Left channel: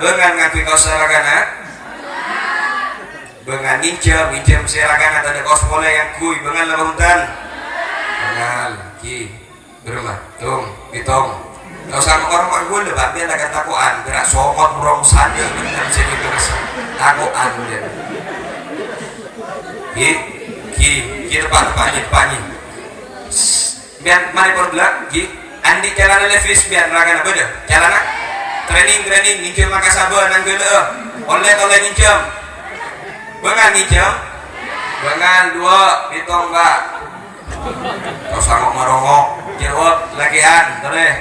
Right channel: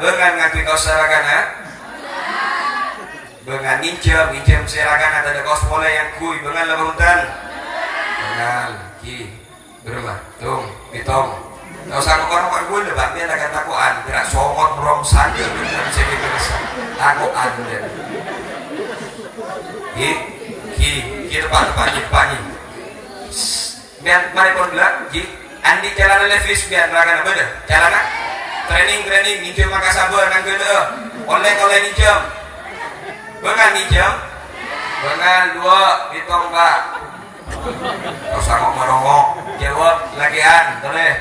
Bengan ngaki kos saragana. Bengan nginjem saragana ada kos bola yang kui bengan labutan. Bengan ki berumah tung pitong. Kau sama orang gue lebih biar agak takuan, gerak sokot rong sandal dengan segini besar takuan dia. Ki depan. Biar mana pun bilang, andi jalan levis biar raga nak beda, jalan nak training nginjem maka sabar nang beda. Online nginjem, bengan dua pitong mbak. Kau sama marongok, jawab lagian, boleh.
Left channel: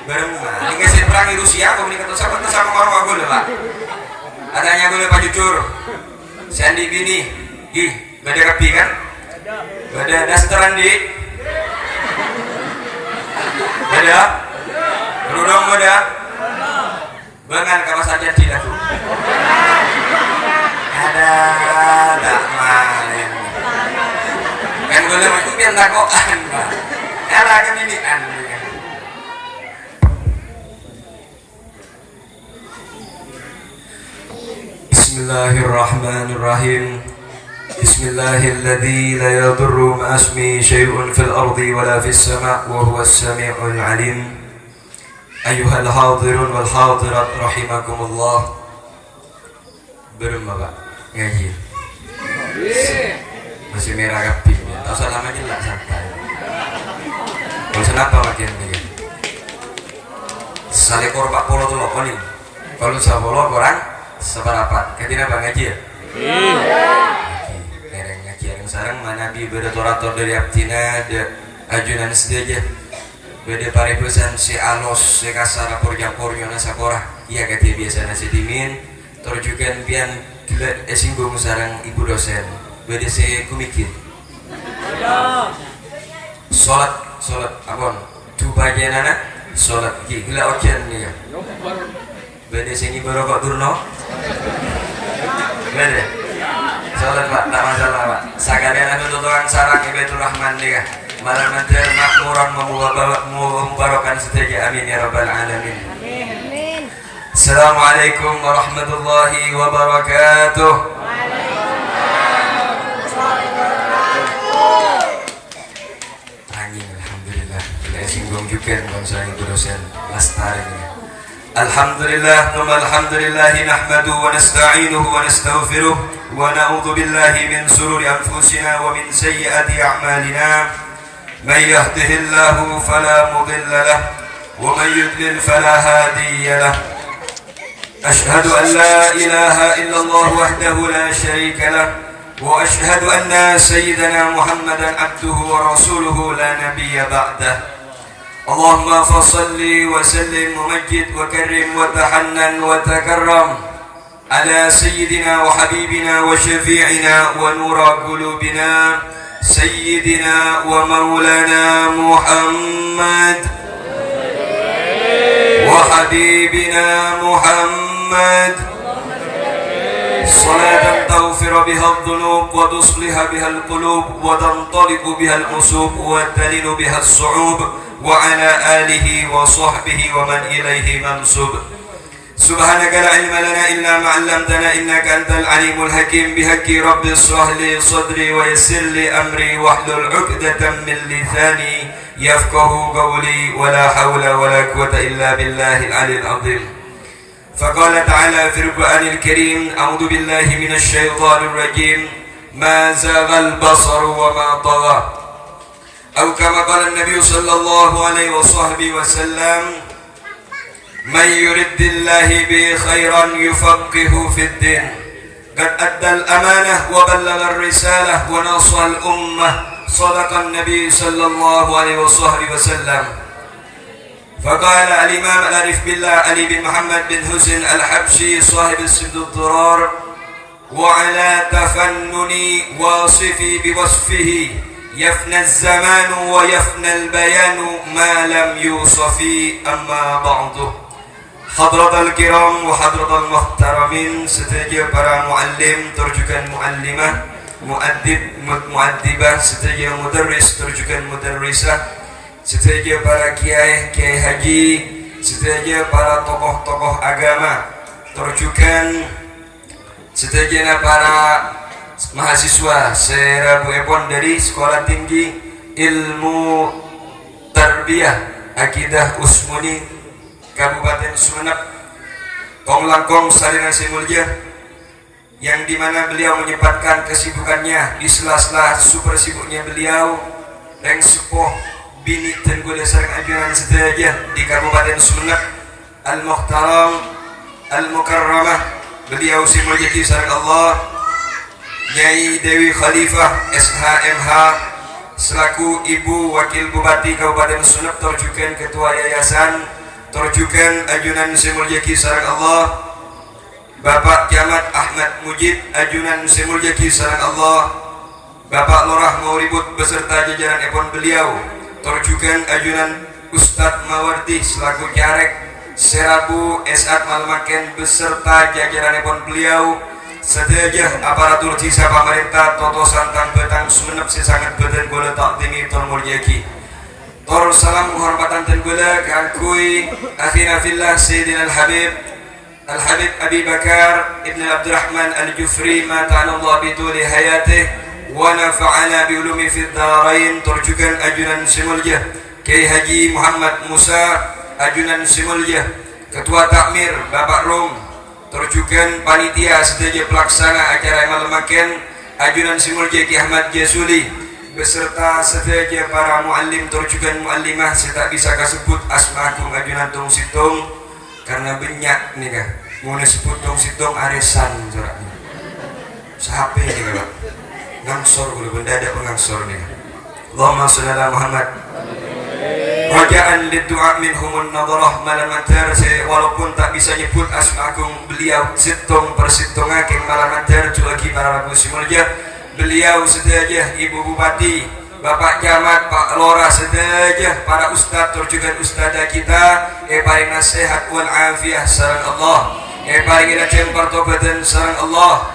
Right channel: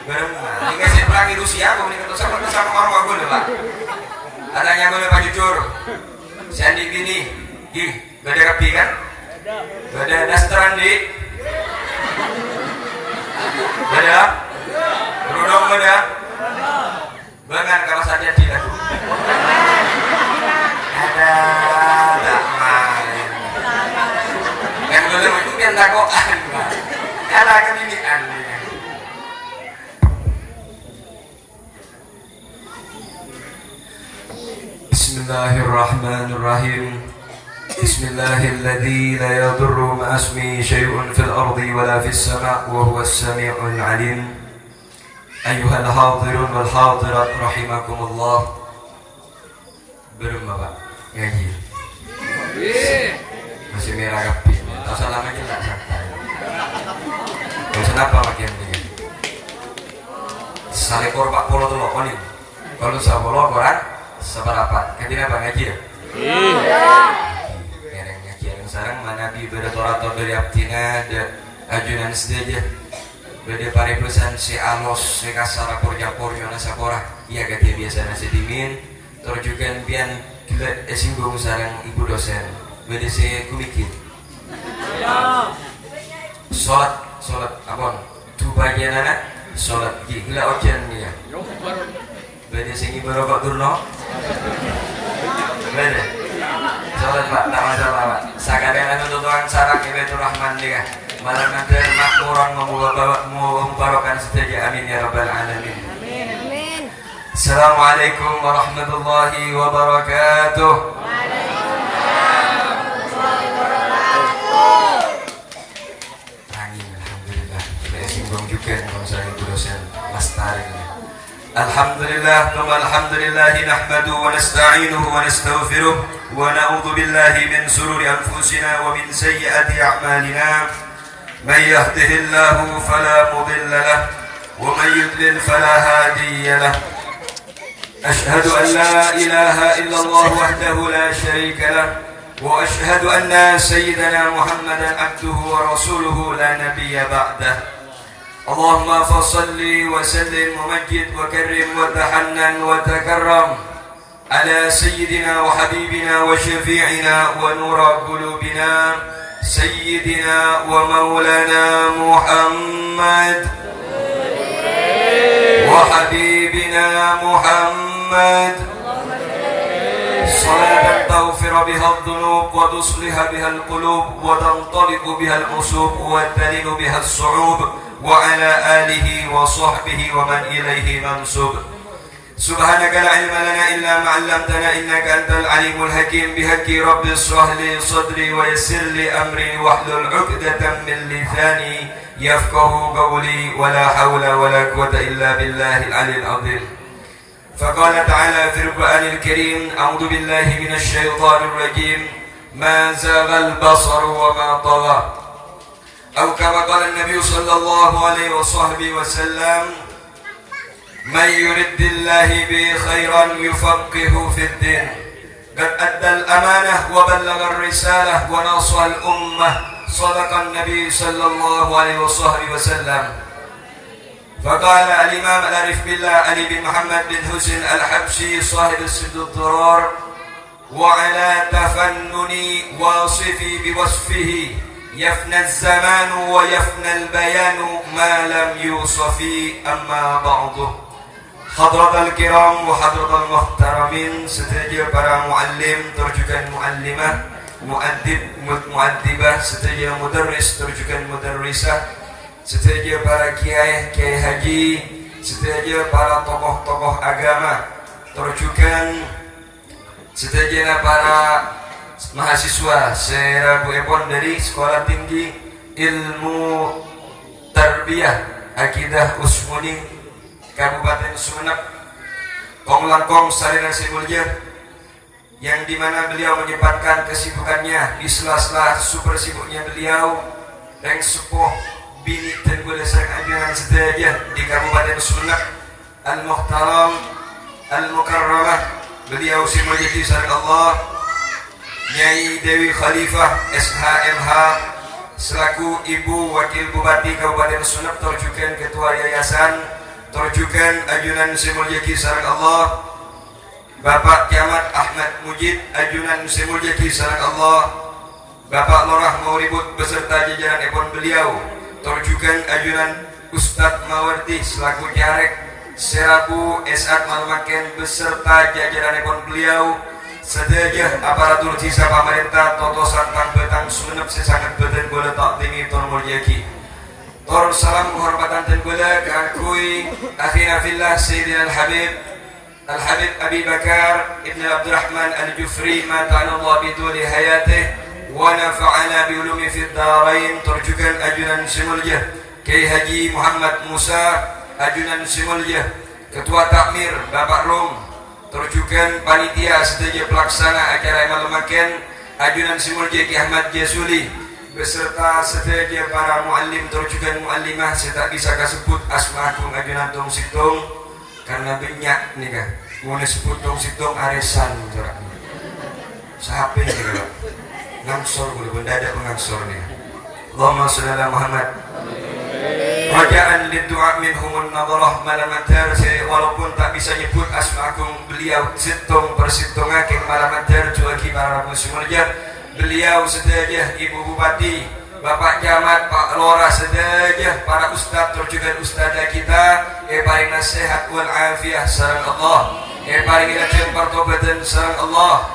Berempat, ini kasih perang di Rusia, komunikasi sama orang gue lah. Adanya gue Pak Jujur, Sandy Bini, beda rapi kan? Beda dasteran di, beda, berudang beda, bengan kalau saja tidak. Ada main. Kan gue itu biar lakoan, kalah kemilikan. Bismillahirrahmanirrahim. Bismillahilladzi la yadurru ma ismihi syai'un fil ardi wa la fis sama' wa huwas sami'ul 'alim. Ayyuhal hadirun wal hadirat rahimakumullah. Berapa ngaji? Masih merah kapi. Tak salah aja lah santai. Kenapa bagian ini? Sale korban polo tu loh ni. Kalau sabolo korang seberapa? Ketika bang ngaji ya? Mereng ngaji yang sarang mana di berdorator dari abdina de ajunan sedaja. Beda paribusan si alos si kasar porjapor yona sakora. Iya kata biasa nasi dingin. Terjukan pian singgung sarang ibu dosen. Beda si kumikir. Solat abang. Tu bagian anak solat gila okian dia. Beda sing ibu rokok turno. Beda. Solat Pak, tak masalah Pak. Sakabena tuturan sarak Baitur Rahman dia. Malam nanti makmuran membarokan setia. Amin ya rabbal alamin. Amin. Assalamualaikum warahmatullahi wabarakatuh. Waalaikumsalam warahmatullahi wabarakatuh. Angin alhamdulillah. Saya singgung juga dengan saya itu dosen lestari. Alhamdulillah, alhamdulillah nahmaduhu wa nasta'inuhu wa nastaghfiruh wa na'udzu billahi min shururi anfusina wa min sayyiati a'malina. May yahdihillahu fala mudilla lahu wa may yudlil fala hadiya lahu. Ashhadu an la ilaha illallah wahdahu la sharika lahu wa ashhadu anna sayyidana Muhammadan abduhu wa rasuluhu la nabiyya ba'dahu. اللهم فصل وسلم ومجد وكرم وتحنن وتكرم على سيدنا وحبيبنا وشفيعنا ونور قلوبنا سيدنا ومولانا محمد وحبيبنا محمد صلاة تغفر بها الذنوب وتصلح بها القلوب وتنطلق بها الأصوب وتلين بها الصعوب وعلى آله وصحبه ومن إليه منسوب. سبحانك لا علم لنا إلا ما علمتنا إنك أنت العليم الحكيم. بحق رب اشرح لي صدري ويسر لي أمري واحلل عقدة من لساني يفقه قولي ولا حول ولا قوة إلا بالله العلي العظيم. فقال تعالى في القرآن الكريم أعوذ بالله من الشيطان الرجيم ما زاغ البصر وما طغى أو كما قال النبي صلى الله عليه وصحبه وسلم من يرد الله به خيرا يفقه في الدين. قد أدى الأمانة وبلغ الرسالة ونصح الأمة صدق النبي صلى الله عليه وصحبه وسلم. فقال الإمام العارف بالله علي بن محمد بن حسين الحبشي صاحب السبط الضرار وعلى تفنن واصفي بوصفه يفنى الزمان ويفنى البيان ما لم يوصف. أما بعد حضرة الكرام وحضرة المحترمين setuju para muallim terjukan muallimah muaddibah setuju mudarris terjukan mudarrisah setuju para kiai haji sedaya para tokoh-tokoh agama, terjukan sedaya para mahasiswa serabupun dari Sekolah Tinggi Ilmu Tarbiyah Akidah Usmuni Kabupaten Sumeneb, Kong Langkong Sarina Simulja, yang dimana beliau menyempatkan kesibukannya di sela-sela super sibuknya beliau yang sepuh bini tenggul sareng anjuran sedaya di Kabupaten Sumeneb, Al-Muhtaram Al-Mukarramah beliau Simulja sareng Allah Nyai Dewi Khalifah SHMH selaku Ibu Wakil Bupati Kabupaten Sumeneb, terjukan Ketua Yayasan, terjukan ajunan Simulja sareng Allah Bapak Camat Ahmad Mujid ajunan Simulja sareng Allah, Bapak Lurah Mauribut beserta jajaran ekon beliau, terjukan ajunan Ustadz Mawardi selaku Jarek Serabu Esat Malmaken beserta jajaran ekon beliau, sedaya aparatur sisa pemerintah Toto Santang Betang Sumeneb sesangat beten bola tak tinggi tor mulyaki. Tor salam penghormatan dan bola kangkui akhina fillah Sayyidina Al-Habib Abi Bakar Ibn Abdurrahman Al-Jufri ma ta'ala bituli hayatih wa nafa'ana bi ulumi fid darain, terjukan ajunan Simulja Kiai Haji Muhammad Musa ajunan Simulja, Ketua Takmir Bapak Rom, terjukan panitia sedaya pelaksana acara Malemaken ajunan Simulja Kiai Ahmad Jasuli beserta sedaya para muallim, terjukan muallimah saya tak bisa kasebut asmakum ajunan tung situng karena banyak nih kan mau disebut tung situng aresan jaraknya sahape nih kan ngangsor dulu benda ada pengangsor nih. Allahumma sholli ala Muhammad. Rajaan lidu'a minhumun nadarah malamatar, saya walaupun tak bisa nyebut asma'akum beliau situng persitung hakim malamatar juga para Simulja beliau sedaya Ibu Bupati Bapak Camat Pak Lora sedaya para ustaz terjukan ustazah kita paling nasihat wal afiyah sareng Allah paling rajin pertobatan sareng Allah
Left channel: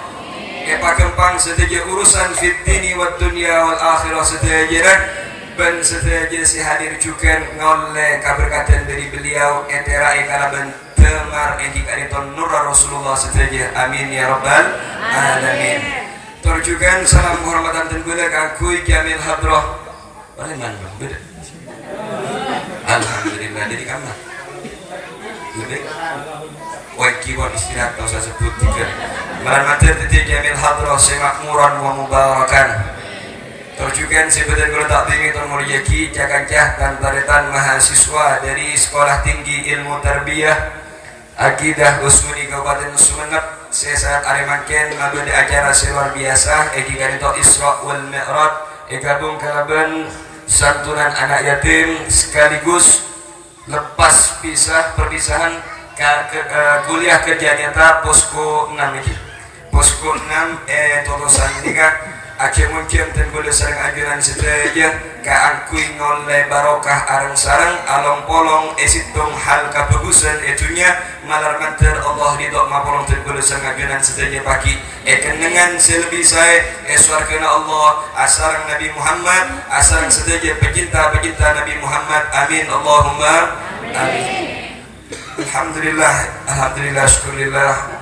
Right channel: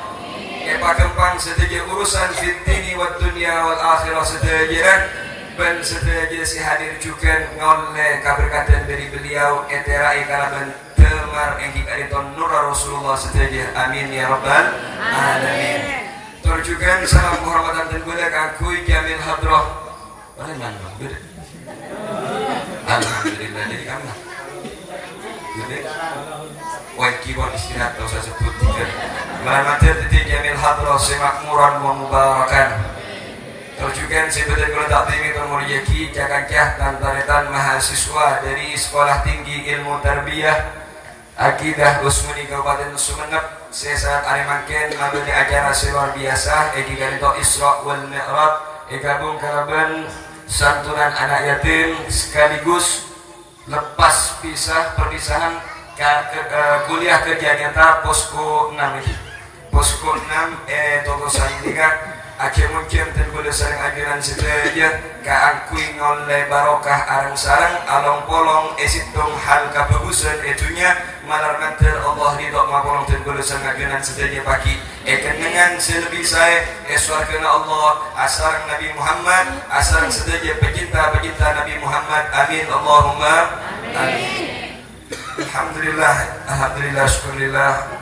Pak Kempang sedaya urusan fitini wa dunia wal akhirah sedaya ben sedaya si hadir juga ngoleh kaberkatan dari beliau eterai kalaban temar engki kariton nur Rasulullah sedaya amin ya rabbal alamin. Terjukan salam penghormatan dan bela kangkui Jamil Hadrah bagaimana beda alhamdulillah dari kamar beda wajibon istirahat kalau saya sebut tiga Meramatir titik Jamil Hadrah semakmuran wa mubarakan, terjukan sebetul guru tak tinggi termulyaki cakancah dan baretan mahasiswa dari Sekolah Tinggi Ilmu Tarbiyah Akidah Usmuni Kabupaten Sumeneb sesaat aremaken ngabadi acara luar biasa egi garito Isra wal Mi'raj gabung kalaban santunan anak yatim sekaligus lepas perpisahan kuliah kerja nyata posko 6 ini posko 6 totosan tiga akhir mungkin tenggul sareng ajunan sedaya kaangkui ngoleh barokah arang sareng along polong esitung hal kabagusan itunya malar manter Allah ridho mapolong tenggul sareng ajunan sedaya pagi kenengan selebih saya eswarkana Allah asarang Nabi Muhammad asarang sedaya pecinta Nabi Muhammad amin Allahumma amin. Alhamdulillah syukurillah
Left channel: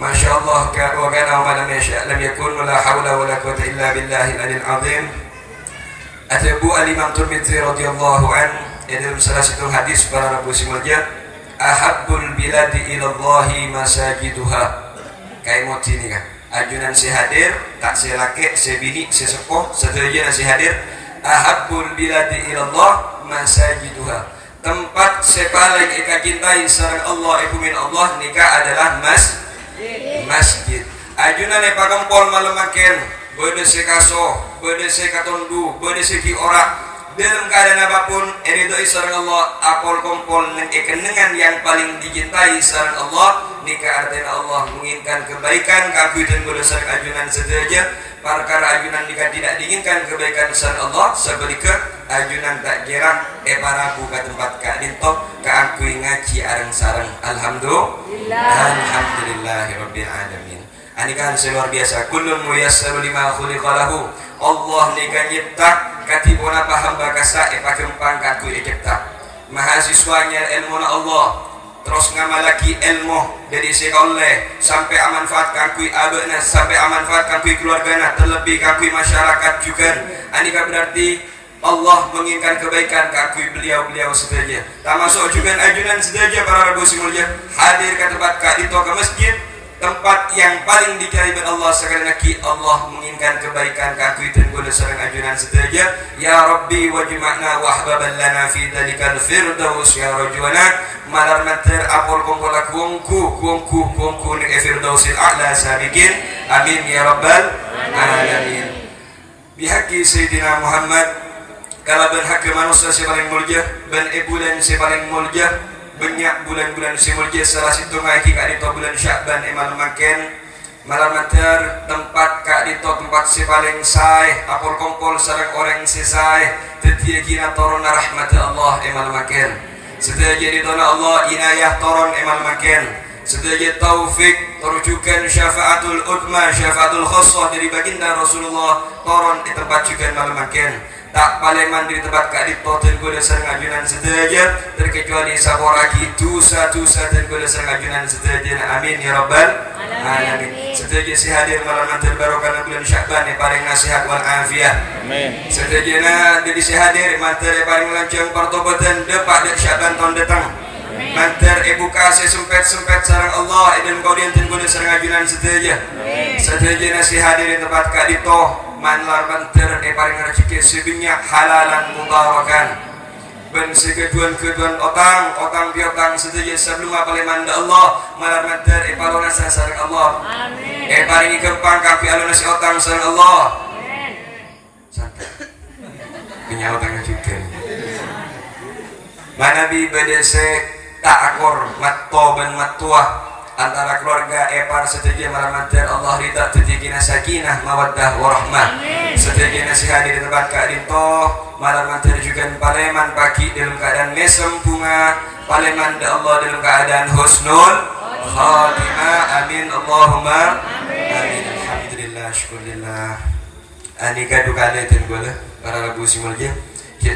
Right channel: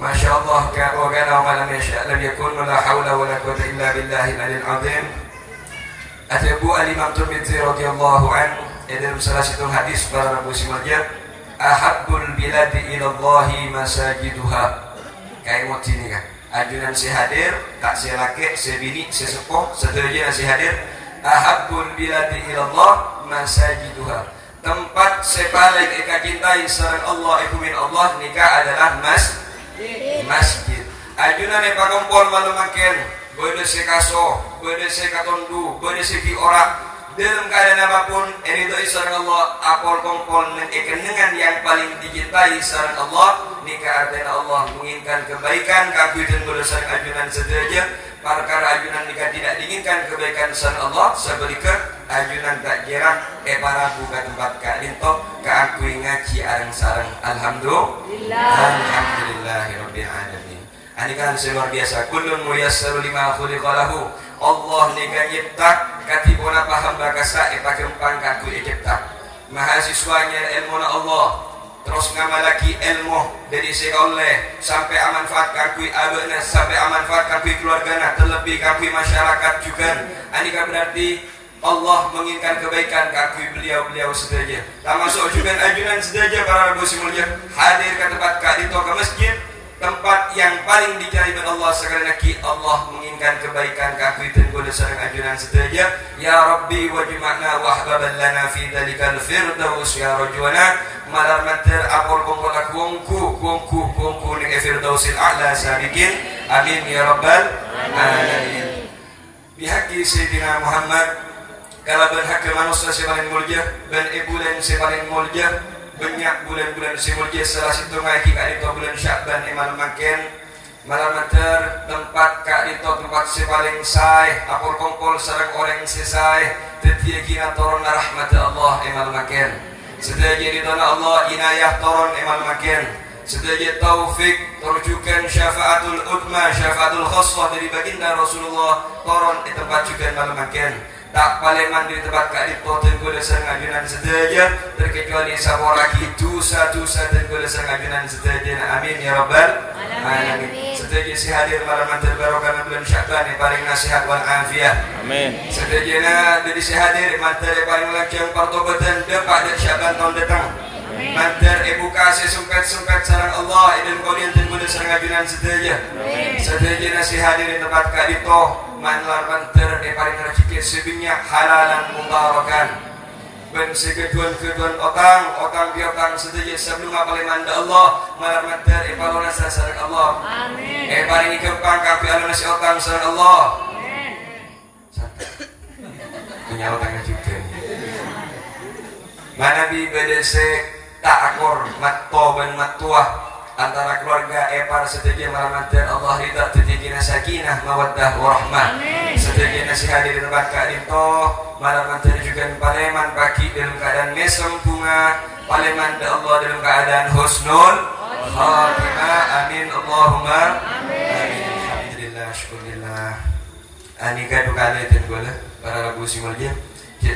Masya Allah wa kana wa lam yasha' lam yakun wa la hawla wa la quwwata illa billahil aliyil azim. Abu al-Imam Tirmidzi radhiyallahu an dalam salah satu hadis para Nabi Simulja ahabbul biladi ilallahi masajiduha kayak moti ini kan ajunan si hadir tak si laki si bini si sepuh sedaya si hadir ahabbul biladi ilallah masajiduha tempat sepaling eka cintai sareng Allah ibu min Allah nikah adalah masjid ajunan epa kompol malemaken bode se kaso bode se katondu bode se ki ora dalam keadaan apapun ridho sareng Allah apol kompol dengan yang paling dicintai sareng Allah nikah artinya Allah menginginkan kebaikan kabutan bode sareng ajunan sedaya perkara ajunan nikah tidak diinginkan kebaikan sareng Allah sebalike ajunan tak jerah para buka tempat ka dinto kaangkui ngaji areng sareng alhamdulillahirabbil alamin. Ini kan luar biasa kullun muyassaru lima khuliqa lahu Allah nikah nyipta katipun apa hamba kasa epa kempang kangkui cipta mahasiswanya ilmu Allah terus ngamalaki ilmu dari sekolah sampai amanfaatkan kui abena sampai amanfaatkan kui keluargana terlebih kakui masyarakat juga. Ini kan berarti Allah menginginkan kebaikan kakui beliau-beliau saja. Termasuk juga ajunan saja para rabu simulnya hadir ke tempat kak di ke masjid, tempat yang paling dicari oleh Allah sekali lagi. Allah menginginkan kebaikan kakui dan guna serang ajunan saja. Ya Rabbi wajma'na wa ahbaban lana fi dalikal firdaus ya rajwana malar mater apol kumpul kuangku ning firdausil a'la sabiqin amin ya rabbal alamin. Bihaqi Sayyidina Muhammad kalau berhak manusia si paling mulia, ben bulan si paling mulia, banyak bulan-bulan si mulia salah satu ngaji kak dito bulan Sya'ban malam makin malam mater tempat kak dito tempat si paling say apol kompol sarang orang si say tetiya kina turun rahmat Allah malam makin setelah jadi tona Allah inayah turun malam makin setelah jadi taufik terujukan syafaatul utma syafaatul khassah dari baginda Rasulullah turun di tempat juga malam makin tak paleman di tempat kak dipoten gue dasar ngajunan sedaja terkecuali saboraki dosa-dosa dan gue dasar ngajunan sedaja. Amin ya rabbal alamin. Sedaja si hadir malam nanti barokah bulan Sya'ban paling nasihat wal afiah. Amin. Sedaja na jadi si hadir mantar paling lancang pertobatan depak Sya'ban tahun datang. Mantar buka sempet-sempet sarang Allah dan kau diantin gue dasar ngajunan sedaja. Sedaja na si hadir di tempat kak dito manlar banter paling rezeki sebanyak halalan mubarakan ben sekeduan otang piotang setuju sebelum apale manda Allah malar banter palona sareng Allah amin paling kempang kapi aluna si otang sareng Allah amin santai menyawat yang juga manabi bedese tak akor matto ben mattuah antara keluarga epar setuju malam Allah rida tetikina sakinah mawaddah warahmah setuju nasihat di tempat kak dito malam juga paleman pagi dalam keadaan mesem bunga paleman Allah dalam keadaan husnul khatimah amin Allahumma amin alhamdulillah syukurillah anika dukane ten bola para lagu simulnya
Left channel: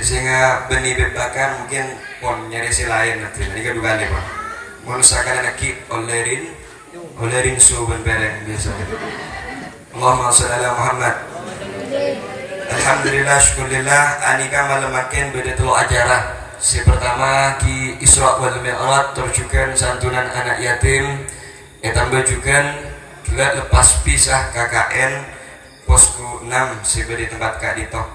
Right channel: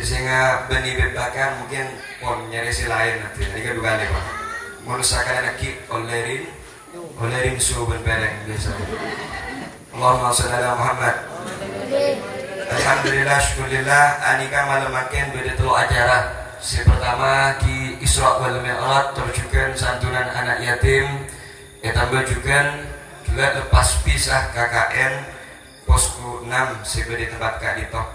sehingga benih bebakan mungkin pon nyari si lain nanti anika dukane kok manusia kalian akib olerin suban beleng biasa. Allahumma sholli ala Muhammad. Alhamdulillah syukurillah anika malam makin bedatul acara. Si pertama di Isra wal Mi'raj terjukan santunan anak yatim. Tambah juga gila lepas pisah KKN posku 6 sebagai tempat kak ditok.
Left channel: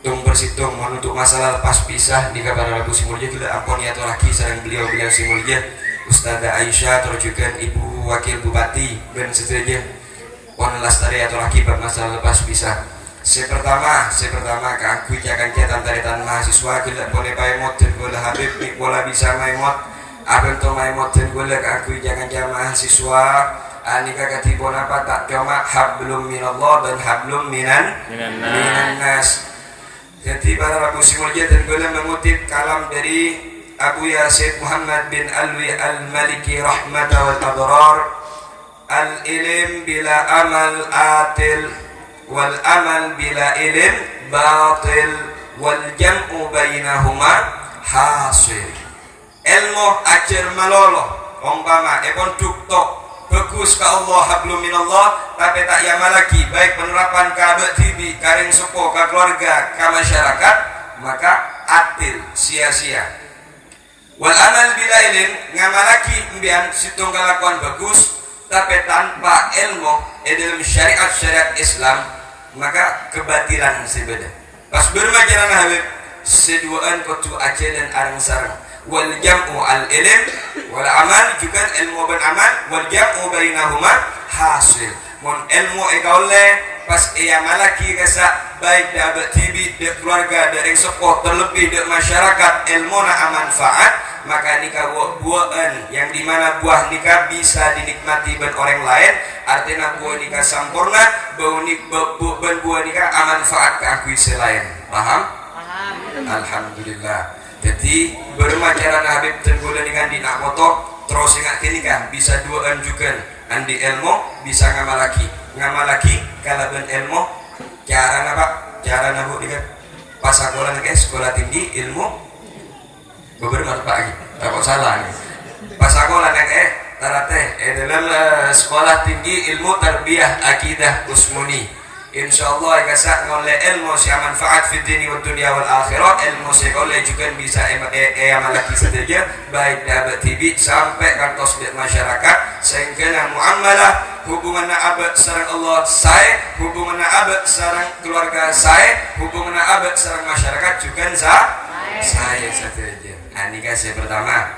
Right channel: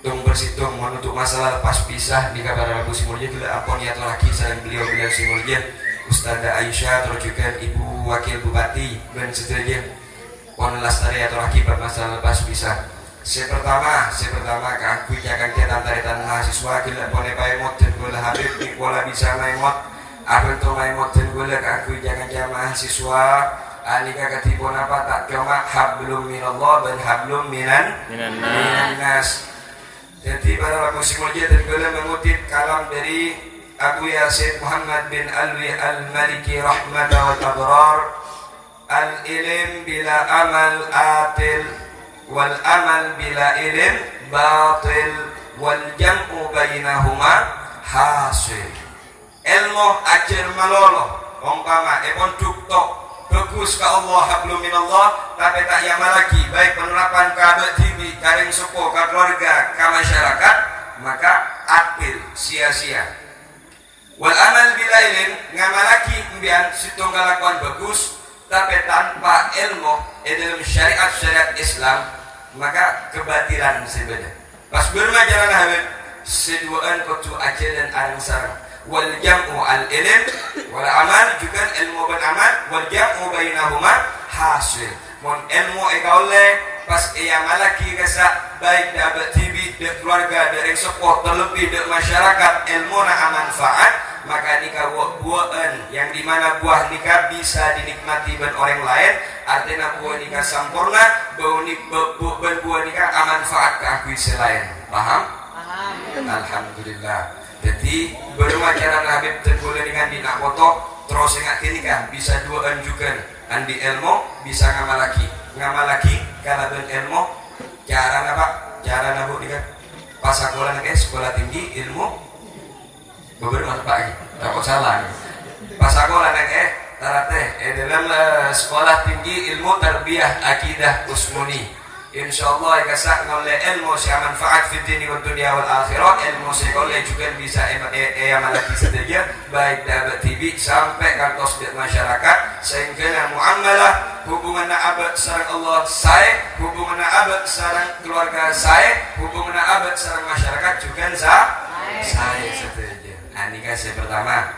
Tung bersitung menutup masalah lepas pisah di kabar Rabu Simulja kita ampun ya lagi sering beliau Simulja Ustazah Aisyah terjukan Ibu Wakil Bupati ben setuju pon lastari atau lagi bermasalah lepas pisah. Pertama aku jangan kita antara mahasiswa kita boleh paimot dan boleh habib bola bisa maimot abang to maimot dan boleh aku jangan mahasiswa anika katipun apa tak cuma hablum minallah dan hablum minan nas. Jadi para Rabu Simulja dan boleh mengutip kalam dari Abu Yasin Muhammad bin Alwi al-Maliki rahmatan wal abrar al-ilm bila amal atil wal amal bila ilm batil wal jam'u bainahuma hasil. Ilmu ajar melolo umpama epon tuktok bagus ke Allah hablum minallah tapi tak yama lagi baik penerapan ke abad TV karing sopo ke keluarga ke masyarakat maka atil sia-sia wal amal bila ilm ngamalaki mbian situng kalakuan bagus tapi tanpa ilmu dalam syariat Islam maka kebatilan sebeda pas bermajalah habib seduaan kutu aja dan arang sarang wal jam'u al ilm wal amal juga ilmu dan amal wal jam'u bainahuma hasil mon ilmu ekaule pas ia malaki kesa baik da TV da keluarga dari support terlebih da masyarakat ilmu na manfaat maka nikah buahan yang dimana buah nikah bisa dinikmati ben orang lain artinya buah nikah sempurna buah nikah manfaat ke aku selain paham? Alhamdulillah. Jadi bermacaran Habib tergoda dengan dina kotok terus ingat ini kan bisa duaan juga andi ilmu bisa ngamalaki kalau ben ilmu cara apa cara nabu dengan pas sekolah tinggi ilmu beberapa pagi takut salah pas aku lanang tarate dalam sekolah tinggi ilmu tarbiyah akidah usmuni insyaallah ikasa ngoleh ilmu si manfaat fi dini wa dunia wal akhirat ilmu si oleh juga bisa amalaki saja baik dapat tibi sampai kantos di masyarakat sehingga muamalah hubungan abad sareng Allah saya hubungan abad sareng keluarga saya hubungan abad sareng masyarakat juga saya saja. Nah ini kasih pertama.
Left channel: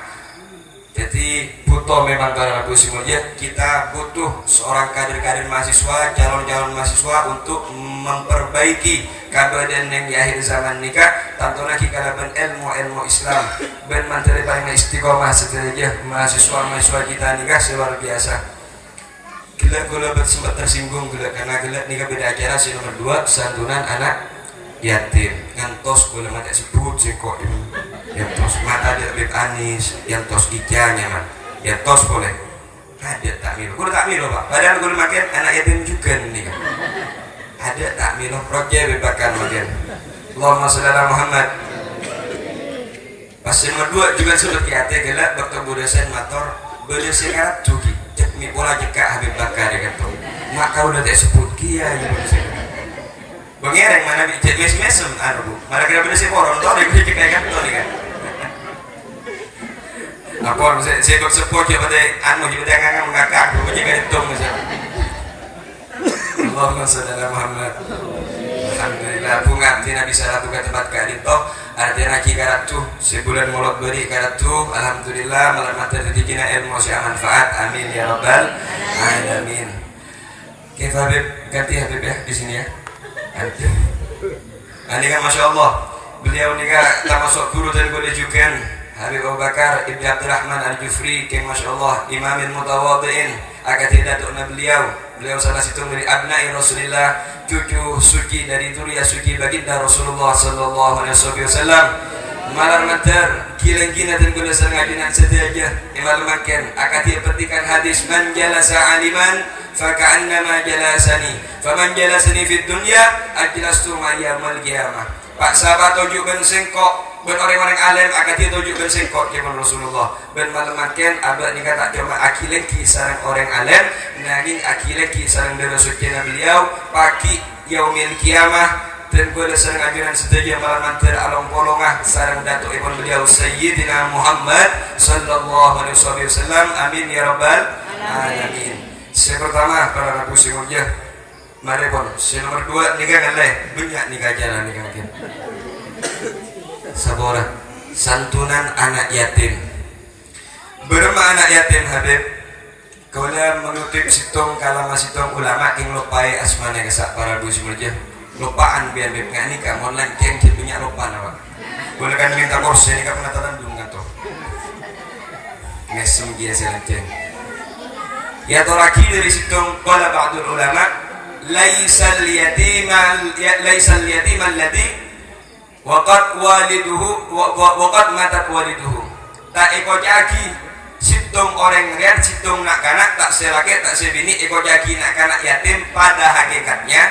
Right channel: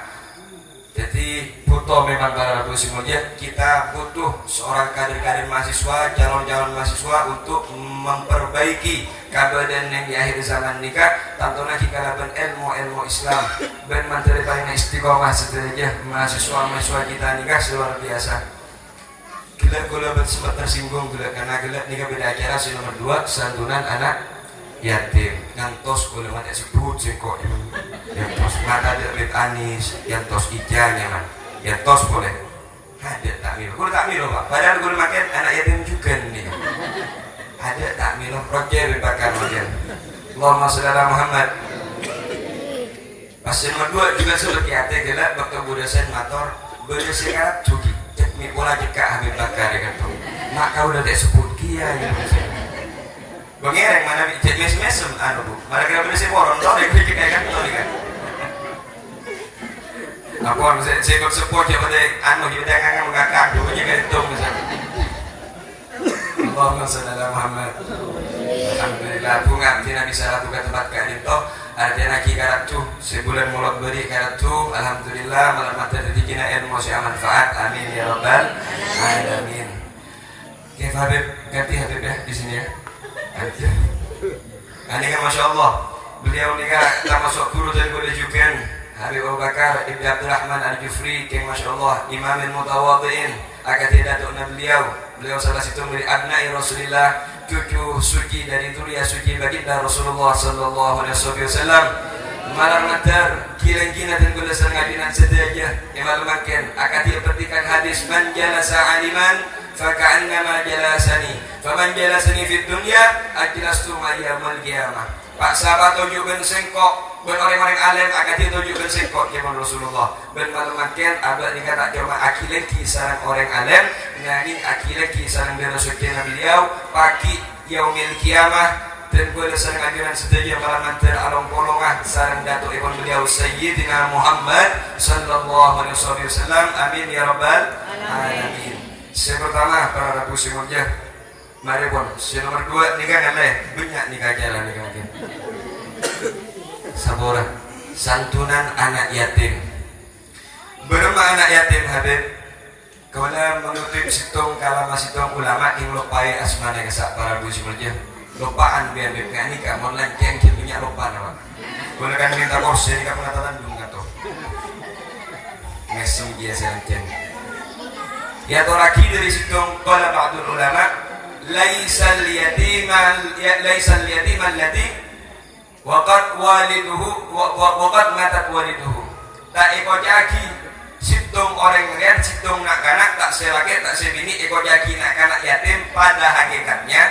Jadi butuh memang para Ibu semuanya kita butuh seorang kader-kader mahasiswa, calon-calon mahasiswa untuk memperbaiki keadaan yang di akhir zaman nikah. Tentunya kita dapat ilmu Islam dan menteri paling istiqomah setelahnya mahasiswa kita nikah luar biasa. Gila sempat tersinggung karena nikah beda acara si nomor 2 santunan anak yatim ngantos boleh mata sebut kok ini yantos mata dia beb anis yantos ijanya man yantos boleh ada takmir kudu takmir loh pak padahal kudu makan anak yatim juga nih kan ada takmir proyek bebakan makan Allahumma sholli ala Muhammad pas nomor 2 juga seperti hati gelap bakal budasan motor budasan Arab juga cek mi bola jeka Habib Bakar ya kan mak kau udah tak sebut kia ya Bangireng mana bijak mesem anu malah kira beda si koron tuh ada bijak kayak kan tuh kan apa saya ikut support ya pada anu kita nggak ngakak gue juga itu misalnya Allahumma sholli ala Muhammad alhamdulillah bunga tidak bisa lakukan tempat kayak itu artinya lagi karatu sebulan mulak beri karatu alhamdulillah malam mata jadi kena ilmu yang manfaat amin ya rabbal alamin. Oke Habib ganti Habib ya di sini ya. Ini kan Masya Allah beliau ini kan termasuk guru dan guru juga Habib Abu Bakar Ibn Abdurrahman Al-Jufri yang Masya Allah imamin mutawadhi'in akan tidak tukna beliau salah satu dari abna'i Rasulullah cucu suci dari Turiya suci baginda Rasulullah Sallallahu Alaihi Wasallam malam matar kilang-kilang dan gula sergajinan sederajah yang malu makan akan diperhatikan hadis man jalasa aliman faka'annama jalasani faman jalasani fid dunya ajlastu ma'yamal qiyamah. Pak sahabat tunjukkan sengkok ben orang-orang alim akan dia tunjukkan sengkok kepada Rasulullah ben malam makan abad ni kata cuma akilan kisaran orang alim nani akilan kisaran dan suci Nabi beliau pagi yaumil qiyamah dan pada sarang ajaran sedaja para mantir alam polongah sarang datuk ibn beliau Sayyidina Muhammad Sallallahu Alaihi Wasallam amin ya rabbal alamin. Yang pertama para rabu singurnya mari pun si nomor 2 nikah ngaleh banyak nikah jalan nikah mungkin saboran santunan anak yatim berma anak yatim Habib kalau mengutip situng kalama situng ulama yang lupai asmane kesak para rabu singurnya lupaan biar bebek ini kan mau nanti yang punya lupa apa boleh kan minta kursi ini kan penataran belum atau mesem biasa nanti ya atau lagi dari situ qala ba'dul ulama laisal yatiman alladhi waqad waliduhu waqad matat waliduhu tak iko jagi situng orang lihat situng nak kanak tak selaki tak sebini iko jagi nak kanak yatim pada hakikatnya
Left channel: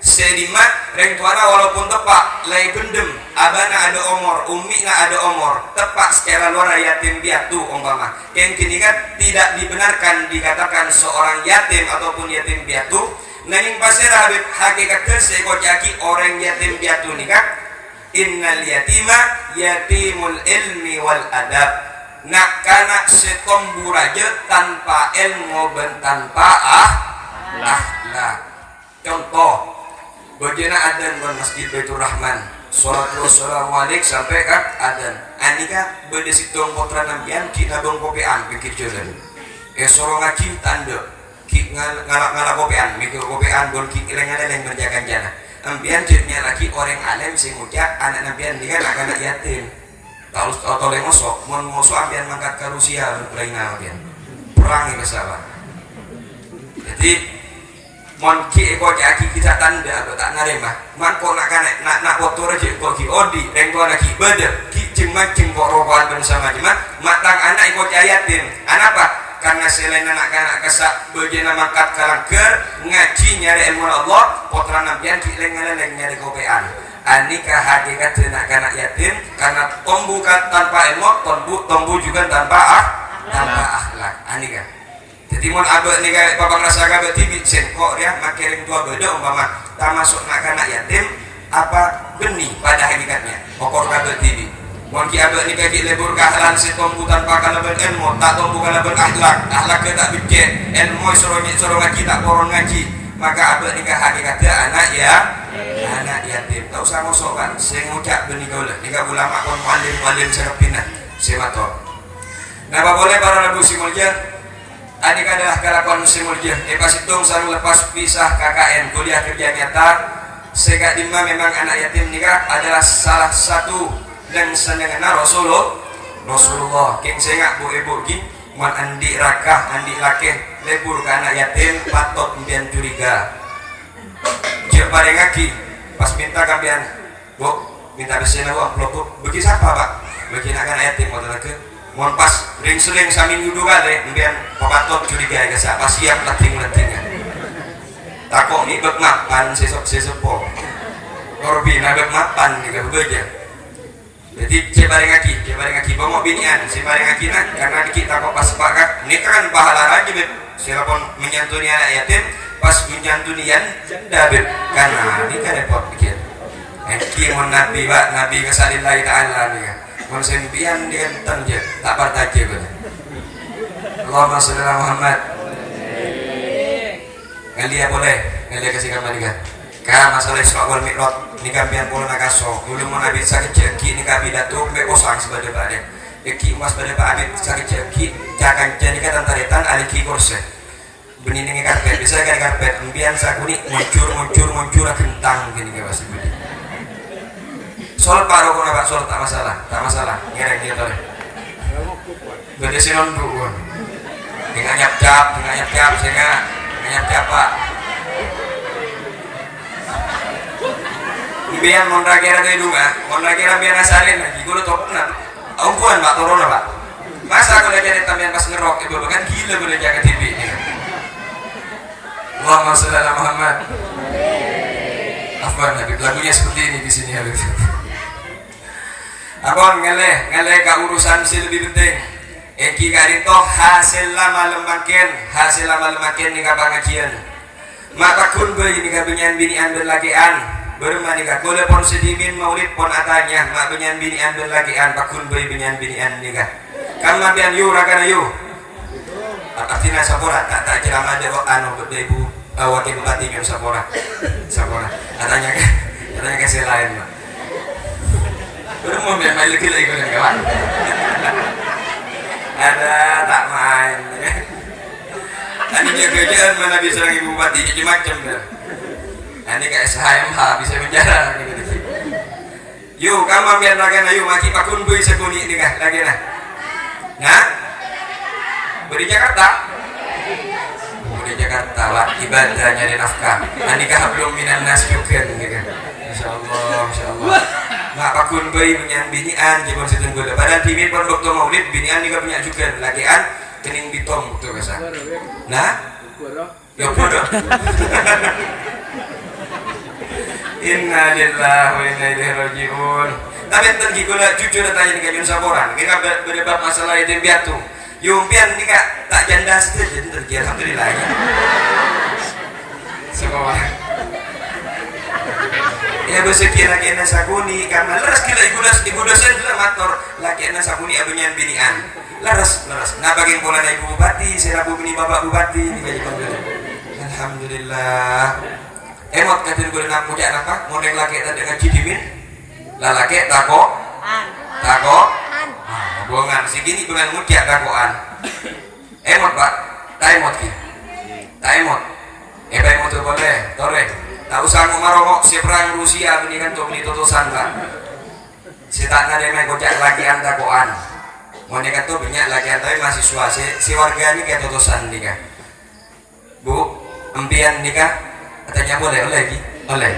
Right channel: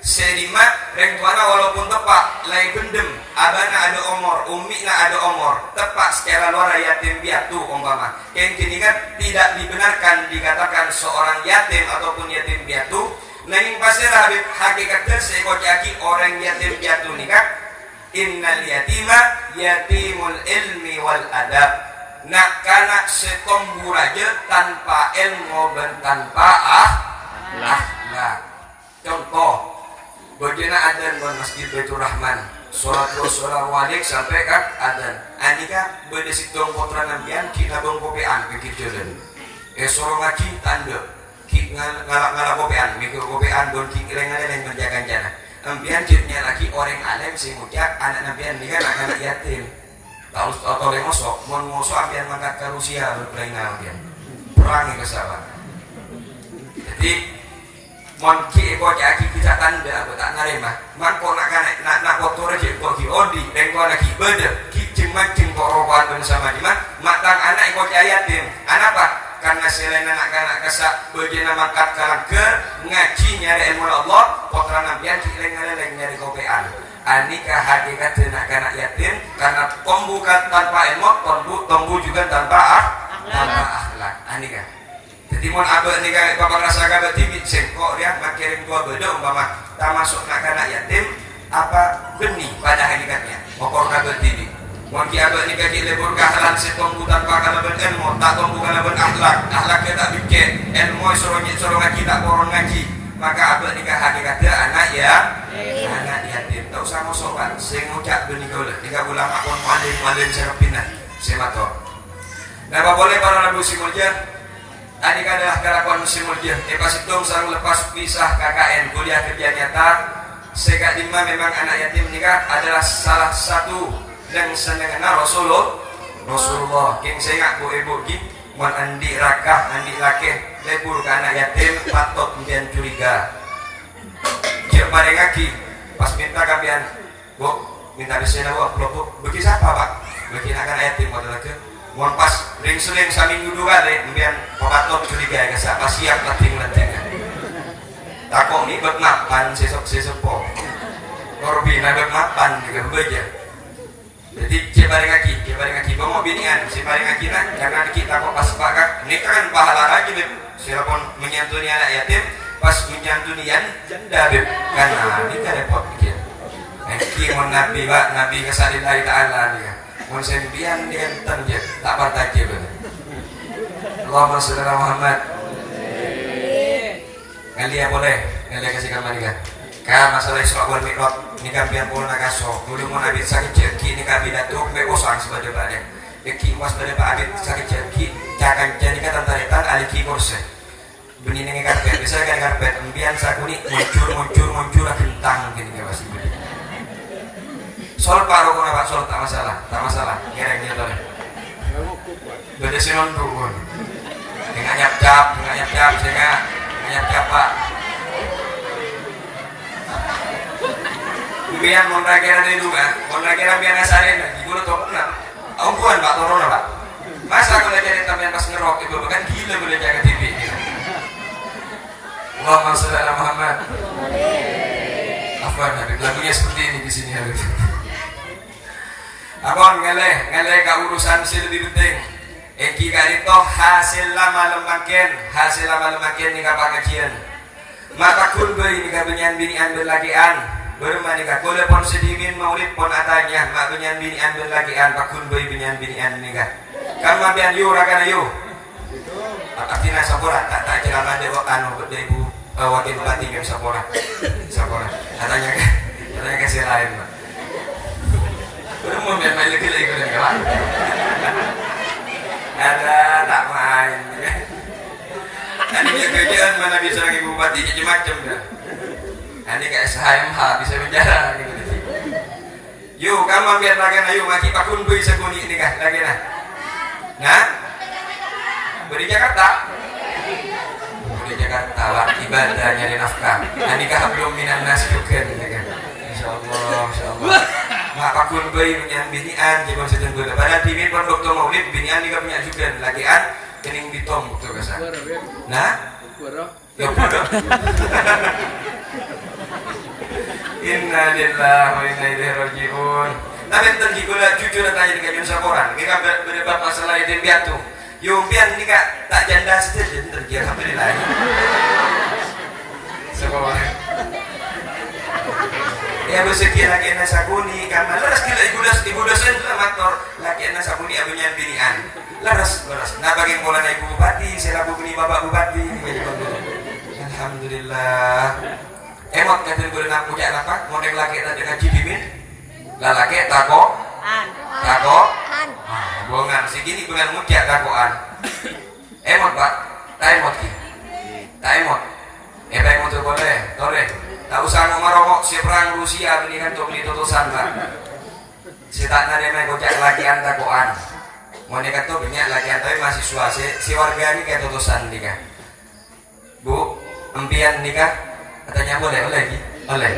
selima rengkuana walaupun tepak lay gendem abana ada omor umi na ada omor tepak secara luar yatim piatu umpama yang kini kan tidak dibenarkan dikatakan seorang yatim ataupun yatim piatu nanging pasir Habib hakikatnya seekor jaki orang yatim piatu nikah innal yatima yatimul ilmi wal adab nak kanak setombu raja tanpa ilmu dan tanpa akhlak contoh bagaimana adzan di Masjid Baitur Rahman Assalamualaikum sampai kan adzan anika beda situng putra nambian kita dong kopian pikir jalan sorong ngaji tanda ki ngalak kopian mikir kopian don ki lengan yang menjaga jana ambian jadinya lagi orang alim sing ngucap anak nambian dia akan yatim kalau tolong mosok ambian mangkat ke Rusia Ukraina ambian perangi kesalahan jadi monki eko jaki kita tanda atau tak narema mangko nak kotor aja kok ki odi rengko lagi beda ki jemang kok rokokan bersama jemat matang anak eko yatim anak apa karena selain anak-anak kesak bejana mangkat kalangker ngaji nyari ilmu Allah potran nampian ki lengan nyari kopean anika hakikat jenak kanak yatim karena tombu tanpa ilmu, tombu juga tanpa akhlak. Anika. Jadi mon abek nika bapak rasa kabeh tibit sengkok dia makirim tua beda umpama tak masuk nak kanak yatim apa benih pada hakikatnya. Pokok kabeh tibit. Mon ki abek nika ki lebur kahlan si tombu tanpa kalaban ilmu, tak tombu kalaban akhlak ke tak bikin ilmu soro ngaji tak koron ngaji. Maka abek nikah hakikatnya anak yatim. Tak usah ngosok kan. Saya ngucap benih kau lah. Nikah ulama kon malim serapina. Saya matok. Nah, apa boleh para lagu simulja? Adik adalah kelakuan simulja. Pas itu selalu lepas pisah KKN kuliah kerja nyata. Saya Dima memang anak yatim nikah adalah salah satu yang senengana Rasulullah. King saya bu ibu ki. Man andi rakah, andi lakeh lebur ke anak yatim patut mbian curiga. Cek pada ngaki pas minta kambian, bu minta bersihnya bu pelopuk. Bagi siapa pak? Bagi anak yatim waktu lagi. Mon pas ring-sering saling yudu kali, mbian patut curiga ke siapa siap leting-letingnya. Takut ni bermapan sesok-sesopo. Korbi nak bermapan juga bekerja. Jadi ceparing ngaji bawa binian ceparing ngaji nak karena kita kok pas sepakat ini kan pahala lagi beb siapapun menyantuni anak yatim pas menyantunian janda beb karena ini kan repot bikin mon nabi kesalillahi ta'ala nih mon sempian dengan tanja tak bertaji beb Allahumma sholli ala Muhammad. Ngalia boleh ngalia kasih kembali kan masalah soal mikrot ni kampian pun nak kasok dulu mana bisa keceki ni kami datuk me kosong sebagai pada eki mas pada pada sakit ceki cakan jadi kata taretan ada ki kurse benih ni karpet bisa kan karpet kemudian sakuni muncul kentang gini ke pasti sol paruh pun apa sol tak masalah ngereng gitu deh beda sinon dulu dengan nyap sehingga nyap pak biar monrakera itu juga, monrakera biar nasarin lagi. Gue tau pernah, angkuhan pak Torona pak. Masa kalau jadi tampilan pas ngerok itu bahkan gila boleh jaga TV. Allahumma sholli ala Muhammad. Apa nih lagunya seperti ini di sini harus. Abang ngeleh ke urusan sih lebih penting. Eki karito hasil lama lemakin nih kapan ngajian. Mata kulbe ini kabinyan binian berlakian. Bermanika kole pon sedimin maulid pon adanya mak benyan binian berlakian pakun bayi benyan binian nikah kamu bian yu rakana yu artinya sapora tak celama dewa anu berde ibu wakil bupati kan sapora adanya kasih lain bermu memang lagi kan ada tak main tadi kerjaan mana bisa lagi bupati jadi macam dah. Ini kayak SHMH bisa bicara gitu. Yuk kamu ambil lagi na yuk mati pakun bui sekuni ini kan lagi nah beri Jakarta wak ibadahnya di nafkah anikah belum minan nas juga ini kan insyaallah nggak pakun bui punya binian jadi konstituen gue pada TV produk maulid binian juga punya juga lagian kening bitom tuh kesan nah ya bodoh Inna lillahi wa inna ilaihi raji'un. Tapi tadi gula jujur tanya dengan Yun Saporan. Kita berdebat masalah itu biatu. Yumpian ini kak tak janda saja jadi terjadi alhamdulillah. Semuanya. Ya bersekian lagi ena sakuni karena leras kira ibu dosen sudah mator lagi ena sakuni abunya binian. Leras. Nah bagi pola ibu bupati, selaku bini bapak bupati. Alhamdulillah. Emot kata gue nak punya apa? Model laki tadi ngaji dimin, lalaki tako, buangan segini dengan muda takoan. Emot pak, taimot ki, taimot. Emot tu boleh, tore. Tak usah ngomong si perang Rusia ini kan untuk beli tutusan kan. Si tanah dia main kocak lakian takoan. Mereka tu banyak lakian tapi mahasiswa si warga ini kayak tutusan ni kan. Bu, empian nikah. Katanya boleh lagi, boleh.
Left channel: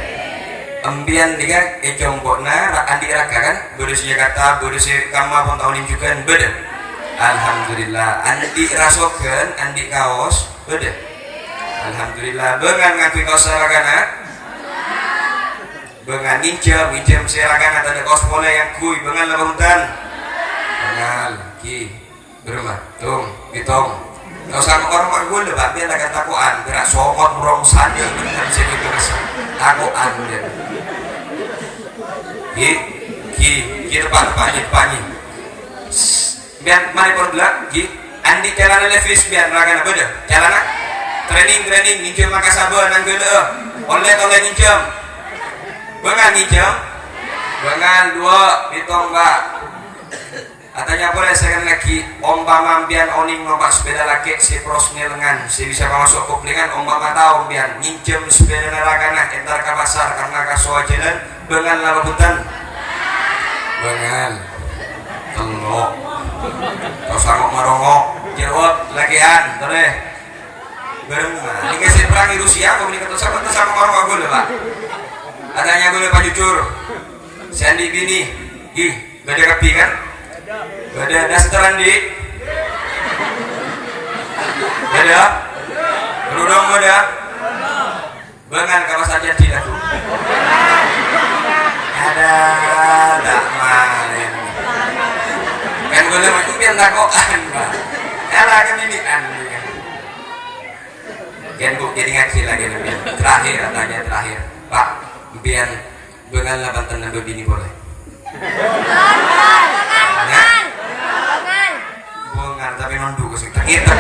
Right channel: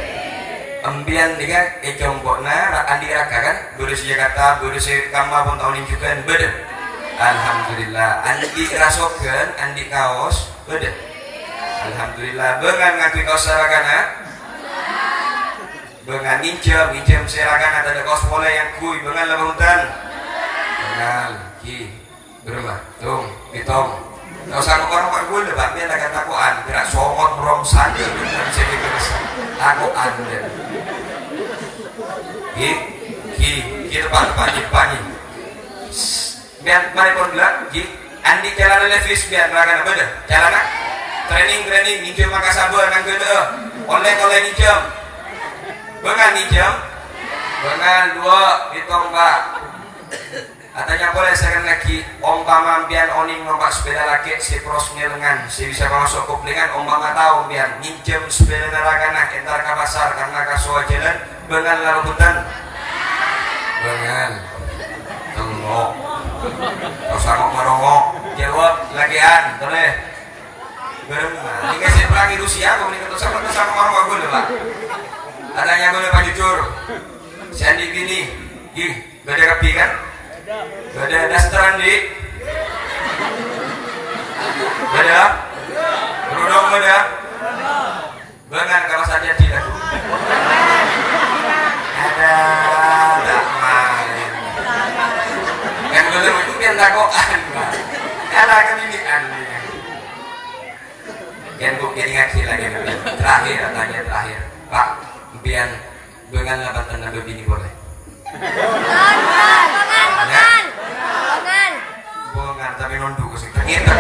Embian dia ejongkokna andi raka kan, berusia Jakarta, berusia kamu pun tahun juga beda. Alhamdulillah, andi rasokan, andi kaos beda. Alhamdulillah, bengan ngaku kaos sarakana. bengan nginjem seragan atau ada kos pola yang kui bengan lah hutan bengan ki berma tung bitong kau sama orang gue lebak dia lah kata akuan gerak sokot merong sana dengan jadi biasa akuan dia ki depan biar mana pun bilang ki andi jalan levis biar melakukan apa dah jalan training nginjem maka sabar nang gue online kalau nginjem bengan nginjem bengan dua bitong mbak katanya boleh sekali lagi ombang ambian oning nompak sepeda laki si prosnya lengan si bisa masuk kuplingan ombang tahu biar nginjem sepeda larakana entar ke pasar karena kasuah jalan bengan lalu hutan bengan telok kosangok marongok jeruk lagian boleh berenang ini kasih perang di Rusia kok ini ketusang marongok gue pak adanya gue pak jujur Sandy bini gak ada kapi kan gak ada dasteran di gak ada berudang gak ada bengan kalau saja tidak ada kan belum itu biar dakwaan pak kalah kemilikan kan bu jadi ngaji lagi terakhir katanya terakhir pak biar bengan labatan nabi bini boleh bengan tapi nunduk sih ternyata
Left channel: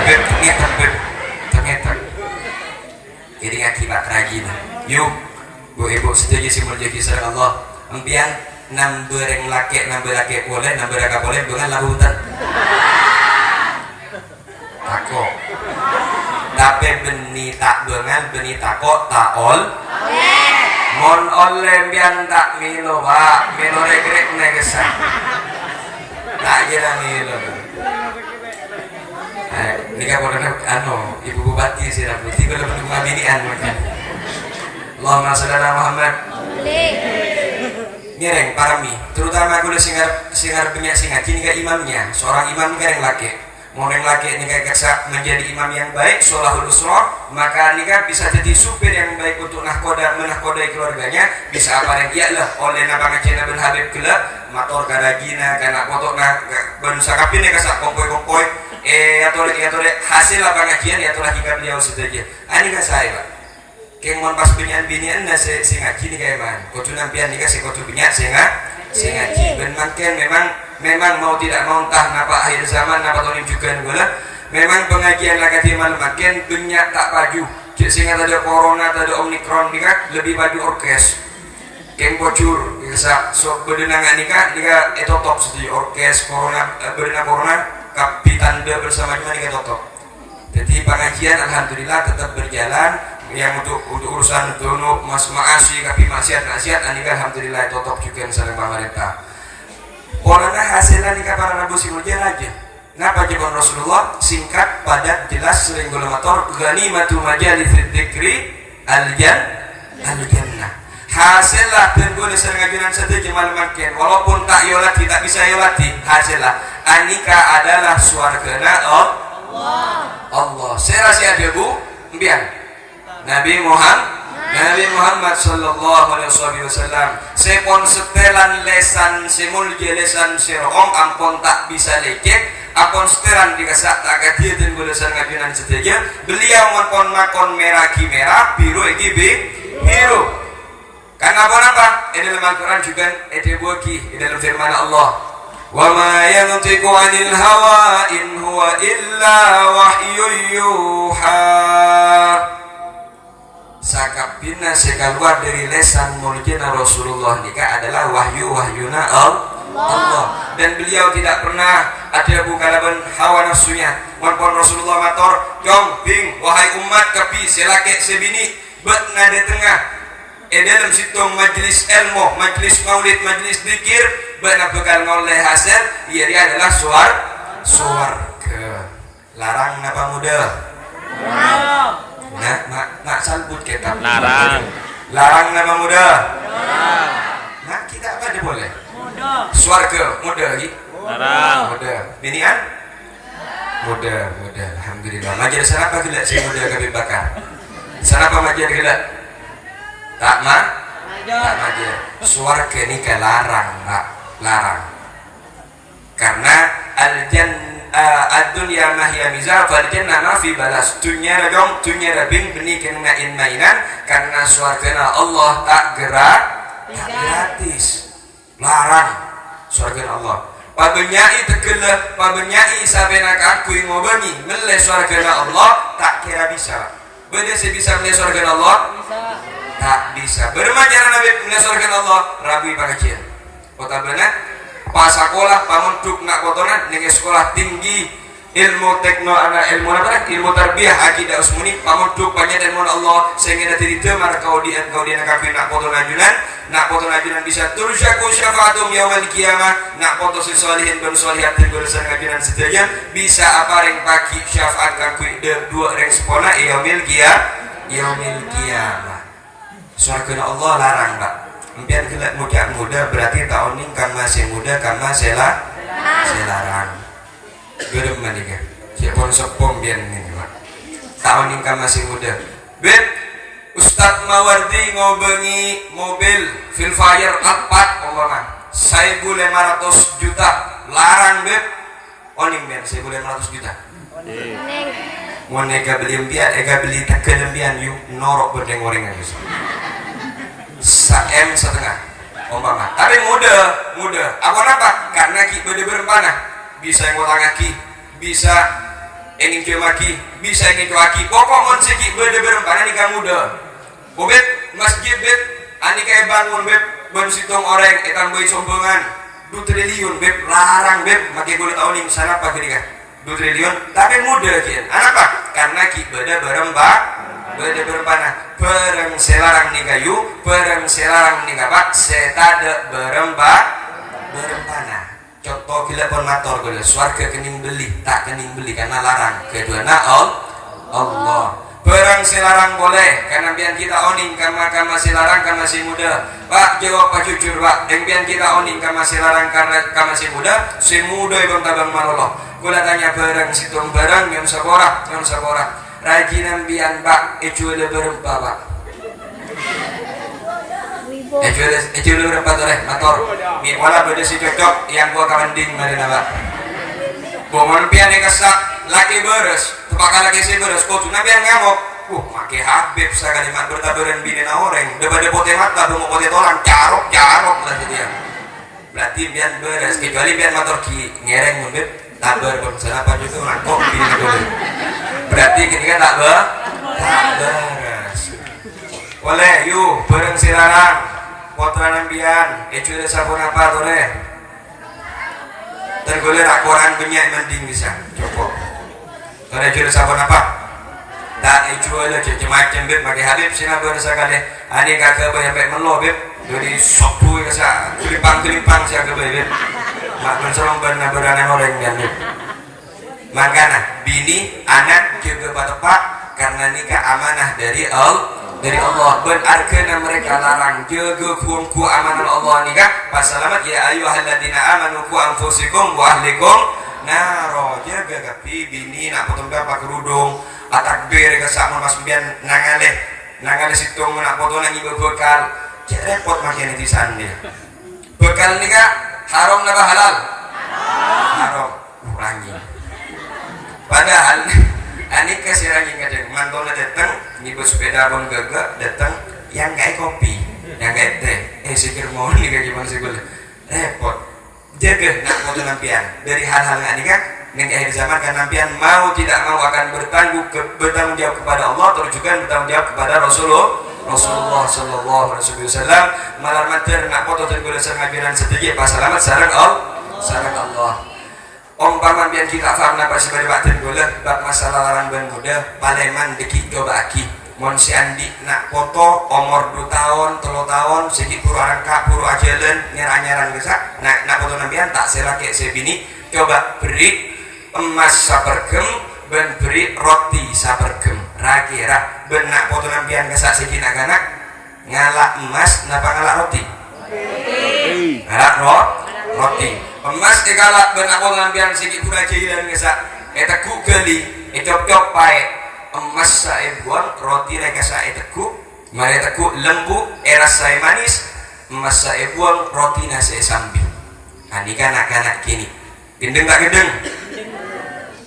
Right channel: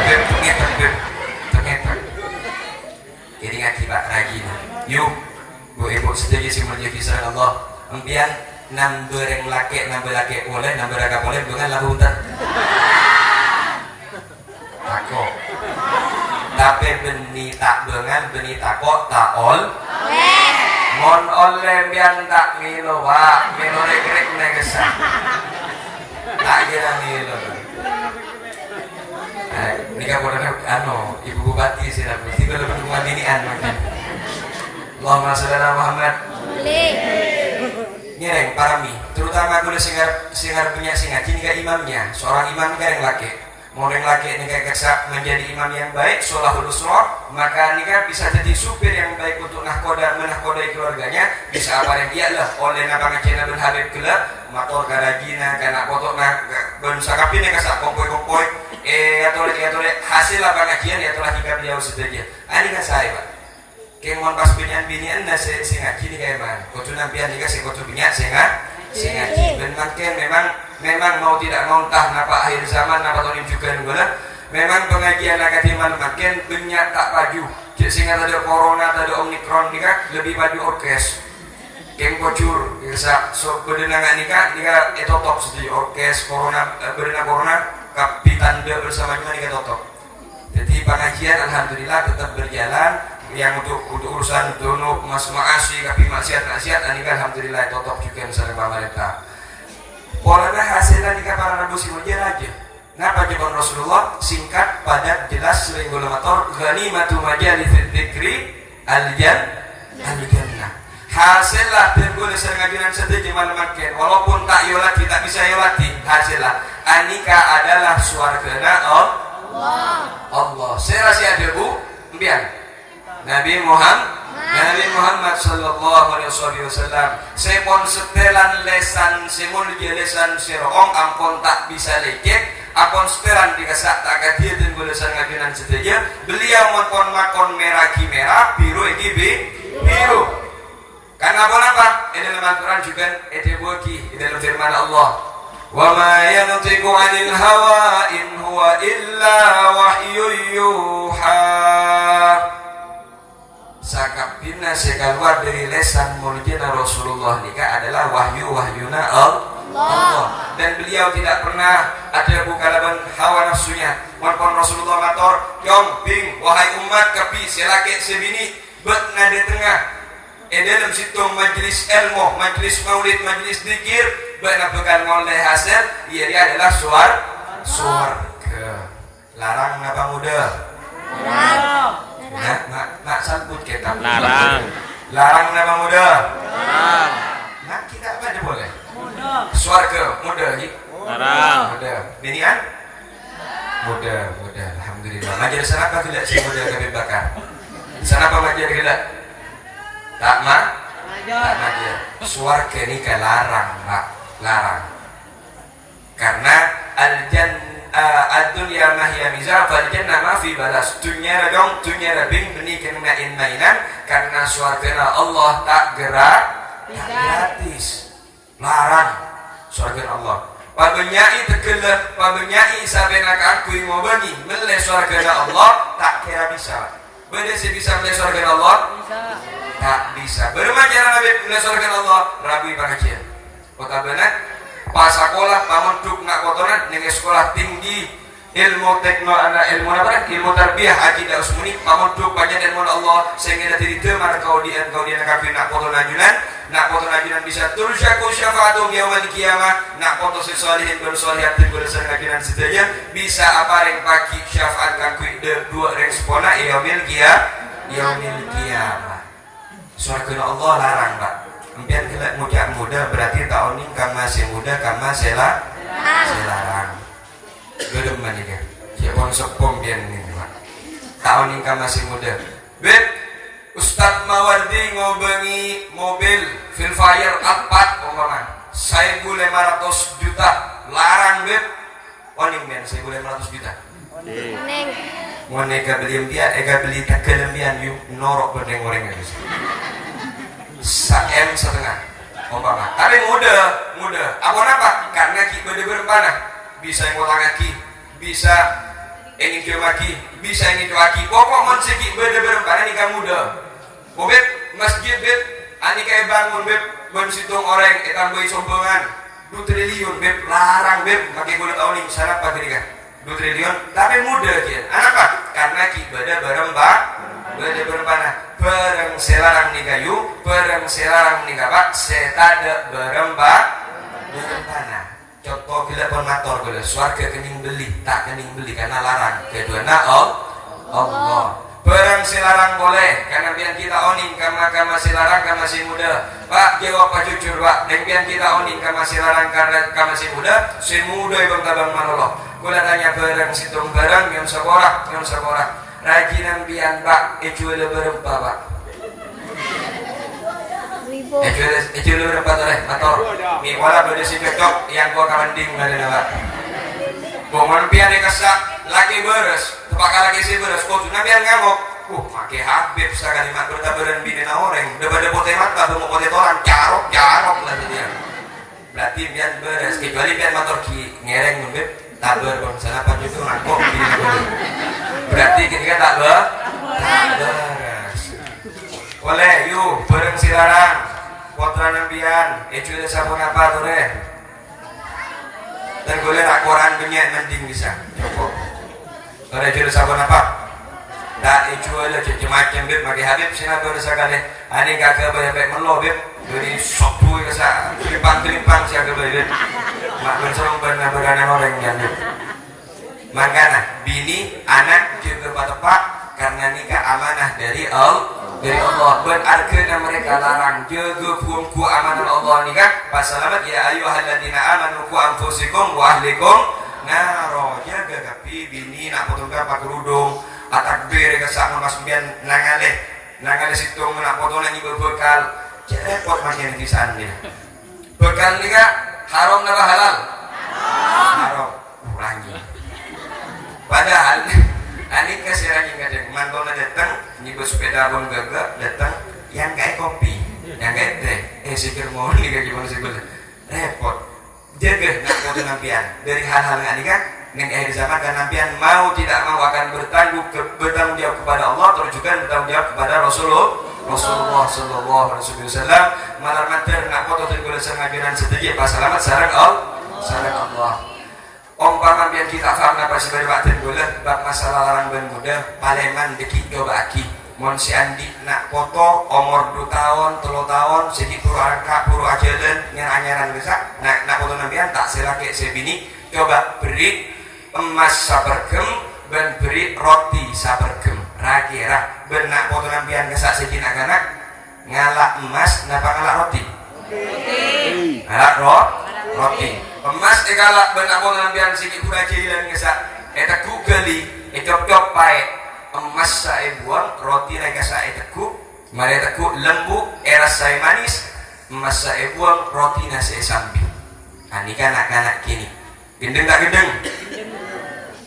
jadi ngaji pak rajin yuk bu ibu setuju sih menjadi kisah Allah empian nambah laki boleh nambah raga boleh bukan labutan tako tapi beni tak bengan beni tako taol mon oleh bian tak milo pak milo regrek negesa tak kira milo ini kan bodoh ibu bupati sih lah tiba tiba berdua binian Allahumma sholli ala Muhammad ngereng parami terutama aku singar punya singa kini ke imamnya seorang imam ini yang laki mau yang laki ini kayak menjadi imam yang baik sholahul usroh maka nikah bisa jadi supir yang baik untuk menahkodai keluarganya bisa apa yang dia lah oleh napa ngecena bin Habib kelak motor garagina karena kotor berusaha kapin nih kasak kompoi atau hasil apa ngajian atau lagi kan dia sedikit ini kan saya pak kemon pas punya binian na singa kini kayak man kotu nampian nikah si kotu punya singa ben makin memang mau tidak mau entah napa akhir zaman napa tahun juga gula memang pengajian agak makin banyak tak baju sehingga ada corona ada omikron nikah lebih baju orkes kem bocor bisa so berdenangan nikah etotop sedih orkes corona berdenang corona kapi tanda bersama juga nikah totop jadi pengajian alhamdulillah tetap berjalan yang untuk urusan untuk mas maasi kapi maksiat anika alhamdulillah totok juga misalnya pemerintah polanya hasilnya nikah para nabi simujan aja kenapa jawaban Rasulullah singkat padat jelas sering golemator ghanimatu majalil dzikri al-jannah hasilnya dan boleh sering ngajunan sedikit malam makin walaupun tak yolati tak bisa yolati hasilnya anika adalah suargana Allah saya rasa ada bu biar Nabi Muhammad sallallahu alaihi wasallam sepon setelan lesan semul jelesan sirong ampun tak bisa lecek ampun setelan dikasak tak kadia dan gulesan ngajunan seteja beliau mampun makon merah biru biru karena apa? Ini dalam Al-Quran juga ini dalam firman Allah wa ma yantiqu 'anil hawa in huwa illa wahyun yuha sakapina sekaluar dari lesan muljina Rasulullah nikah adalah wahyuna Allah dan beliau tidak pernah ada bukalaban hawa nafsunya walaupun Rasulullah mator jong bing wahai umat kapi selake sebini bet nade tengah dalam situ majlis ilmu majlis maulid majlis zikir benar bekal oleh hasil dia adalah suarga larang apa muda nak sambut kita larang nama muda nak kita apa dia boleh suarga muda larang muda binian muda alhamdulillah majelis apa tidak si muda kami bakar sana apa majelis tidak tak majer. Swarga ini larang, Pak, larang. Karena ad-dunya mahya mizar fal jannah ma fi balas. Dunya radong dunya rabin beni kena mainan karena swarga Allah tak gerak gratis. Larang swarga Allah. Pabenyai tegelah, pabenyai sabena kakui ngobangi mele swarga Allah tak kira bisa. Beda sih bisa mele swarga Allah? Bisa. Tak bisa. Bermacara nabi mele swarga Allah rabi pengajian. Kota benar pas sekolah pamunduk nak kotoran dengan sekolah tinggi ilmu ilmu apa ilmu tarbiyah akidah usmuni pamunduk banyak ilmu Allah sehingga dari itu maka kau dia nak foto ajunan bisa turusyaku syafaatum yaumil qiyamah nak foto si solihin dan solihatin berusaha ajunan sedaya bisa apa ring pagi syafaat kakui dua respona yaumil qiyamah surga Allah larang Pak. Impian kita muda berarti tahun ini kang masih muda kang masih larang. Belum mandi kan? Siapa sepong biar ini tahun ini kang masih muda. Bet Ustadz Mawardi ngobengi mobil Filfire Alphard umpama 1.500 juta larang bet. Oning ben 1.500 juta. Mau nega beli impian, beli kelembian yuk norok berdeng orang habis. 1 M setengah umpama tapi muda apa karena ki beda berempana bisa yang ngotang aki bisa ingin jemaki bisa ingin cuaki pokok mensiki beda berempana nikah muda bobet masjid bet ani kayak bangun bet bensitung orang etam bayi sombongan 2 triliun bet larang bet makai kulit tahun ini sana apa gini kan 2 triliun tapi muda kian apa karena ki beda beda berempana bereng selarang ni kayu bereng selarang ni kapak setada berempana contoh gila permator gila swarga kening beli tak kening beli karena larang kedua Allah bereng selarang boleh karena biar kita oning karena masih larang karena masih muda Pak jawab Pak jujur Pak dan biar kita oning karena masih larang karena masih muda si muda ibang tabang malolo gula tanya bereng situng bereng yang sekorak rajinan bian Pak ecuele berempa Pak ecuele berempa toleh atau ni wala beda si cocok yang gua kawanding mari Pak bongon pian kesak laki beres tepaka lagi si beres kau tuna bian ngamuk make Habib sakali mak bertaburan bini orang daripada pote mata bungo pote tolan jarok lah dia berarti bian beres kecuali bian motor ki ngereng munbet tabar bangsa apa juga ngakok bini boleh berarti ketika tak beres boleh yuk bareng silarang potra nambian ecuele sabun apa boleh tergoleh tak koran banyak mending bisa cukup boleh ecuele sabun apa tak ecuele macam beb pakai Habib sina berasa kali ani kakak banyak melo beb jadi sopu kesa kelimpang siapa beb mak bersama bernaburan orang yang makanya bini anak juga tepat karena nikah amanah dari Allah berarti mereka larang jaga ku amanah Allah nikah pasalamat ya ayyuhalladzina amanu qu anfusikum wa ahlikum naro jaga kapi bini nak potong pakai kerudung atakbir kesak mas bian nangale situng nak potong lagi bekal repot makin di sana bekal nikah haram apa halal haram rangi padahal anik kasih rangi kadang mantona datang nyibut sepeda ron gagak datang yang kayak kopi yang kayak teh sikir mau nih kayak gimana sih gue repot jaga nak foto nampian dari hal-hal nggak nikah dengan zaman kan nampian mau tidak mau akan bertanggung jawab kepada Allah terus juga bertanggung jawab kepada Rasulullah Sallallahu Alaihi Wasallam malam mater nak foto tergolong ngajuran sedikit pas selamat sarang Allah umpama biar kita faham apa sebagai batin boleh bab masalah larang dan muda paleman deki coba aki mon si andi nak foto umur 2 tahun 3 tahun sedikit puru arangka puru ajalan nyeranyaran bisa nak foto nampian tak selaki sebini coba beri emas sapergem dan beri roti sapergem rakira ben nak foto nampian kesak sedikit anak ngalak emas napa ngalak roti ngalak roti emas egalak benak pengambilan sikit pun aja hilang kesak eteku geli ecop-cop pae emas saya buat roti mereka saya eteku Mereka ku lembu eras saya manis, emas saya buang roti nasi sambil. Ini kan anak-anak kini. Gendeng tak gendeng?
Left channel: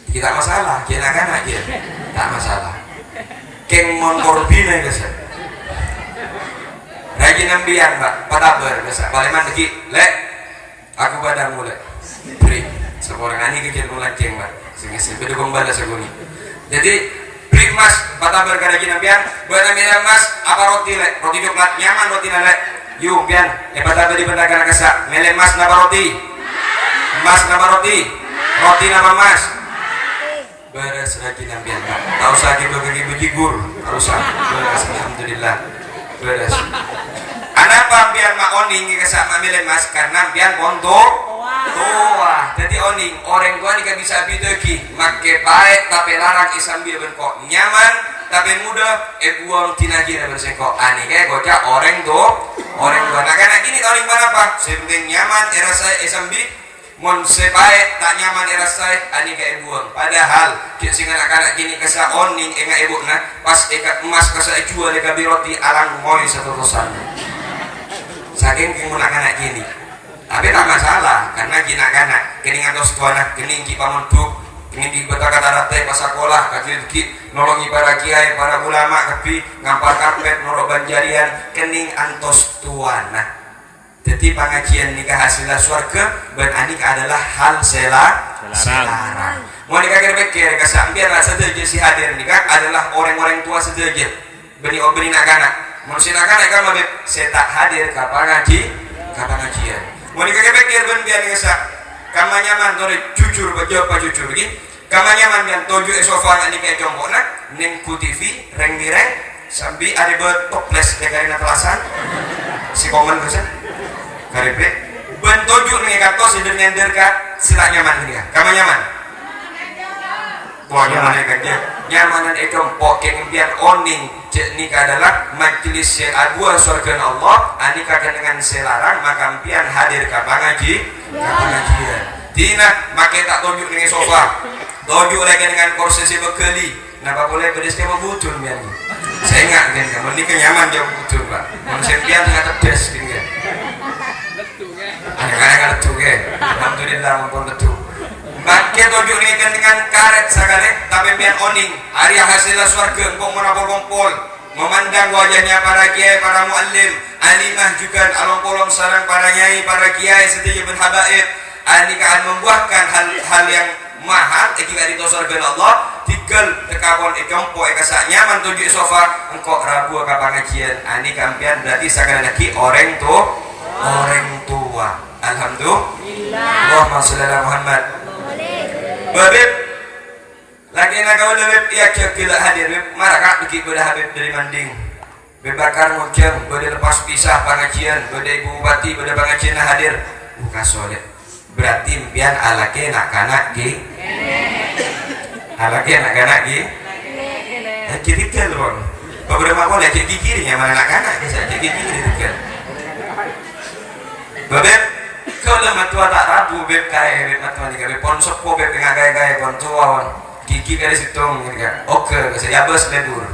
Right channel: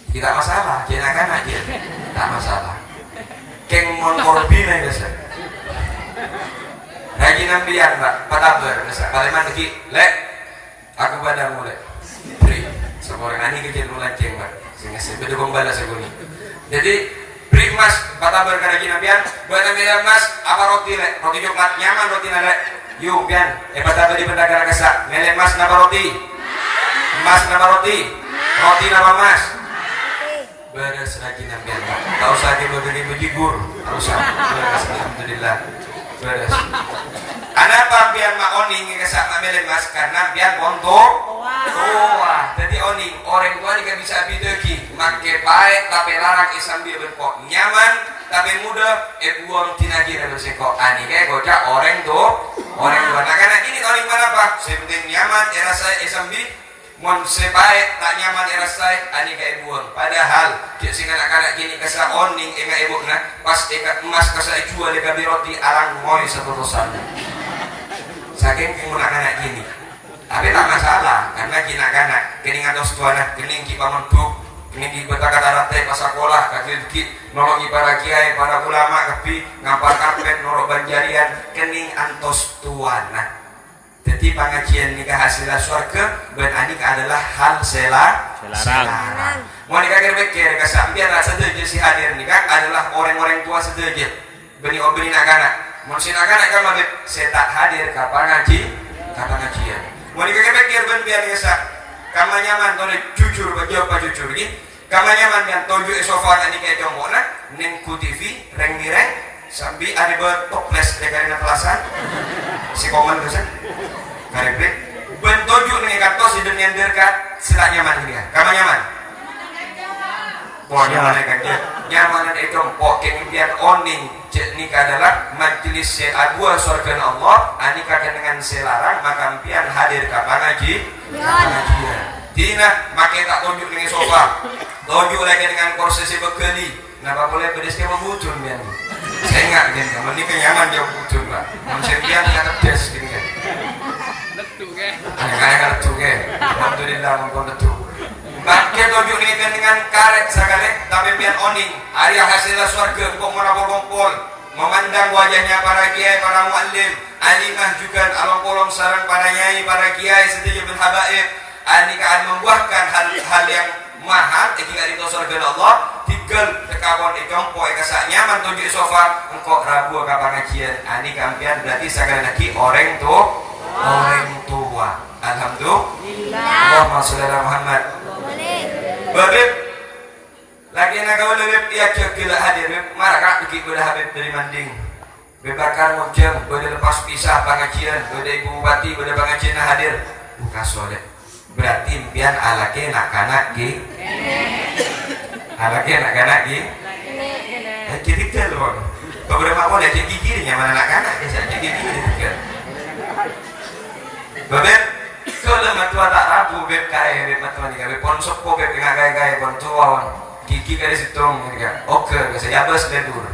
Tidak masalah, kena anak dia. Tak masalah. Keng motor bina guys. Rajin ambian mbak, pataber guys. Baliman lagi, lek. Aku badan mulai. Beri. Seorang ani kecil mulai ceng mbak. Sehingga saya berdukung balas aku ni. Jadi beri mas, pataber karena rajin ambian. Berambil mas, apa roti lek? Roti coklat nyaman roti lek. Yuk pian, pataber di pendagang kesak. Melek mas napa roti? Mas napa roti? Roti napa mas? Beres rajin ambian mbak. Tak usah bagi bejigur. Tak usah. Beres alhamdulillah. Beres. Anapa biar mak oning kesak mak melek mas karena biar kontor. Wah, jadi oning orang tua ni kan bisa bidegi. Make baik tapi larang isam biar berkok nyaman tapi mudah. Buang tinaji dan bersekok. Ani kayak gocak orang tuh. Orang tua. Nah kan ini orang mana pak? Sepenting nyaman era saya isam bi. Mon sebaik tak nyaman era saya ani kayak buang. Padahal kita sing anak-anak gini kesak oning enggak ibu nah pas ikat emas kesak jual dekat roti arang moli satu kosan. Saking anak-anak gini. Tapi tak masalah karena anak-anak kening atau sekolah kening ki pamunduk kening di betaka darate pas sekolah kaki nolongi para kiai para ulama kepi ngampar karpet norok banjarian kening antos tuana. Jadi pengajian nikah hasilnya surga dan anik adalah hal selarang. Mau nikah kira-kira kesambian rasa saja si hadir nikah adalah orang-orang tua saja. Benih nak-anak. Manusia nak-anak kan mabek saya tak hadir kapan ngajian. Mau nikah kira-kira biar kesak. Kamu nyaman tuh jujur bajau apa jujur lagi. Kamu nyaman yang toju esofa nikah jombor nak neng TV reng sambil ada dua toples dekat kelasan. Si komen tu sah. Karepet bentojuk dengan kata sedang nyanderkan sila nyaman ini kan kamu nyaman boleh nyaman kan nyamanan itu pokeng biar oning nikah adalah majlis seadua surga Allah anika dengan selarang maka pian hadir ke pengajian tina makai tak tojuk dengan sofa tojuk lagi dengan kursi bekeli napa boleh pedesnya membutun biar saya ingat kan kamu nikah nyaman jauh butun pak manusia pian nggak tedes gitu kan anak-anak itu ke alhamdulillah mumpun betul pakai tojuk ini dengan karet sekali tapi biar oning hari hasilnya surga engkau merapol-pol memandang wajahnya para kiai para muallim alimah juga along-polong sarang para nyai para kiai setuju berhabaib ini akan membuahkan hal yang mahal jika di surga Allah tinggal tekabon ikampo kesak nyaman tujuh sofa engkau rabu ke pengajian ini kampian berarti sekali lagi orang tua alhamdulillah Allahumma sholli ala Muhammad babib lagi nak kau lebih ya gila hadir maraka bikin gula habib dari manding bebakar mujam boleh lepas pisah pengajian boleh ibu bupati boleh pengajian hadir buka soleh berarti biar alake nak-anak ki alake nak-anak ki jadi telur beberapa boleh jadi kirinya mana anak-anak bisa jadi kiri kan babeb kalau matua tak rabu beb kaya beb matematika beb ponsok ko beb dengan gaya-gaya pontuawan gigi garis hitung gitu kan oke bisa diabas bedur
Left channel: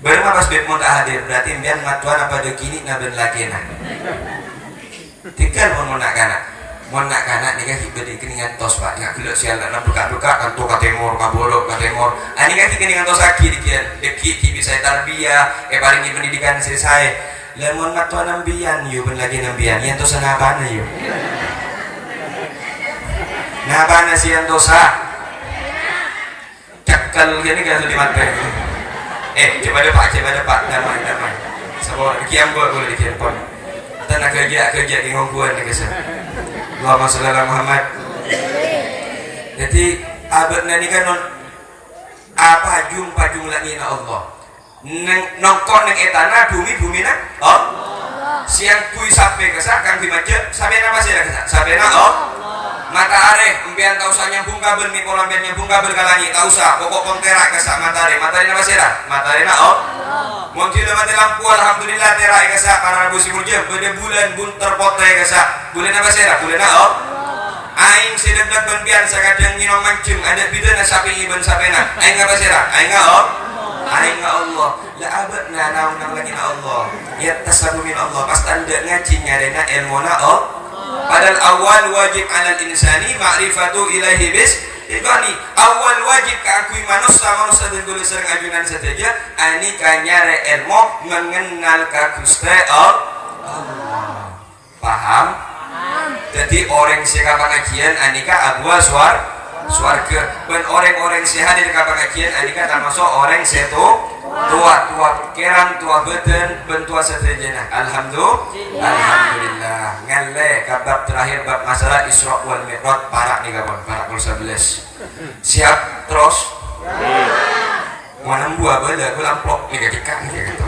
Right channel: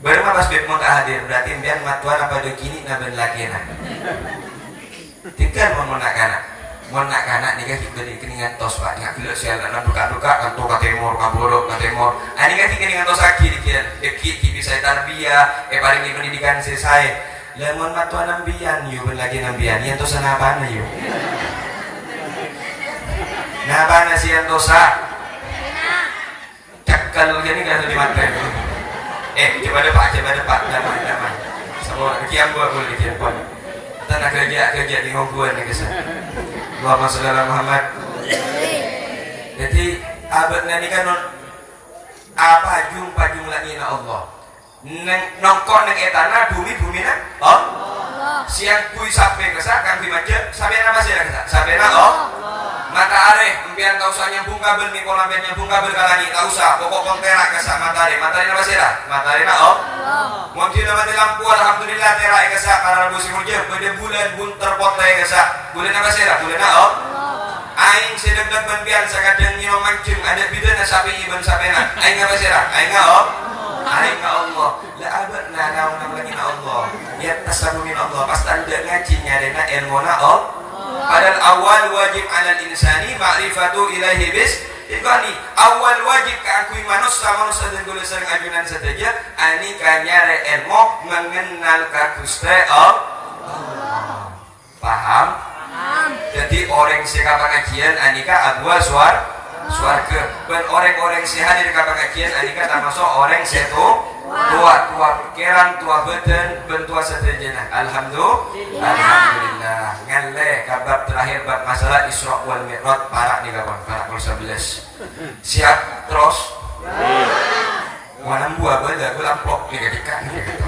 baru pas beb mau tak hadir berarti biar matuan apa do kini naben lagi nah tinggal mau nak kanak nikah kita dikeningan tos pak nggak gelap sialan nak buka kantor katemor kaborok katemor ini kan dikeningan tos lagi dikian deki bisa tarbiyah paling di pendidikan selesai lemon matuan nambian yuk lagi nambian yang tosa nabana yuk nabana si yang tosa cakal gini kan sudah mati coba depan damai sebuah kiam gua boleh dikirpon tanah kerja di ngomong nih guys Allahumma sholli ala Muhammad jadi abadnya ini kan apa jumpa lagi na Allah nongkon neng etana bumi nak siang kui sampai kesak kan dimaja sampai nama sih kesak sampai na mata are impian tak usah nyambung kabel nih kalau impian nyambung kabel kalani tak usah pokok kontera kesak matahari nama sih matahari na mungkin mati lampu alhamdulillah terai kesak karena busi murja bulan bunter potai kesak bulan apa sih bulan na aing sedang berbian sakadang minum mancung ada bidana sapi iban sapena aing apa sih aing aing Allah la abad na naunang lagi na ilmuna padahal awal wajib 'alal insani ma'rifatu ilaihi bis ikani awal wajib kakui manusia dan gula sering ajunan saja ani kanyare ilmu mengenal ka Gusti Allah. Paham? Jadi orang sehat pengajian anika abwa swarga ben orang-orang sehat di pengajian anika termasuk orang tua pikiran tua badan ben tua sedayana. Alhamdulillah ngalle kabar terakhir bab masalah Isra wal Mi'raj para nih kawan para 11 siap terus mana buah bala gue lampok nih ketika gitu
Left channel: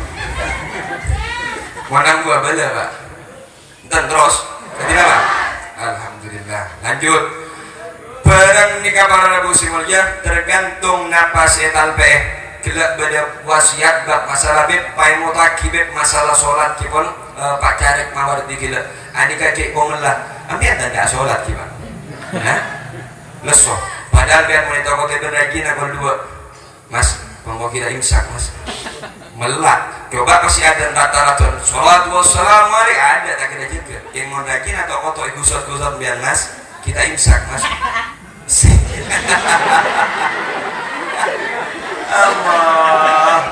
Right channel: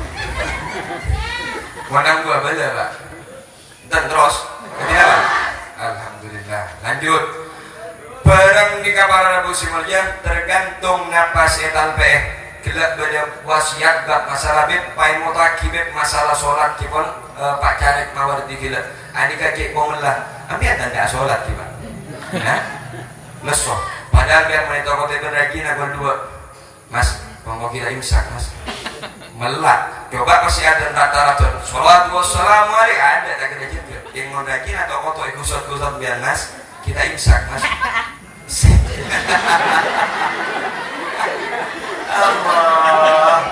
mana buah bala Pak dan terus ketika alhamdulillah lanjut barang nikah para Rabu Simulja tergantung napas etal pe gelak beda wasiat bab masalah beb pai mutaki beb masalah sholat kipon Pak Carik mawar di gila ani kacik bongelah ami ada nggak sholat gimana leso padahal biar mereka kota berlagi nak berdua mas mau kita imsak mas melak coba masih ada rata-rata sholat wassalamu alaikum ada tak kena juga yang mau daging atau kotor gusot biar mas kita imsak mas Allah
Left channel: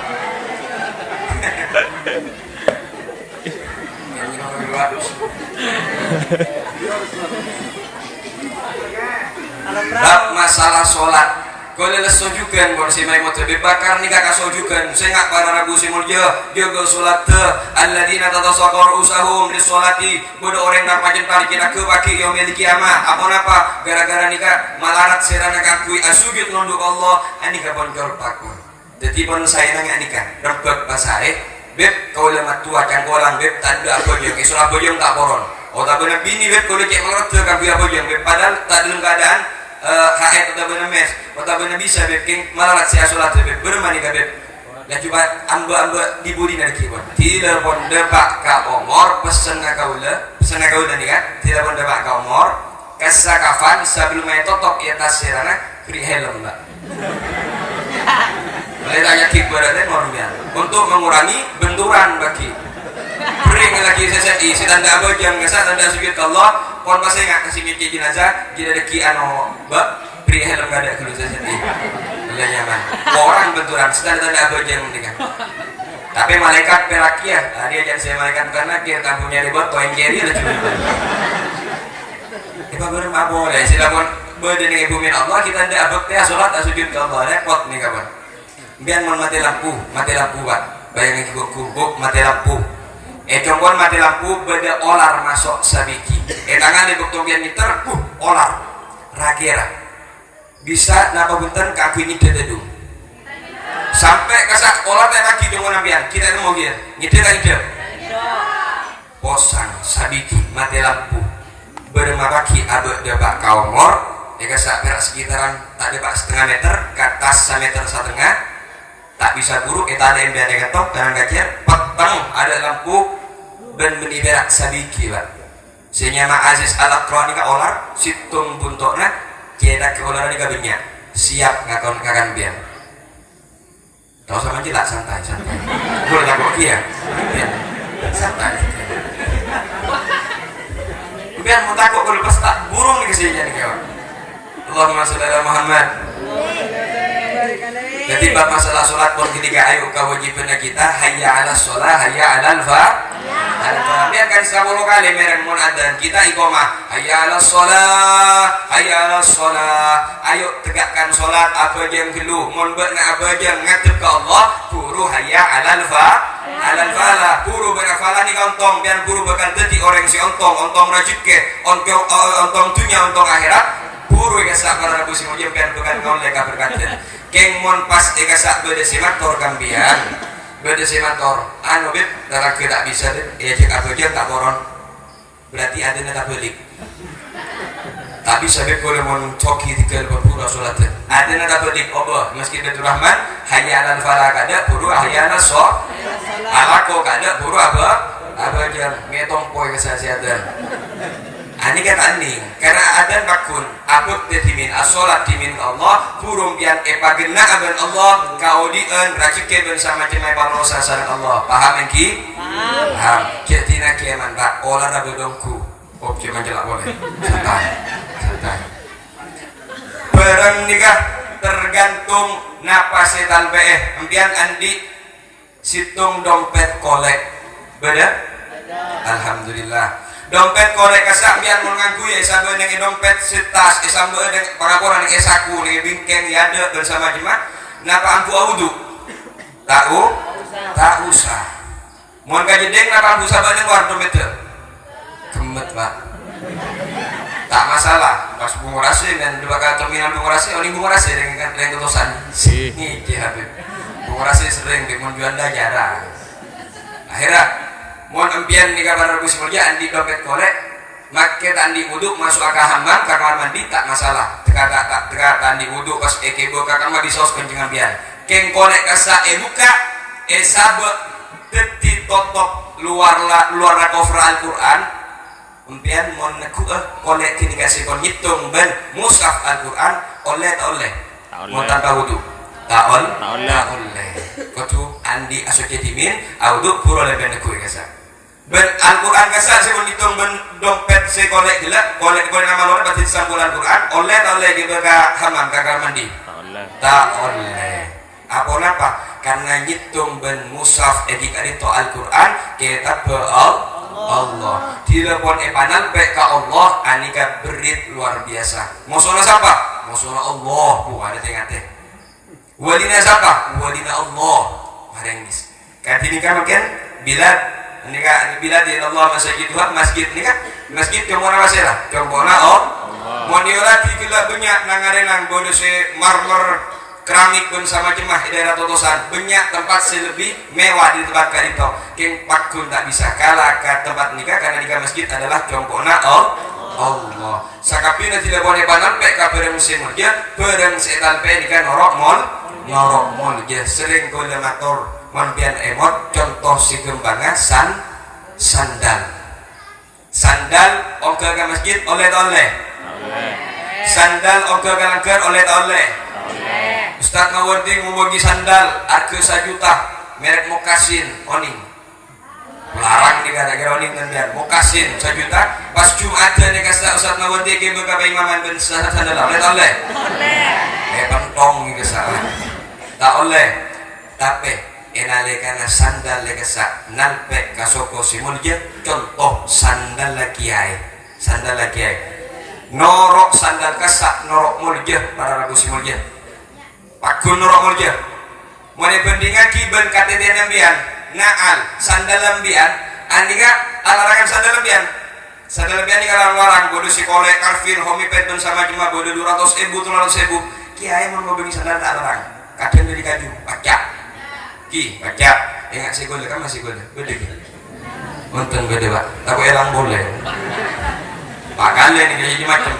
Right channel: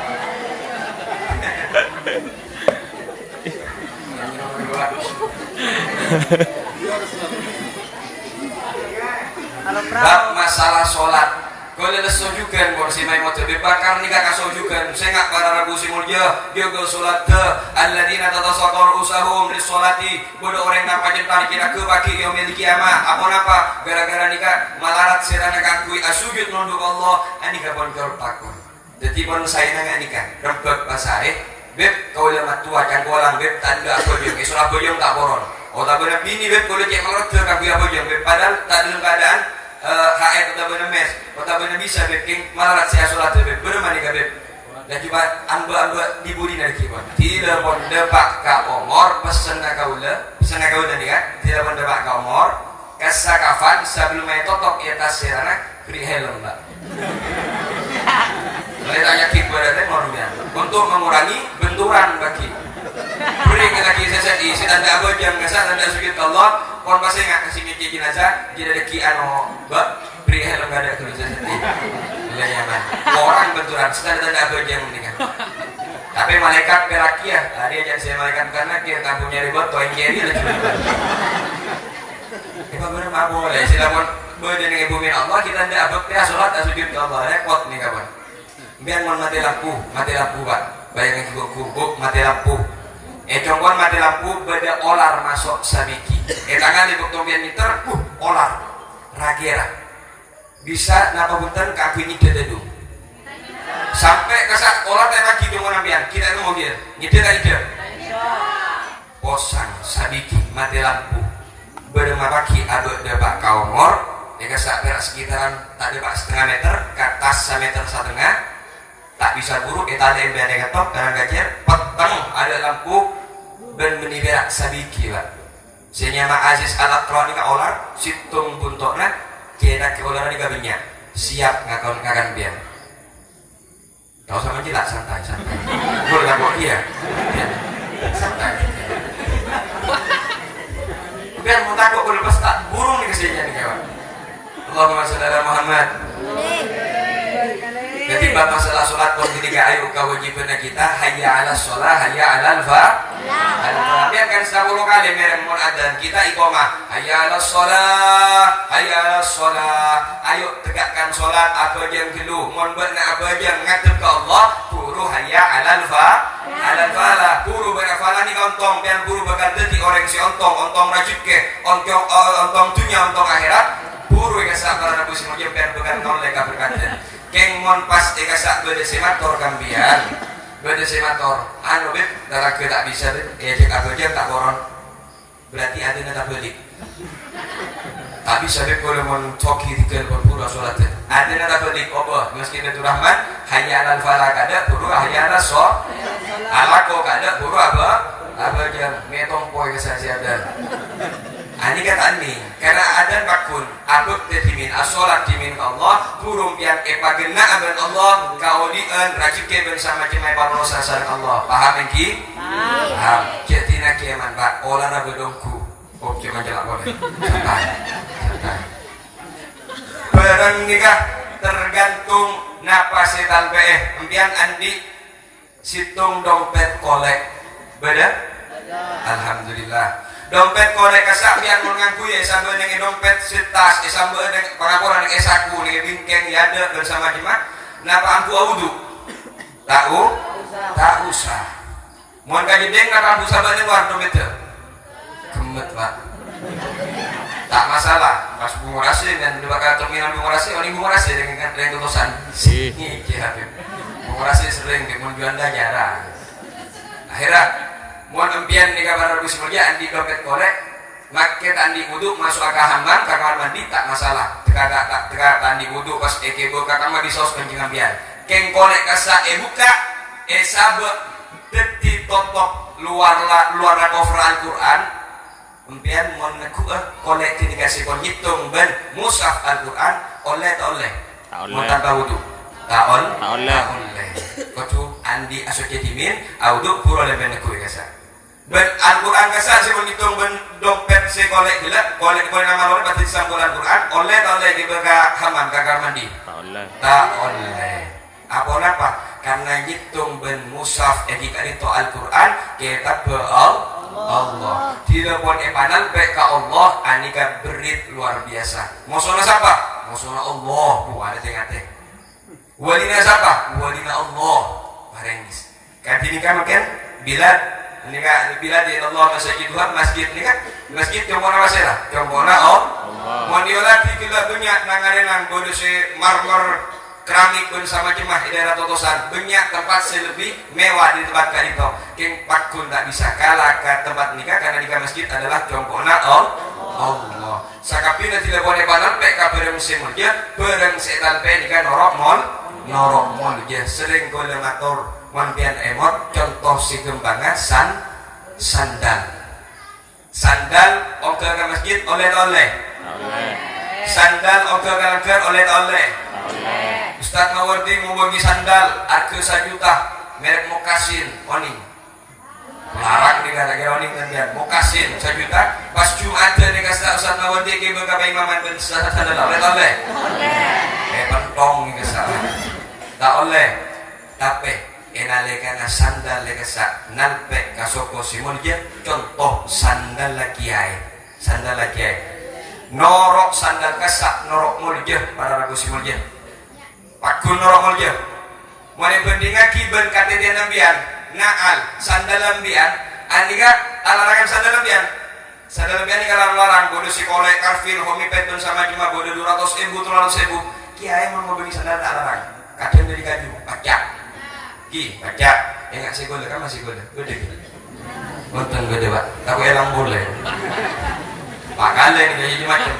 bab masalah sholat kalau leles sojukan kalau si mai motor bakar nih kakak sojukan saya nggak para Rabu Simulja jaga sholat te alladzina tatasaqar usahum di sholati bodo orang yang pajen tarik kita ke baki yang memiliki kiamat apa gara-gara nikah malarat serana kakui asujud nunduk Allah anika boncor pakun jadi pun saya nggak nikah rebek pasare beb kau lemat tua kan kolang beb tanda bojong isola bojong tak poron oh tak benar bini beb kalau cek melot kan biar bojong beb padahal tak dalam keadaan haid tak benar mes tak benar bisa beb king malarat saya sholat beb bermani beb dan coba amba dibudi dari kibon tidak pun depak ka omor pesen kau nih kan tidak pun depak ka omor kasakafan sebelum main totok ia tas serana kri helm mbak mulai tanya kibaratan normnya untuk mengurangi benturan bagi beri lagi sesi si tanda apa jam nggak tanda sujud Allah kon masih nggak kasih mikir jenazah jadi ada kian mbak beri helm nggak ada kalau sesi mulai nyaman orang benturan sedang tanda apa jam mendingan tapi malaikat perakia hari aja saya malaikat karena kita tampungnya ribet toin jeri ada cuma kita benar nggak boleh silakan berdiri bumi Allah kita tidak bakti sholat sujud Allah repot nih kawan biar mati lampu Pak bayangin gubuk mati lampu combon mati lampu beda olar masuk sabiki tangan di buktung biar meter olar ragera bisa nakabutan kaki ini dededung sampai kesak olar lagi dengan ambian kita mau dia nyetir aja posang sabiki mati lampu bermabaki abek debak kaumor kesak berak sekitaran tak debak setengah meter ke atas 1 meter setengah tak bisa buruk kita ada yang biasa ketok dan kacer petang ada lampu dan meniberak sabiki Pak senyama Aziz al-Aqra ni ka olar situng buntokna kena ke olar ni ka banyak siap ngakan biar tahu sama jelas santai boleh lakukan dia santai biar mau takut boleh pesta burung ni kesini ni kawan Allahumma sholli ala Muhammad jadi bab masalah sholat pun ketika ayo kewajiban kita hayya ala sholat hayya ala biarkan 10 kali mereng munadan kita iqamah hayya ala sholat ayo tegakkan sholat apa jam dulu mun beuna apa jam ngadep ke Allah buru hayya ala falah buru berafala ni ontong biar buru bakal dadi orang si ontong rajib ke ontong dunia ontong akhirat buru ya sak para Rabu Simulja biar bukan kau mereka berkata keng mon pas eka sak beda senator kambian beda senator anu beb dalam tak bisa beb cek apa aja tak boron berarti ada nata balik tak bisa beb boleh mon coki tiga berpura sholat ada nata balik obo meski Nabi Rahman hanya alal falah kada buru hanya alal so alako kada buru apa aja ngetong poy kesehatan Ani kata ani karena ada bakun abuk tetimin asolat timin Allah kurung pian epagena aben Allah kaudien racike ben sama cemai pamosa sareng Allah paham engki paham ketina keman Pak olahraga dongku oke manjelak boleh santai bareng nikah tergantung napas setal PE empian andi situng dompet kolek beda alhamdulillah dompet korek kasak biar mengaku ya sambil dengan dompet setas sambil dengan pengakuan dengan esaku dengan bingkeng ya ada bersama jemaah napa angku audu tahu tak usah mau kajedeng napa angku sabar dengan war dompet gemet Pak tak masalah pas bungurasi dan dua kali terminal bungurasi ini bungurasi dengan tutusan ini Habib bungurasi sering dengan juanda jarang akhirnya mohon empian di kamar Rabu Simulja andi dompet korek maket andi wuduk masuk ke hamam ke kamar mandi tak masalah teka andi wuduk pas ekebo ke kamar bisa penjengan biar keng korek kasa buka sabe teti totok luar cover Al-Quran empian mohon neku korek kini kasih kon hitung ben mushaf Al-Quran oleh mau tanpa wuduk tak oleh kutu andi asok jadimin wuduk pura lebih neku kasa ben Al-Quran kasar saya menghitung ben dompet saya kolek gelap kolek nama orang pasti sambung Al-Quran oleh gitu ke hamam ke kamar mandi tak oleh apa karena ngitung ben mushaf etika itu Al-Quran kita Allah tidak boleh panan pe ke Allah anika berit luar biasa maksudnya siapa maksudnya Allah bukan ada tengah walina siapa walina Allah marengis kadini kan makin ini kan bila di Allah masjid ini kan masjid cuma masalah cuma mau diolah kita banyak nangarenang bodoh se marmer keramik pun sama jemaah daerah totosan banyak tempat lebih mewah di tempat karito king pakun tak bisa kalah ke tempat nikah karena nikah masjid adalah contohnya Allah sakapina tidak boleh panen pek kabareng musim dia bareng setan pe nikah norok mall dia sering guna motor mampian emot contoh si gembangan sandal ogah ke masjid oleh sandal ogah ke langgar oleh Ustaz Mawardi ngubagi sandal harga 1 juta merek Mokasin oning larang nih kata-kira oning dan biar Mokasin 1 juta pas Jumat nih kata Ustaz Mawardi ke beberapa imaman dan sandal oleh pentong nih kesalahan tak oleh tapi enalekana sandal lekasa nalpe kasoko simulje contoh sandal kiai norok sandal kasak norok mulje pada Rabu simulje pakun norok mulje mone bandingan kiben KTT nambian naal sandal lambian andika alarangan sandal lambian ni kalau larang bodoh si kolek karfil homi petun sama cuma bodoh 200.000 300.000 kiai mau beli sandal tak larang kadang dari kaju pacak baca ingat si gole kan masih gede nonton gede Pak tapi elang boleh Pak kali nih jadi macam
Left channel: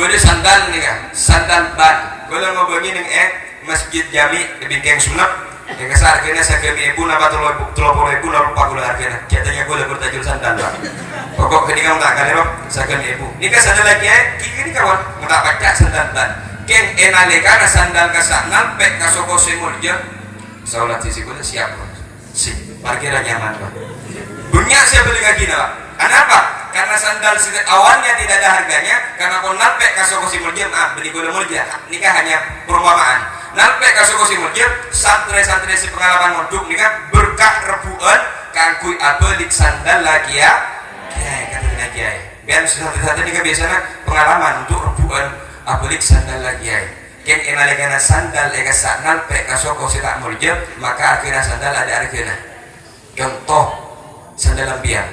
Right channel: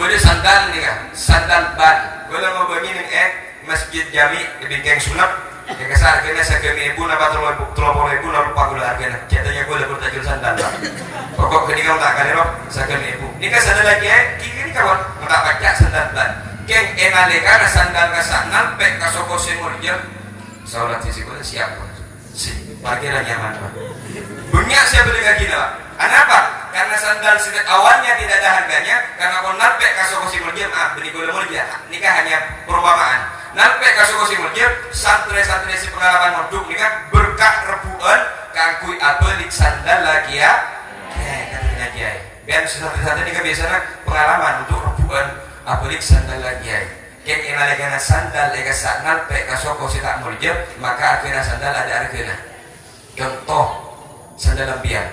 gede sandal nih kan sandal ban gole mau bagi nih masjid jami di bingkeng sunat di kasar kena saya kami ibu napa telur ibu napa pak gula kena katanya gole bertajul sandal Pak pokok keningan tak kena saya kami ibu ini kan sandal lagi kiri kawan tak baca sandal ban keng enalekana sandal kasak nampek kasoko semurje saulat sisi kuda siap parkiran nyaman Pak banyak saya beli kaki Pak kenapa? Karena sandal awalnya tidak ada harganya karena kalau nalpek kasoko simurjem beli kuda mulja nikah hanya perumpamaan nalpek kasoko simurjem santri si pengalaman moduk nikah berkah rebuan kangkui abelik sandal lagi ya kata dengan kiai biar santri nikah biasanya pengalaman untuk rebuan abelik sandal lagi ya ken enalekana sandal lega saknal pe kasoko sila murjab maka akhirnya sandal ada argana contoh sandal lambian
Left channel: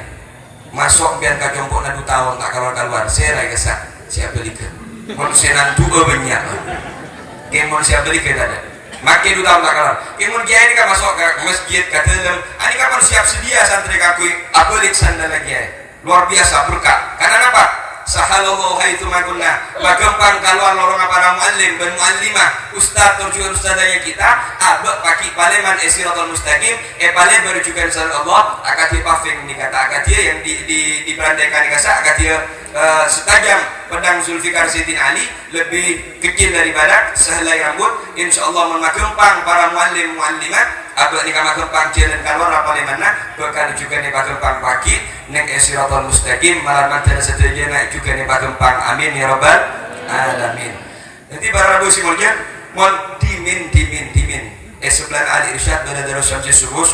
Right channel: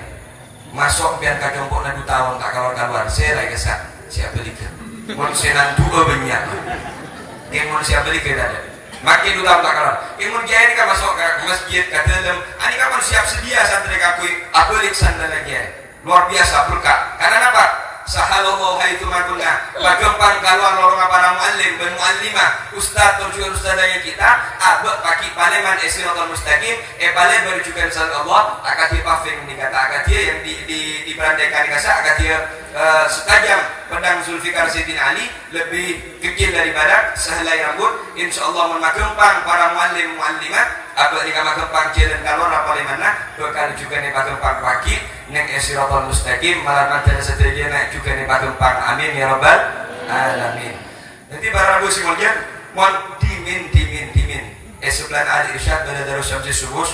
masuk biar ka jompok na 2 tahun tak keluar saya lega sak siapa beli ke mun senan dua banyak ken mun siapa beli ke ada makin 2 tahun tak keluar ken mun kiai ini kan masuk ke masjid ke dalam ani kapan siap sedia santri kakui abelik sandal lagi luar biasa berkah karena apa sahalallahu haitsu makunna bagampang keluar lorong para muallim dan muallimah ustaz tujuan ustazanya kita abek pagi paleman siratal mustaqim pale berujukan sama Allah akadia pafing dikata akadia yang diperandaikan dikasa akadia setajam pedang Zulfikar Sayyidina Ali lebih kecil daripada sehelai rambut. Insyaallah memakempang para muallim muallimat atau ni kamakempang jalan keluar apa mana bekal juga ni pakempang pagi nek siratal mustaqim malam ada sedaya juga ni pakempang amin ya rabbal alamin. Nanti para rabu simulnya mon dimin sebelah Ali Irsyad benar-benar sampai subuh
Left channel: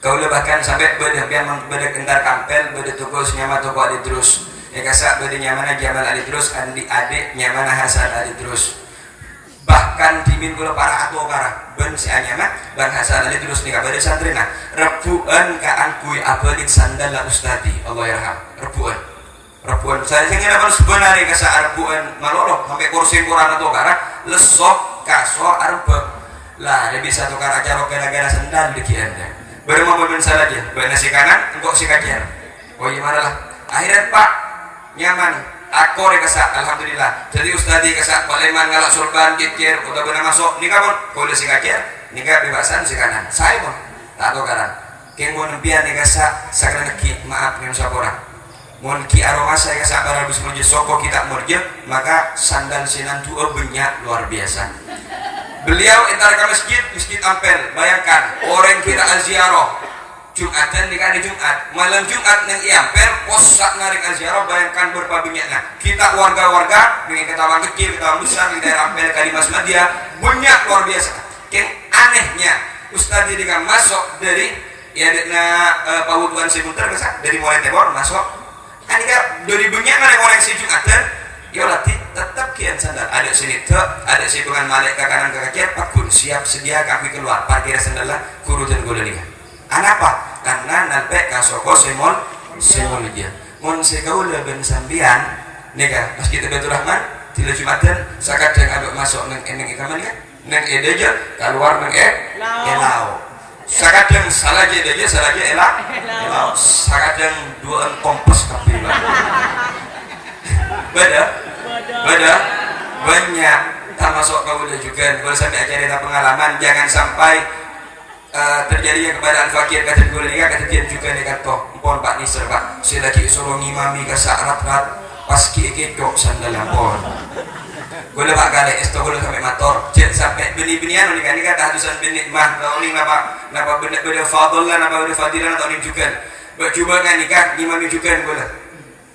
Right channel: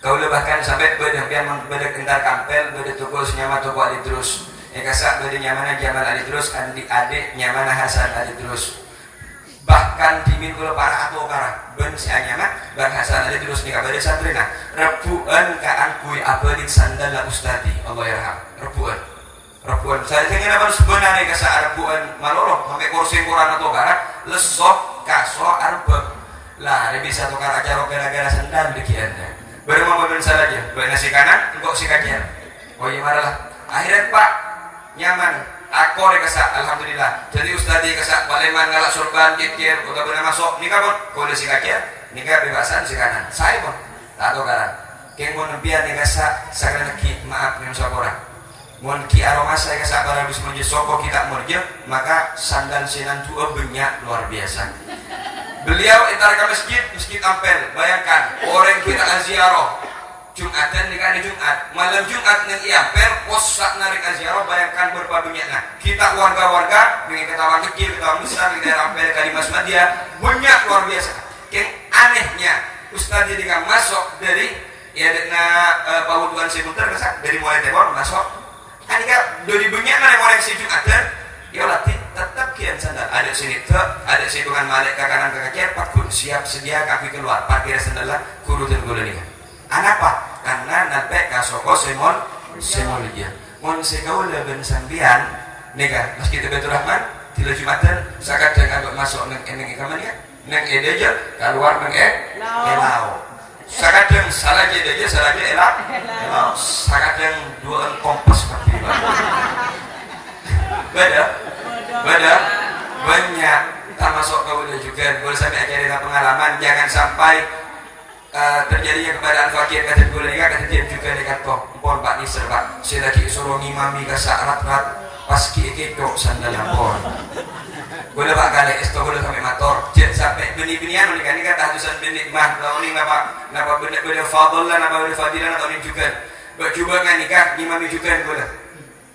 kau bahkan sampai bedak entar kampel bedak tugas nyama toko Ali terus kasak bedak nyamana Jamal Ali terus adik nyamana Hasan Ali terus bahkan dimin pula para atau para ben si anyana bang Hasan Ali terus nikah pada santrina rebuan ka angkui apelit sandal la ustadi Allah yarham rebuan saya ingin apa sebenarnya kasa rebuan malolo sampai kursi kurang atau gara lesok kaso arbe lah lebih satu kara aja gara-gara sandal bikinnya baru membangun saja baik nasi kanan engkau si kajian oh iya marah akhirnya pak nyaman akor kasa alhamdulillah jadi ustadi kasa paleman ngalak surban kikir udah benar masuk nikah pun boleh si kajian nikah bebasan si kanan saya pun tak tahu karang kengon biar nikah sakran neki maaf yang orang mon ki aroma saya kasa para bismillah soko kita murje maka sandal sinan tuh banyak luar biasa. Beliau entar ke masjid Ampel. Bayangkan orang kira aziarah Jumatan di hari Jumat, malam Jumat nang Ampel posak narik aziarah. Bayangkan berapa banyaknya kita warga-warga dengan ketawa kecil, ketawa besar di daerah Ampel Kalimas Madya banyak luar biasa. Yang anehnya Ustadz dengan masuk dari ya Pawutuan Sebentar dari mulai tebor masuk. Anika dari banyak orang si Jumatan. Ya latih tetap kian sandal ada sini ada sikungan malik ke kanan ke kaki pakun siap sedia kaki keluar parkir sandal guru dan guru nikah anapa karena nanti kasoko semon dia mon sekau leben sambian nikah meski Betul Rahman tidak Jumatan sakadang abek masuk neng ikaman ya neng edeja keluar neng elau sakadang salah je elau sakadang dua kompas kaki beda banyak termasuk kau juga kalau sampai cerita pengalaman jangan sampai terjadinya kepada al-fakir kata gue nikah kejadian juga dekat toh pon Pak Nisr Pak saya lagi suruh ngimami ke rat pas kikik sandal pon gue dah Pak kali itu gue sampai motor sampai bini-binian nikah tak hadusan bini mah tahu ni napa benda fadl lah napa benda fadilan atau ni juga coba kan nikah ngimami juga gue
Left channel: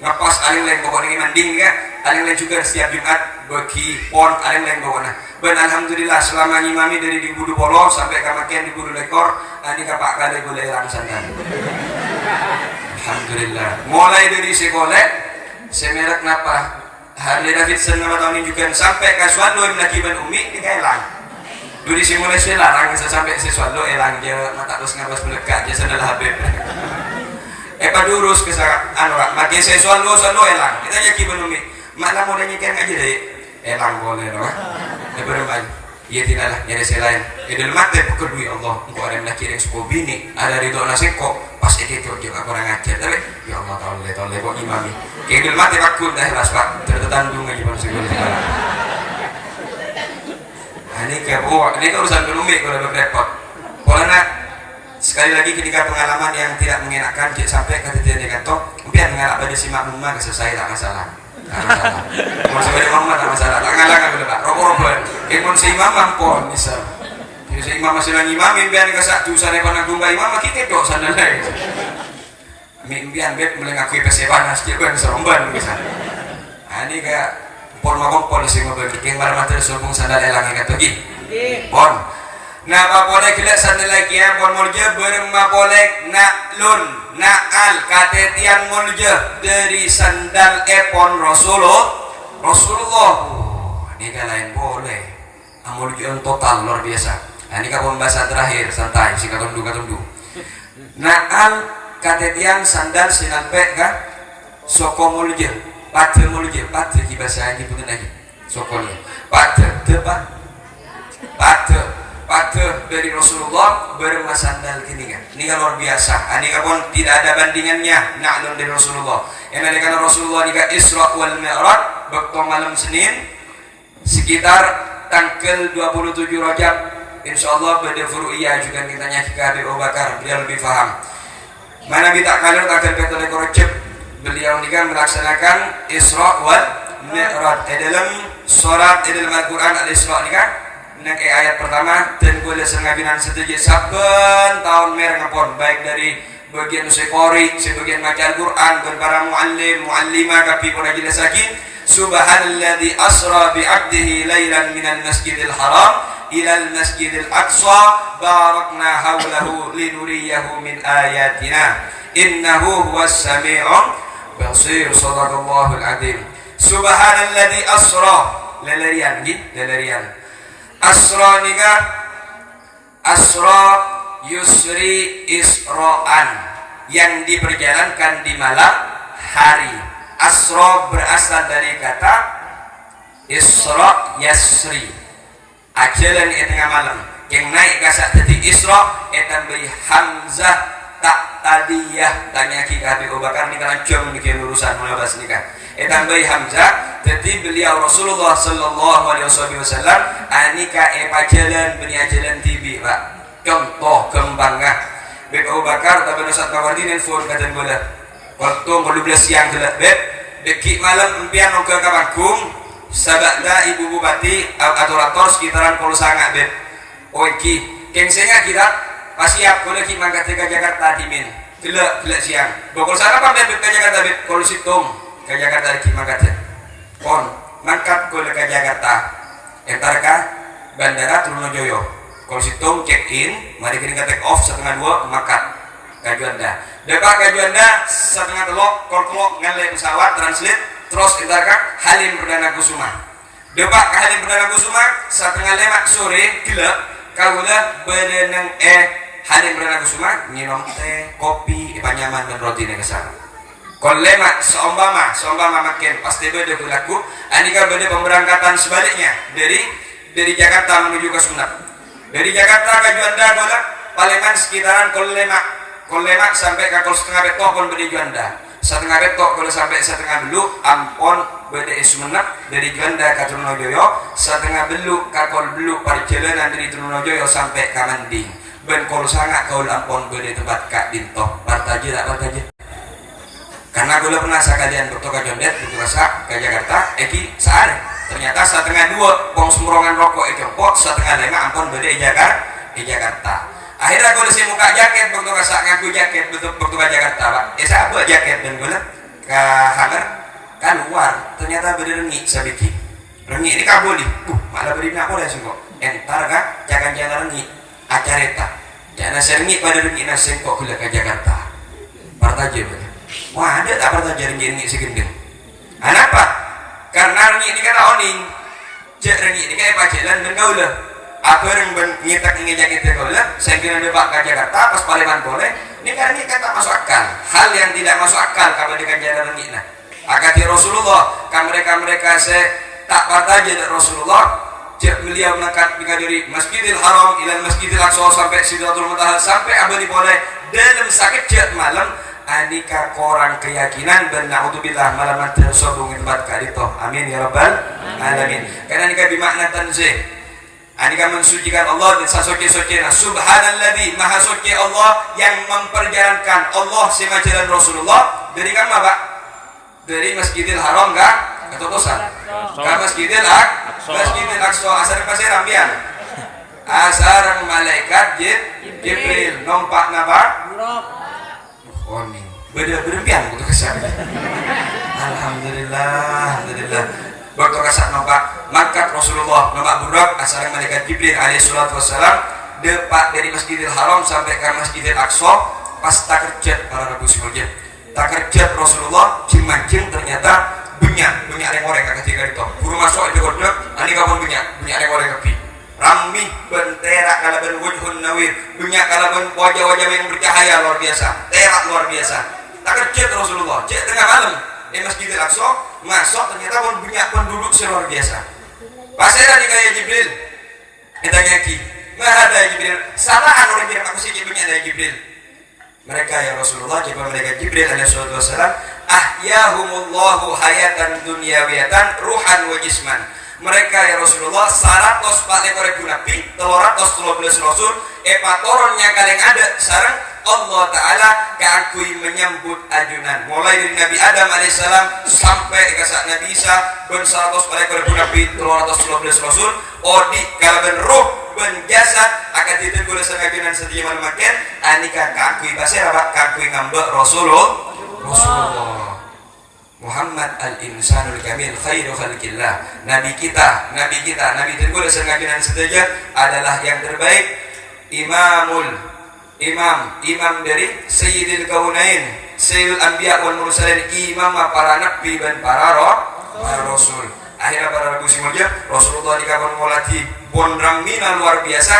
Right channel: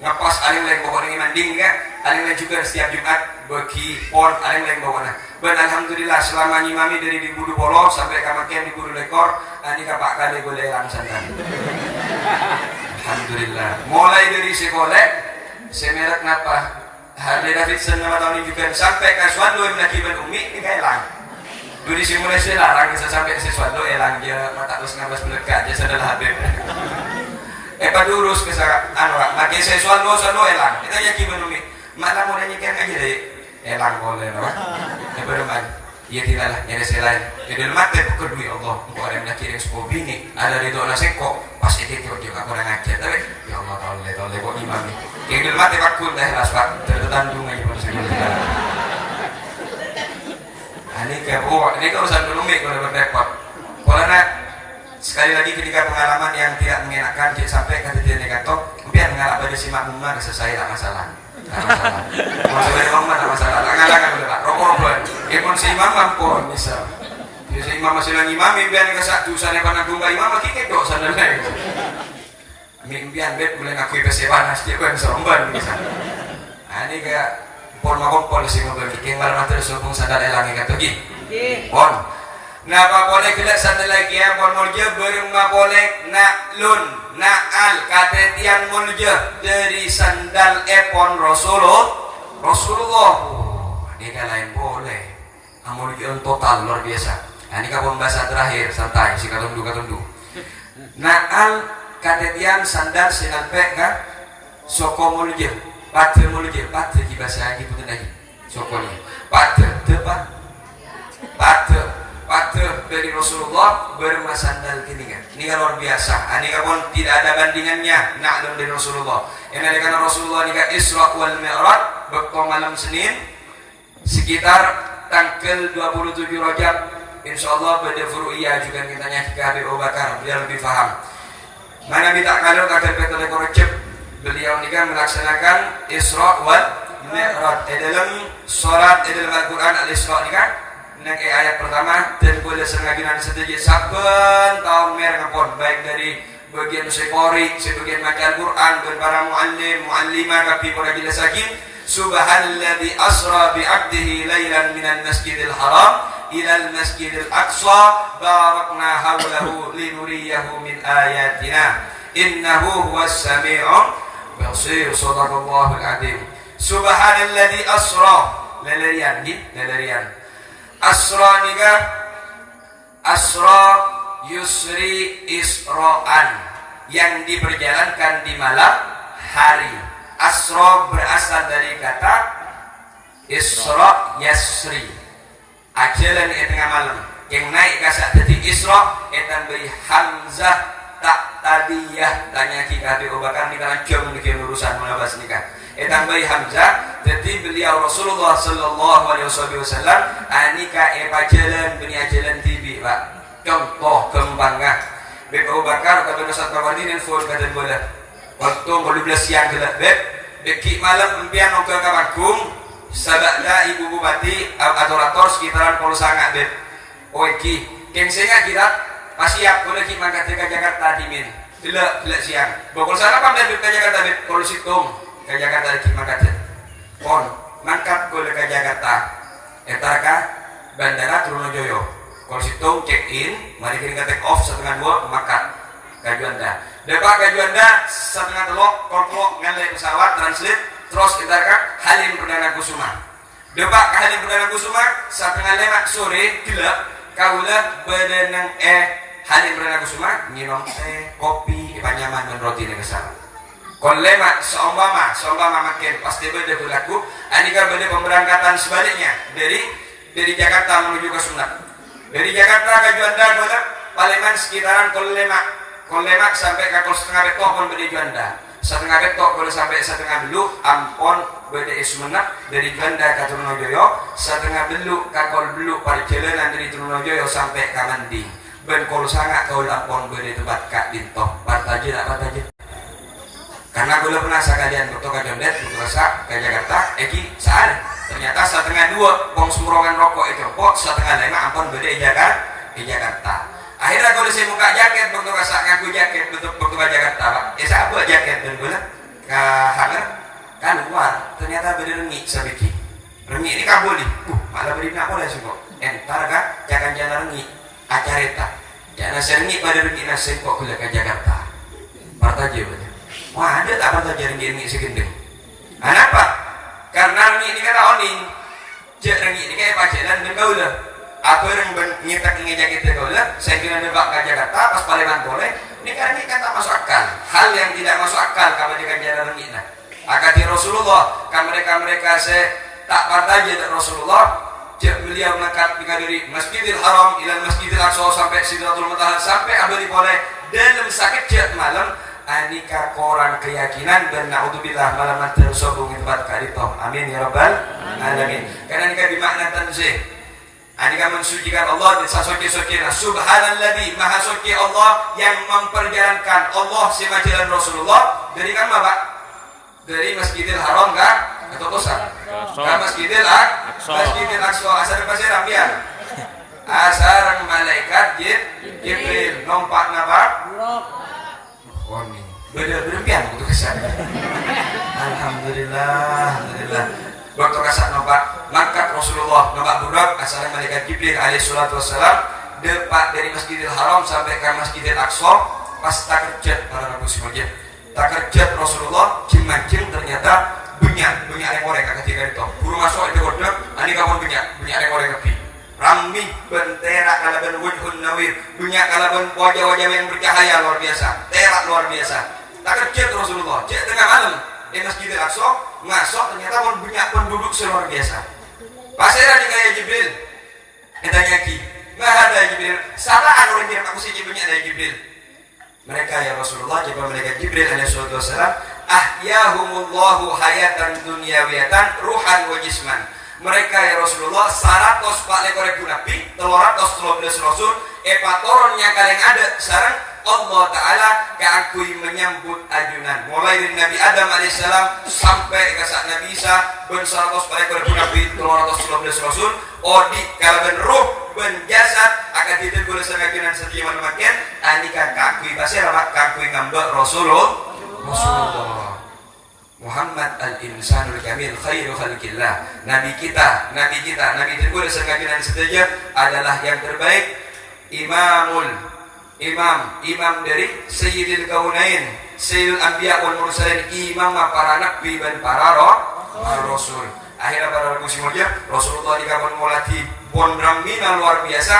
ngapas aling lain pokoknya manding kan aling lain juga setiap Jumat bagi pon aling lain pokoknya ben alhamdulillah selama nyimami dari di Budu Polo sampai kamakian di Budu Lekor ini kapak kali boleh langsung dan alhamdulillah mulai dari sekolah semerek napa Harley Davidson nama tahun ini juga sampai ke Suando yang lagi ben umi ini elang dulu simulasi larang sampai si Suando elang dia mata terus ngabas melekat dia sadalah habib padurus kesana anu makin saya selalu elang kita nyaki benumi malah mau nyanyikan aja deh elang boleh no berempat iya tidaklah nyari selain dalam mata kedua ya Allah engkau ada yang kirim sebuah bini ada di doa seko pas itu dia aku orang ngajar tapi ya Allah tahu kok imami kayak dalam mata pakun dah las pak tertandung aja pada sekolah ini ke urusan benumi kalau berrepot kalau nak sekali lagi ketika pengalaman yang tidak mengenakan sampai kata dia kata biar ngalak pada si makmumah selesai tak masalah kalau saya makmumah tak masalah tak ngalak tak rokok-rokok ikon si imam mampun misal si imam masih lagi imam biar ngesak jurusan yang panang gungga imam kita kok sadar lain mimpian bet boleh ngakui pesewan sedikit gue yang seromban misal ini kayak pon si mobil yang malam nanti sumpung sadar elangnya kata pon na mapolek gila sana lagi yang pon mulja bareng mapolek nak lun nak al kata tiang mulja dari sandal epon Rasulullah ini kan lain boleh mulja total luar biasa ini kan bahasa terakhir santai si katundu nak al kata tiang sandal silang pek kan soko mulja patre bahasa ini bukan lagi sokonya patre dari Rasulullah berma sandal kini kan ini kan luar biasa ini kan pun tidak ada bandingannya naklun dari Rasulullah yang ada kan Rasulullah ini kan Isra wal Mi'raj waktu malam Senin sekitar tanggal 27 Rajab insyaallah pada furu'iyah juga kita nyaki ke Habib Abu Bakar, beliau lebih paham. Mana kita kalir akan kata lekor beliau ini kan melaksanakan Isra wal Mi'raj dalam salat dalam Al-Qur'an Al-Isra ini kan nek ayat pertama dan boleh sengaginan sedikit saben tahun merah ngapun baik dari bagian sekori sebagian maca Al-Qur'an dan para muallim muallimah kapi para jelasakin subhanalladzi asra bi 'abdihi lailan minal masjidil haram ila al-masjidil aqsa barakna hawlahu linuriyahu min ayatina innahu huwas sami'un basir. Shadaqallahul adzim. Subhanalladzi asra lalarian asra niga asra yusri isra'an yang diperjalankan di malam hari. Asra berasal dari kata isra yasri ajalan di tengah malam yang naik kasak tadi isra etan beri hamzah tak tadiyah tanya kita Habib Abu Bakar ni kan jom bikin urusan menabas nikah etan beri hamzah jadi beliau Rasulullah sallallahu alaihi wasallam anika pajalan beri ajalan tibi pak contoh kembangnya Habib Abu Bakar tapi Ustaz Mawardi nelfon kata bola waktu 12 siang gelap beki malam impian ke Kabagung sabaklah ibu bupati atau rektor sekitaran Polo Sanga bet oiki kengsenya kita pasti siap kalau kita mangkat ke Jakarta dimin gelap siang bokol sana apa bet ke Jakarta bet kalau situng ke Jakarta kita mangkat ya kon mangkat ke Jakarta entar bandara Trunojoyo kalau situng check in mari kita take off 1:30 mangkat ke Juanda depak ke Juanda 1:30 kolok ngalai pesawat translate terus kita Halim Perdana Kusuma depak ke Halim Perdana Kusuma 4:30 sore gelap kaula badanang Halim Perdana Kusuma minum teh kopi panyaman dan roti nih kesana kalau lemak seumpama makin pasti beda berlaku anika beda pemberangkatan sebaliknya dari Jakarta menuju ke Sumenep dari Jakarta ke Juanda kalau palingan sekitaran kalau lemak sampai ke 1/2 betok pun beda Juanda 1/2 betok kalau sampai 1/2 beluk ampon beda Sumenep dari Juanda ke Trunojoyo 1/2 beluk kakol beluk perjalanan dari Trunojoyo sampai ke Manding ben kalau sangat kau ampon beda tempat kak dintoh partaje karena gue pernah sekalian betul ke Jondet betul ke Jakarta sehari ternyata 1:30 pong semburongan rokok itu pok 1:30 ampon beda Jakarta akhirnya gue disini muka jaket betul ke ngaku jaket betul ke Jakarta pak saya buat jaket dan gue ke hanger kan luar ternyata beda rengi sedikit rengi ini kabul nih malah beri nak boleh sih kok entar kan jangan rengi acareta jangan seringi pada rengi nasi kok gula ke Jakarta partaje boleh wah ada tak partaje rengi segendeng kenapa karena rengi ini kan oning cek rengi ini kayak pacaran dan gaula apa yang nyetak ingin jaket gaula saya kira bebak ke Jakarta pas Palembang boleh ini karena ini kata masuk akal hal yang tidak masuk akal kalau dikajian rengi nah akati Rasulullah kan mereka saya tak partaje dari Rasulullah beliau mengangkat dari Masjidil Haram ila Masjidil Aqsa sampai Sidratul Muntaha sampai abadi boleh dalam sakit jet malam anika korang keyakinan dan naudzubillah malam tersobong tempat kadito amin ya rabbal alamin karena anika bimakna tanzih anika mensucikan Allah dan sasoke-soke subhanalladzi maha suci Allah yang memperjalankan Allah sema jalan Rasulullah dari kan Pak dari Masjidil Haram enggak atau kosan kan Masjidil Aqsa asar pasir ambian asar malaikat Jibril nompak napa oni beda berempian gitu kesan alhamdulillah waktu kasak nompak mangkat Rasulullah nompak burak asar malaikat Jibril alaihi salatu wassalam depak dari Masjidil Haram sampai ke Masjidil Aqsa pas tak kerja para rabu semajin tak kerja Rasulullah cimancing ternyata bunyak rekore ketika itu guru masuk itu goblok ani kapan bunyak rekore kepi rami bentera kalaban wujhun nawir bunyak kalaban wajah-wajah yang bercahaya luar biasa terak luar biasa tak kerja Rasulullah cek tengah malam di Masjidil Aqsa masuk ternyata pun bunyak penduduk luar biasa pasera ni kayak Jibril ditanya ki nggak ada Jibril salah orang kirim aku sih bunyak dari Jibril mereka ya Rasulullah jawab mereka Jibril alaihi wasallam ahyahumullahu hayatan dunyawiyatan ruhan wa jisman mereka ya Rasulullah 100 pak lekor Nabi 313 Rasul epatoronnya kalian ada sarang Allah Ta'ala keakui menyambut ajunan mulai dari Nabi Adam AS sampai ke saat Nabi Isa ben 100 pak lekor Nabi 313 Rasul odi kalaban ruh ben jasad akan tidak boleh sengajunan setiap makin anika keakui pasir apa keakui ngambek Rasulullah Muhammad al-insanul kamil khairu khalqillah. Nabi kita, Nabi tergolong sengajuan sedaja adalah yang terbaik. Imam dari Sayyidil Kaunain, Sayyidul Anbiya wal Mursalin, imam para nabi dan para rasul. Akhirnya para rasul semuanya Rasulullah dikabar mulati bondrang mina luar biasa.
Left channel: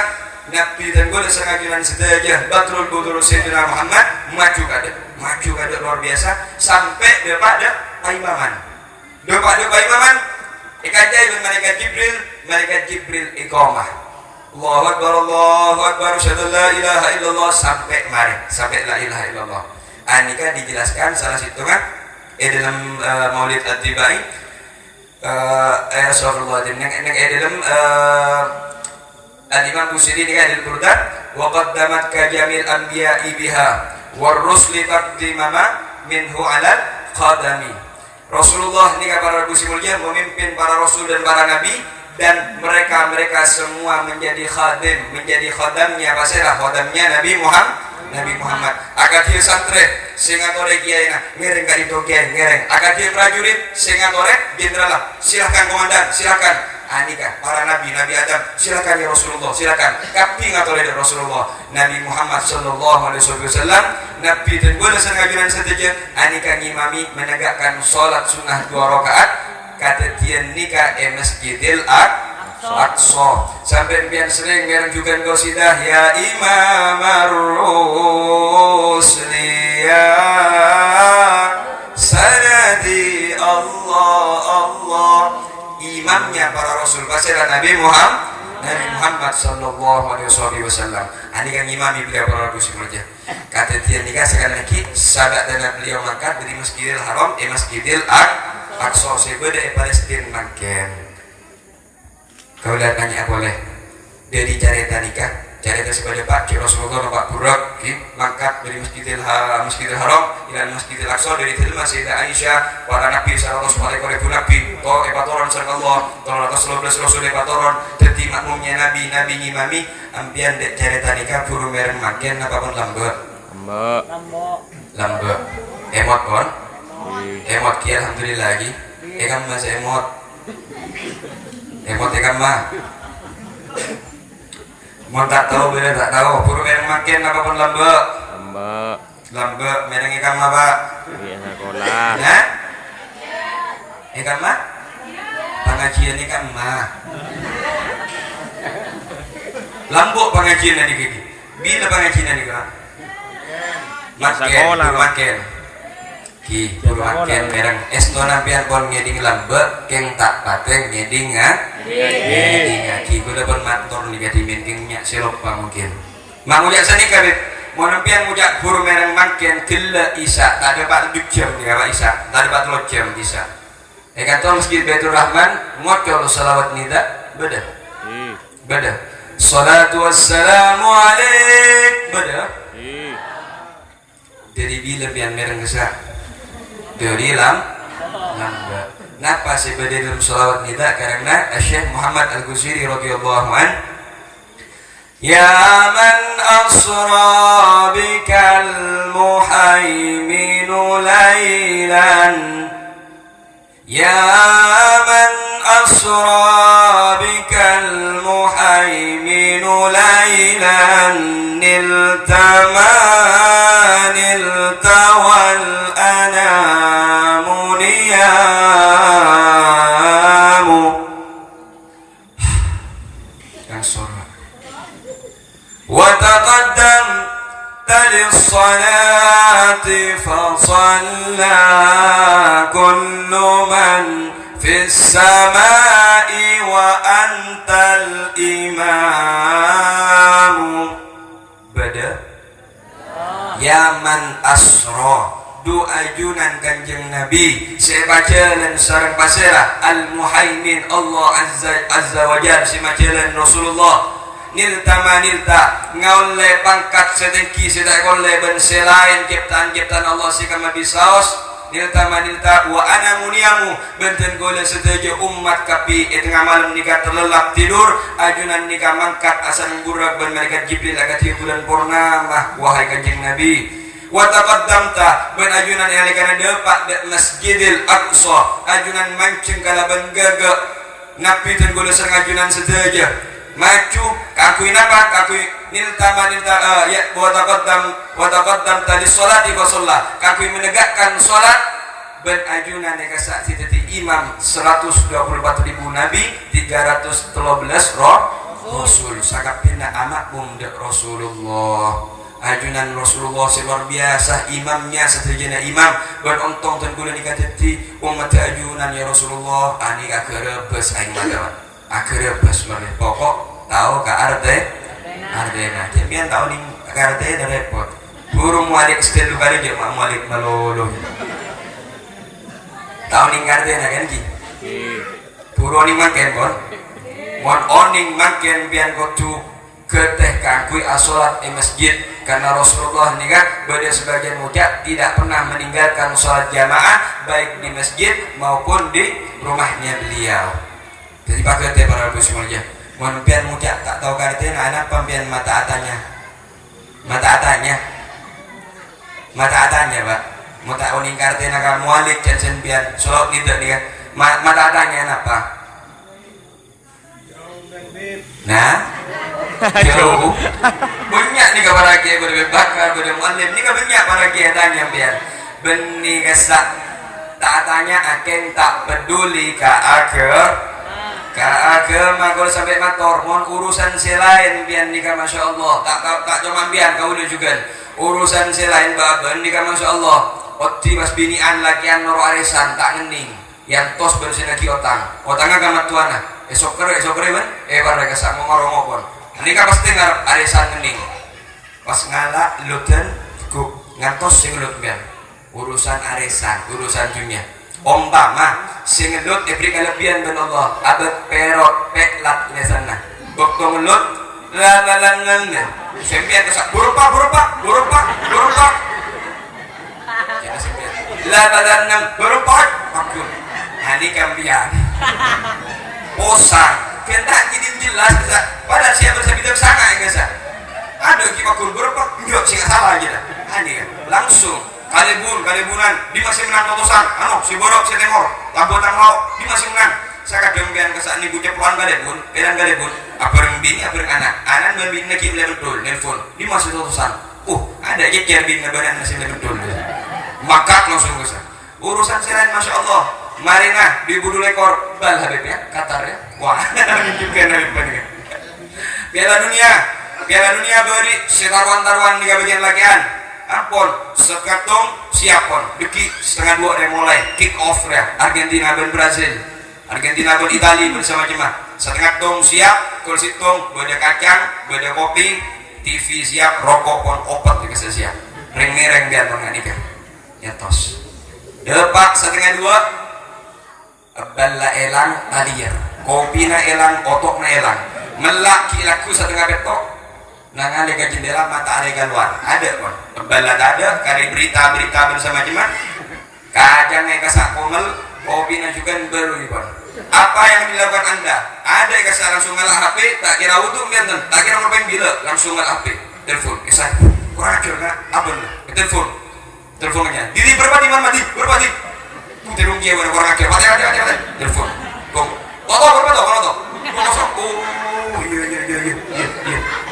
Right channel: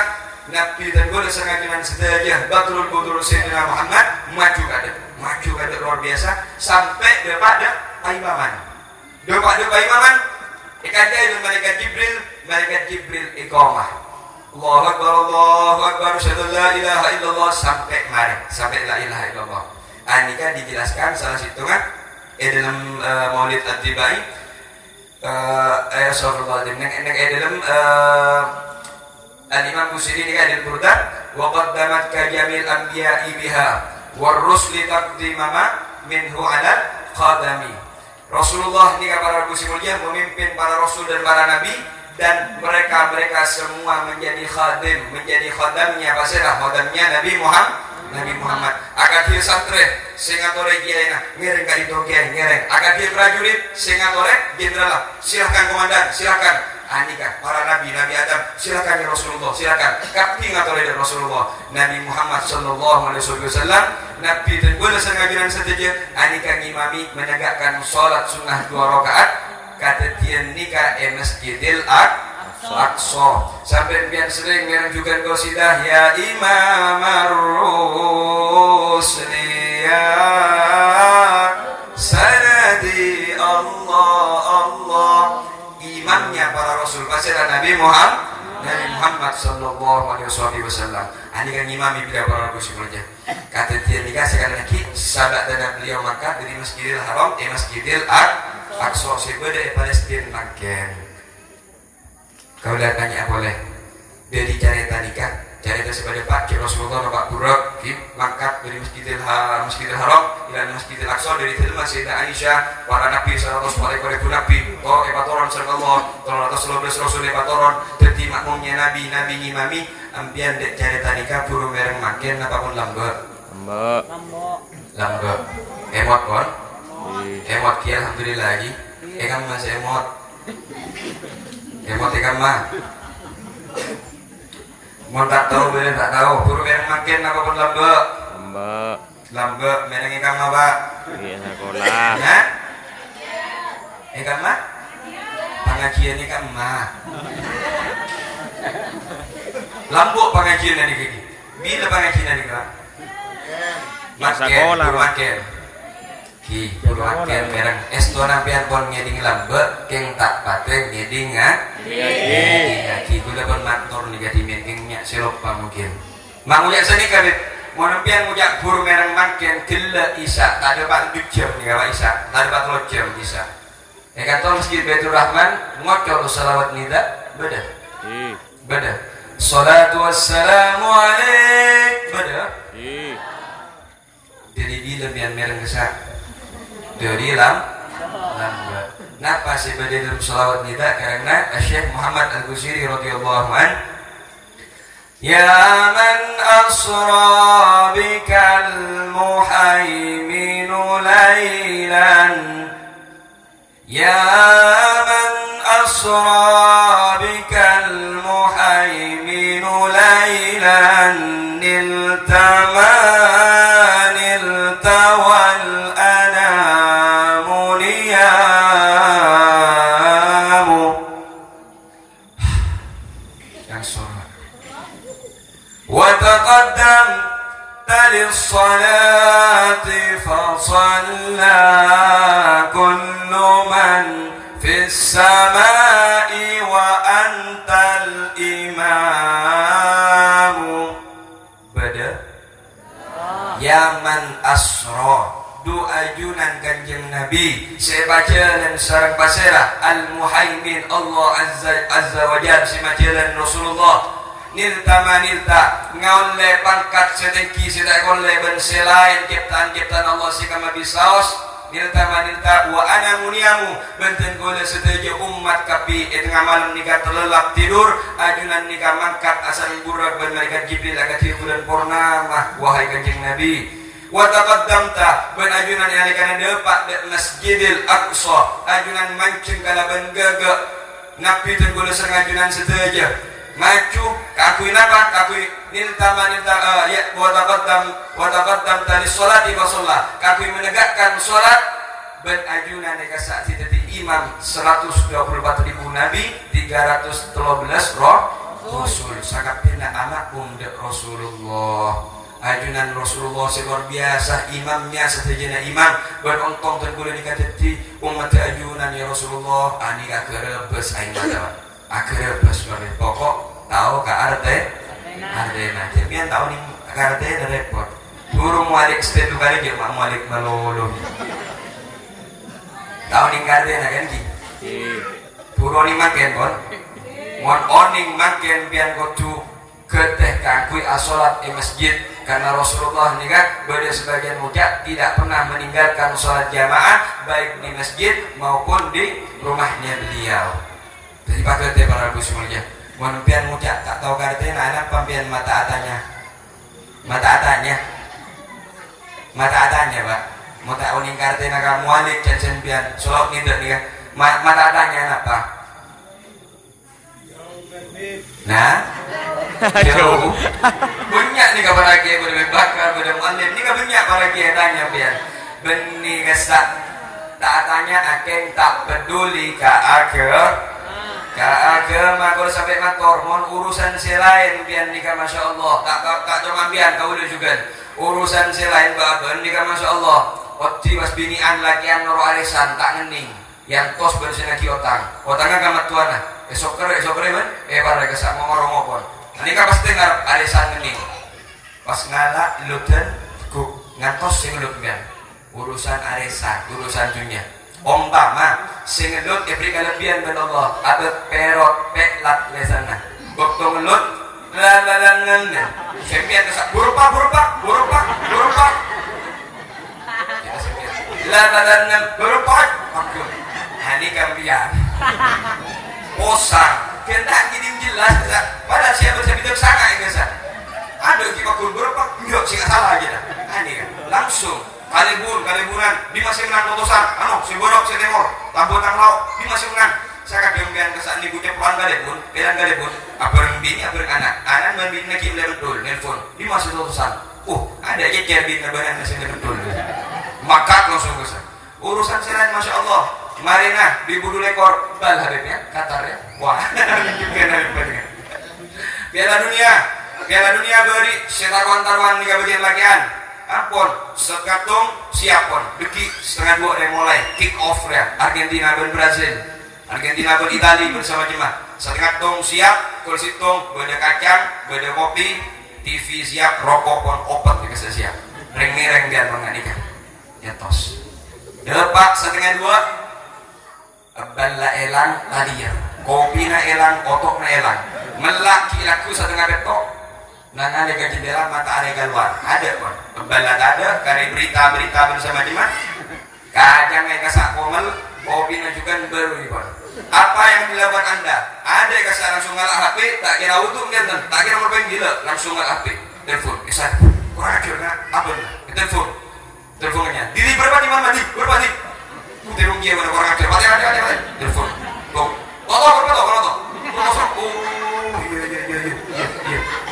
Nabi tergolong sengajuan sedaja Batrul Budur Sayyidina Muhammad maju kada luar biasa sampai depan imaman. Doa imaman ikajai dengan malaikat Jibril iqamah. Allahu akbar syahadu la ilaha illallah sampai la ilaha illallah. Anika dijelaskan salah satu kan dalam Maulid At-Tibai sallallahu dalam Al-Imam Busiri ini ada Burda wa qaddamat ka jamil anbiya'i biha war rusli taqdimama minhu 'ala qadami. Rasulullah ini para rasul mulia memimpin para rasul dan para nabi dan mereka semua menjadi khadamnya khadamnya Nabi Muhammad akad dia santri singatore kiai ngereng kali toge ngereng akad dia prajurit singatore jenderal silakan komandan silakan anika para nabi Adam silakan ya Rasulullah silakan kapi ngatore dari Rasulullah Nabi Muhammad sallallahu alaihi wasallam nabi dan boleh sengajuan saja anika ngimami menegakkan salat sunnah 2 rakaat kata tian nikah Masjidil Aqsa sampai biar sering ngereng juga qasidah ya Imam ar-Rusli ya sanadi Allah imamnya para rasul pasirah Nabi Muhammad sallallahu alaihi wasallam. Ini kan imami bila para rasul saja. Kata dia nikah sekali lagi sahabat dan beliau mangkat dari Masjidil Haram Masjidil Aqsa sebeda Palestina makan. Kau lihat tanya boleh dari cerita nikah cerita sebagai Pak Rasulullah Pak Burak mangkat dari Masjidil Haram ila Masjidil Aqsa dari terima Sayyidah Aisyah para nabi sallallahu alaihi nabi epatoron sallallahu alaihi rasul epatoron dadi makmumnya nabi ngimami ampian dek cerita nikah buru mereng makin apa pun lambe emot kon emot ki alhamdulillah lagi kamu masih emot ikan mah mau tak tahu bila tak tahu buru mereng makin apa pun lambe mereng ikan mah pak iya sekolah ya ikan mah pengajian ikan mah lambok pengajian ini gini bila pengajian ini kan makin ki makin mereng estona pian pon ngeding lambe keng tak pateng ngeding ngaji kuda pun matur nih jadi meetingnya selopa mungkin mangunya seni kabit Monampian mujak buru mereng makin gila isa tak ada pak jam ya isa tak ada pak jam isa kata Masjid Baitur Rahman ngocor salawat nida beda salatu wassalamu alaik beda jadi bila biar mereng kesak dari lambat napa sih beda dalam salawat nida karena Syekh Muhammad Al-Qusiri radhiyallahu anhu ya man asra bikal muhaiminu laylan ya man asra bikal muhaiminu laylan niltawal anamu niyamu yang surah وتقدم للصلاة فصلى كل من في السماء وأنت الإمام بدأ يا من أسرى du ajunan kanjeng Nabi saya baca dan sareng pasera al-muhaimin Allah azza wa jalla si majalan Rasulullah nilta manilta ngaule pangkat sedeki sedek oleh ben selain ciptaan Allah si kama bisaos nilta manilta wa ana muniamu benten gole setuju umat kapi malam nikah terlelap tidur ajunan nikah mangkat asal burak ben malaikat Jibril agak bulan purnama wahai kanjeng Nabi wa taqaddamta ben ajunan yang kana depak de Masjidil Aqsa ajunan mancing kala ben gaga napi ten gole sereng ajunan setuju maju kakui napa kakui nilta ya wa taqaddam tadi salati wa shalla kakui menegakkan salat ben ajunan eka saksi tadi imam 124.000 nabi 313 rasul sangat pina anak bunda Rasulullah ajunan Rasulullah luar biasa imamnya setujunya imam ben ontong ten gula nikah tadi umat ajunan ya Rasulullah ani kakerebes aing lewat akerebes mare pokok tahu ka arte nah jemian tahu ning ka arte da repot burung malik stel baru je mak malik malolo tahu ning ka arte na kan ki burung ni makan pon mon oning makan pian kudu keteh kangkui asolat di masjid karena Rasulullah ini kan pada sebagian mujak tidak pernah meninggalkan sholat jamaah baik di masjid maupun di rumahnya beliau. Jadi pakai teh para ibu semuanya. Mohon pian mujak tak tahu karte anak pampian mata atanya pak. Mata uning karte nak mualik jangan pian sholat tidak nih kan. Mata atanya apa? Nah. Jauh banyak nih kabar lagi berbakar berdemualim nih banyak para kiai tanya biar benih kesak tak tanya akan tak peduli ke agama kalau sampai ngator mohon urusan selain biar nikah masya Allah tak cuma biar kau juga urusan selain baben nikah masya Allah oti mas binian lakian noro arisan tak ngening yang tos bensin lagi otangnya kamat tuana esok kere man pada kesak ngomong ini kan pasti ngarep arisan mending pas ngalah luten ku ngantos sing lut ben urusan arisan urusan dunia umpama sing lut diberi kelebihan ben Allah abet perok peklat lesana bokto lut lalangan sempian kesak burpa lalangan burpa aku ini kambian posang kita kirim jelas pada siapa bisa sangat ya guys ada kita kurber pak nyok sih salah aja ini kan langsung kalibunan di masih menang putusan si borok si tengok lampu tanglo di masih menang saya kadang biar kesan ibu cepuan kalibun apa rembini apa anak membini lagi betul nelfon di masih putusan ada aja cerbin lebaran masih betul maka langsung guys urusan selain masya Allah Marina di budu lekor bal habibnya Qatar ya wah Piala Dunia beri setarwan-tarwan 3 bagian lagian ampun sekatung siapon deki setengah 2 mulai kick off ya Argentina dan Brazil Argentina dan Italia bersama jemaah setengah tung siap kul situng beda kacang beda kopi TV siap rokok pon opat dikasih siap ring biar nggak nikah ya tos depak setengah 2 balla elang talier kopina elang otokna elang melaki laku setengah betok nangan ada jendela mata ada keluar ada pun balla ada kari berita bersama jemaah kadang kasak komel kopina juga baru ini pun apa yang dilakukan anda ada kasak langsung ngalah HP tak kira utuh ngenten tak kira ngapain gila langsung ngalah HP telepon kisah kurang ajar nak apa nih teleponnya diri berapa di mana di berapa di terung dia mana kurang ajar ada telepon foto berapa tuh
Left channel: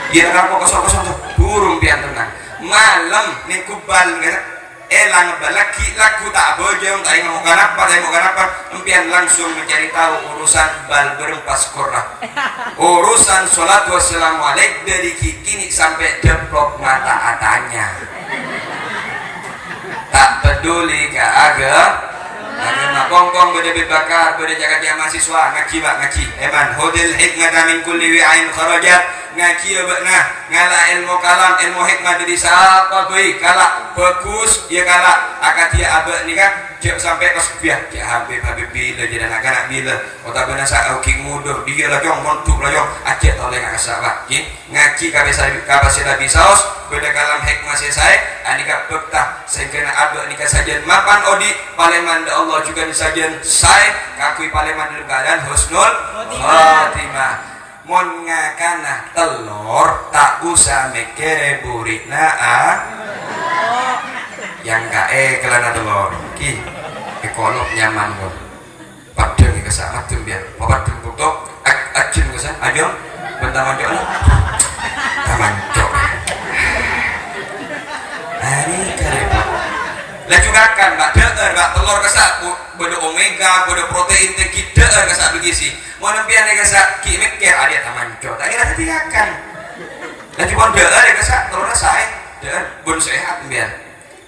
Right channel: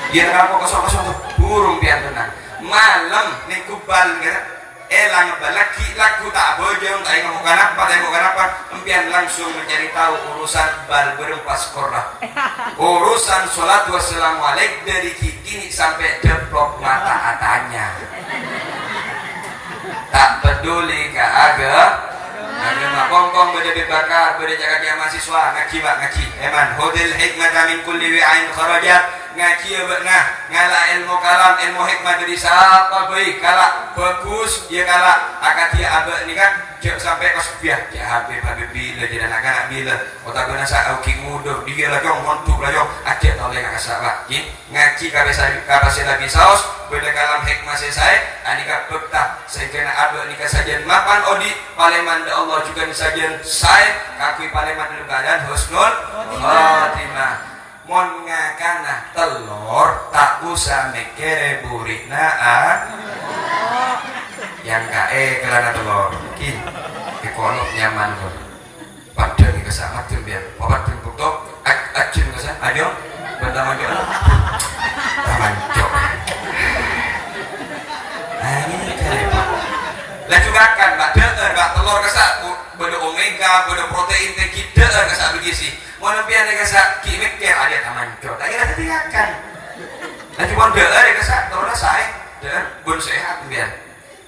iya dia ngapa kosong tuh burung biar tenang malam nih kubal elang laki laku tak bojong tak mau kenapa empian langsung mencari tahu urusan bal berempas korah urusan sholat wassalamualaikum dari kini sampai deplok mata atanya tak peduli ke agama kongkong beda bakar beda jaga dia mahasiswa ngaji eman hodil hikmah min kulli wi'ain kharajat ngaji ngalah ilmu kalam ilmu hikmah dari siapa baik kala bagus dia kala akad dia abah ni kan cek sampai ke sepiah cek habib bila jadi anak-anak bila kota benasa au king mudo dia lah jong montuk lah jong acek oleh ngasabak ngaji kabeh lagi saus beda kalam hikmah saya anika betah saya kena abah ni sajian mapan odi paleman da Allah juga sajian saya kakui paleman dalam keadaan husnul khotimah mon ngakana telur tak usah mikir burina yang kae kelana telur ki ekono nyaman pun padang ke sama tuh biar padang foto ajin ke sana ayo bentar aja taman cok ini kare lah juga kan mbak deer mbak telur kesak bodo omega bodo protein tinggi deer kesak begisi mau nempian kesak ki mikir ada taman cok tak kira diakan lah cuma deer kesak telur saya deer bon sehat biar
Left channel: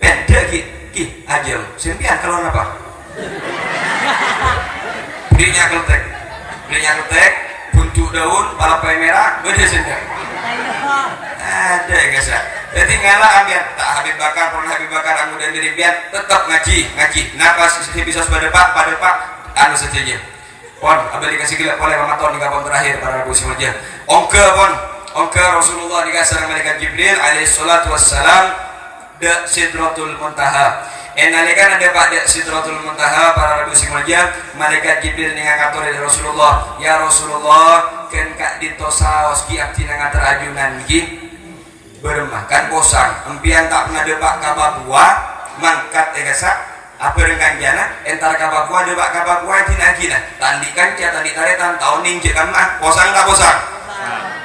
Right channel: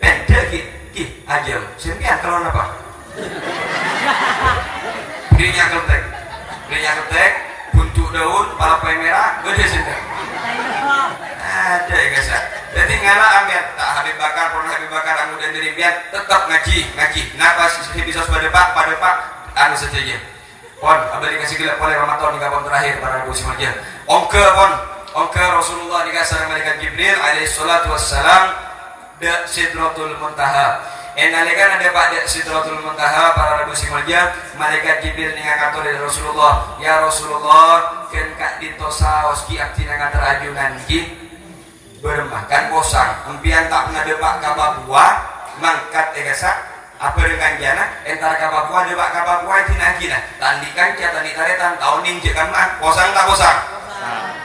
pendek ki aja sempian kalau apa belinya ketek buntu daun palapa merah gede sendiri ada ya guys ya jadi ngalah ambil tak habis bakar anu dan dari biar tetap ngaji kenapa sih bisa pada pak anu saja pon abeli kasih gila oleh Ramadan di kapan terakhir para ibu semuanya ongke Rasulullah dikasih malaikat Jibril alaihi salatu wassalam da Sidratul Muntaha enalekan ada pada Sidratul Muntaha para ibu semuanya malaikat Jibril ngakatur dari Rasulullah ya Rasulullah ken kak ditosaos ki abdina ngatur ajunan ki bermakan bosang empian tak pernah depak kababua mangkat egasak apa dengan jana entar kababua depak kababua jina tandikan tandi taretan tahun ningjekan mah bosang tak bosang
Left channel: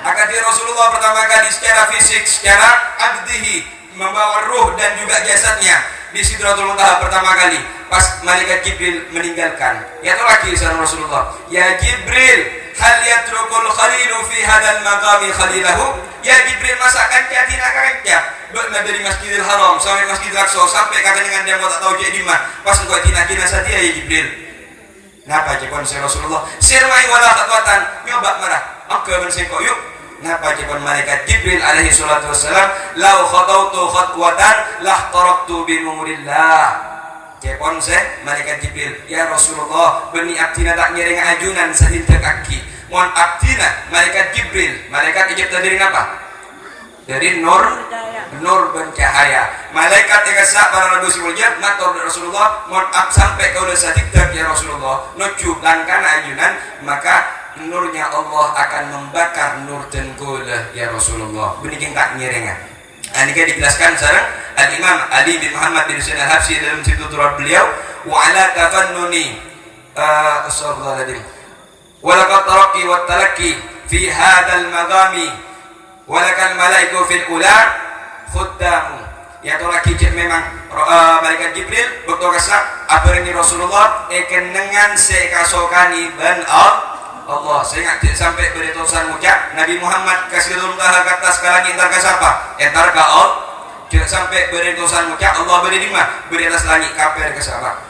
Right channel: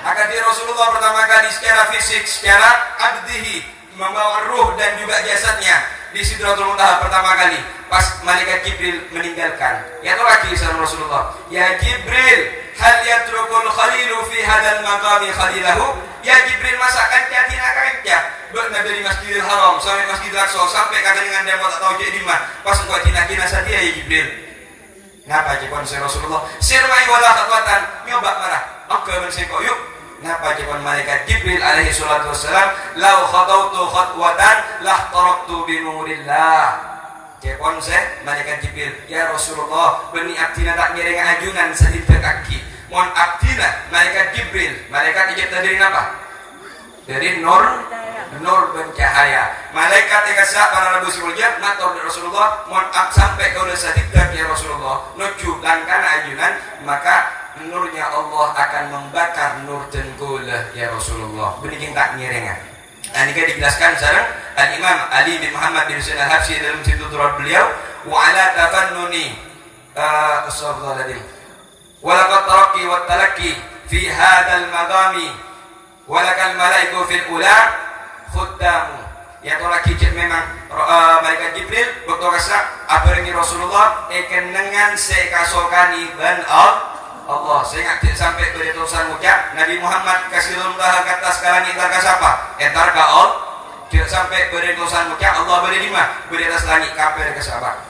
akan dia Rasulullah pertama kali secara fisik secara abdihi membawa ruh dan juga jasadnya di Sidratul Muntaha pertama kali pas malaikat Jibril meninggalkan ya itu lagi sama Rasulullah ya Jibril hal yatrukul khalilu fi hadal maqami khalilahu ya Jibril masakan jadi akannya berada dari Masjidil Haram sampai Masjidil Aqsa sampai kata dengan dia tak tahu jadi mah pas gua tina sadia ya Jibril napa jekon Rasulullah sirmai wala khakwatan nyoba marah oke menseko yuk napa jekon malaikat Jibril alaihi salatu wassalam lau khatautu khatwatan lah taraktu bi nurillah jekon malaikat Jibril ya Rasulullah beni aktina tak ngiring ajunan sedikit kaki mohon aktina malaikat Jibril malaikat ijab dari apa dari nur bencahaya malaikat tegasa para nabi semuanya matur Rasulullah mohon sampai kau udah sedikit ya Rasulullah nuju langkah ajunan maka nurnya Allah akan membakar nur tengkulah ya Rasulullah benih tak ngirengan ini kan dijelaskan sekarang Al-Imam Ali bin Muhammad bin Husain Al-Habsyi dalam situ turut beliau wa ala tafannuni astagfirullahaladzim walaqad taraqi wa talaqi fi hadal magami walakal malaiku fil ula khuddamu ya to lagi memang malaikat Jibril waktu kasak abarengi Rasulullah dengan sekasokani ban Allah saya ngajak sampai beritusan mucak Nabi Muhammad kasih rumah ke atas kalangi entar ke siapa? Entar ke Allah tidak sampai beritusan mucak Allah berada di mana? Berada atas langit kafir ke siapa?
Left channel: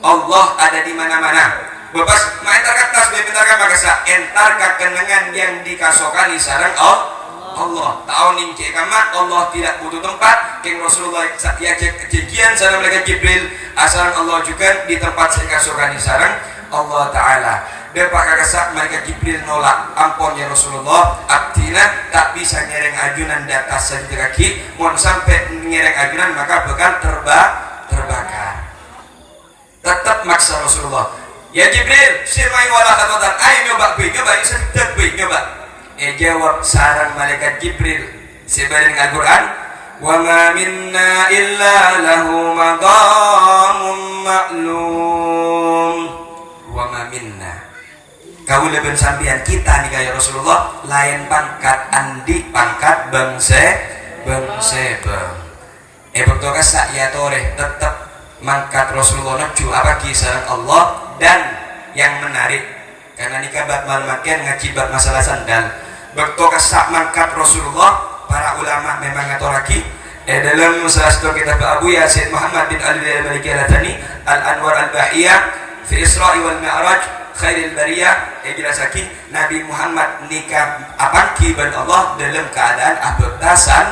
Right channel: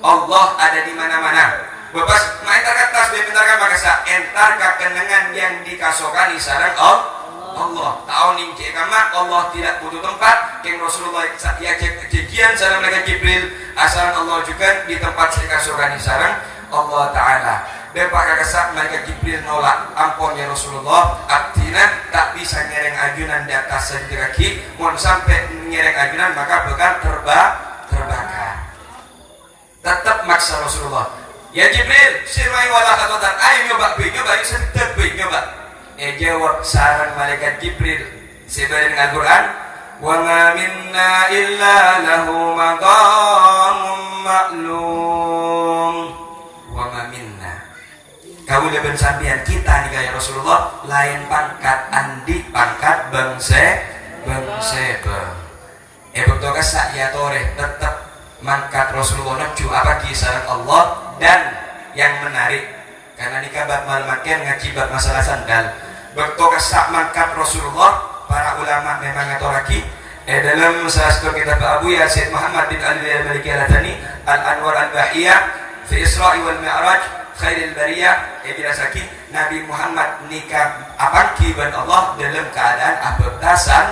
Allah ada di mana-mana bepas main entar ke atas bentar ke makasa entar ke kenangan yang dikasokani sarang Allah tahun ini karena Allah tidak butuh tempat King Rasulullah ya kejian sarang malaikat Jibril asal Allah juga di tempat saya kasokani sarang Allah Ta'ala Depak kesak malaikat Jibril nolak ampun ya Rasulullah abdina tak bisa nyereng ajunan di atas saja kaki mohon sampai nyereng ajunan maka bakal terbakar tetap maksa Rasulullah ya Jibril semai wala khakotan ayo nyoba yuk sedikit nyoba jawab sarang malaikat Jibril sebaring Al-Quran wa ma minna illa lahu maqamun ma'lum wa ma minna kau lebih sampian kita nih kayak Rasulullah lain pangkat andi pangkat bangse betul kasak ya toreh tetap mangkat Rasulullah naju apa kisah Allah dan yang menarik karena nikah bat malmakian ngajibat masalah sandal betul kasak mangkat Rasulullah para ulama memang atau lagi dalam salah satu kitab Abu Yasin Muhammad bin Ali al-Maliki al-Thani al-Anwar al-Bahiyah fi Isra'i wal Mi'raj khairil bariyah jelas lagi Nabi Muhammad nikah apaki ban Allah dalam keadaan abdasan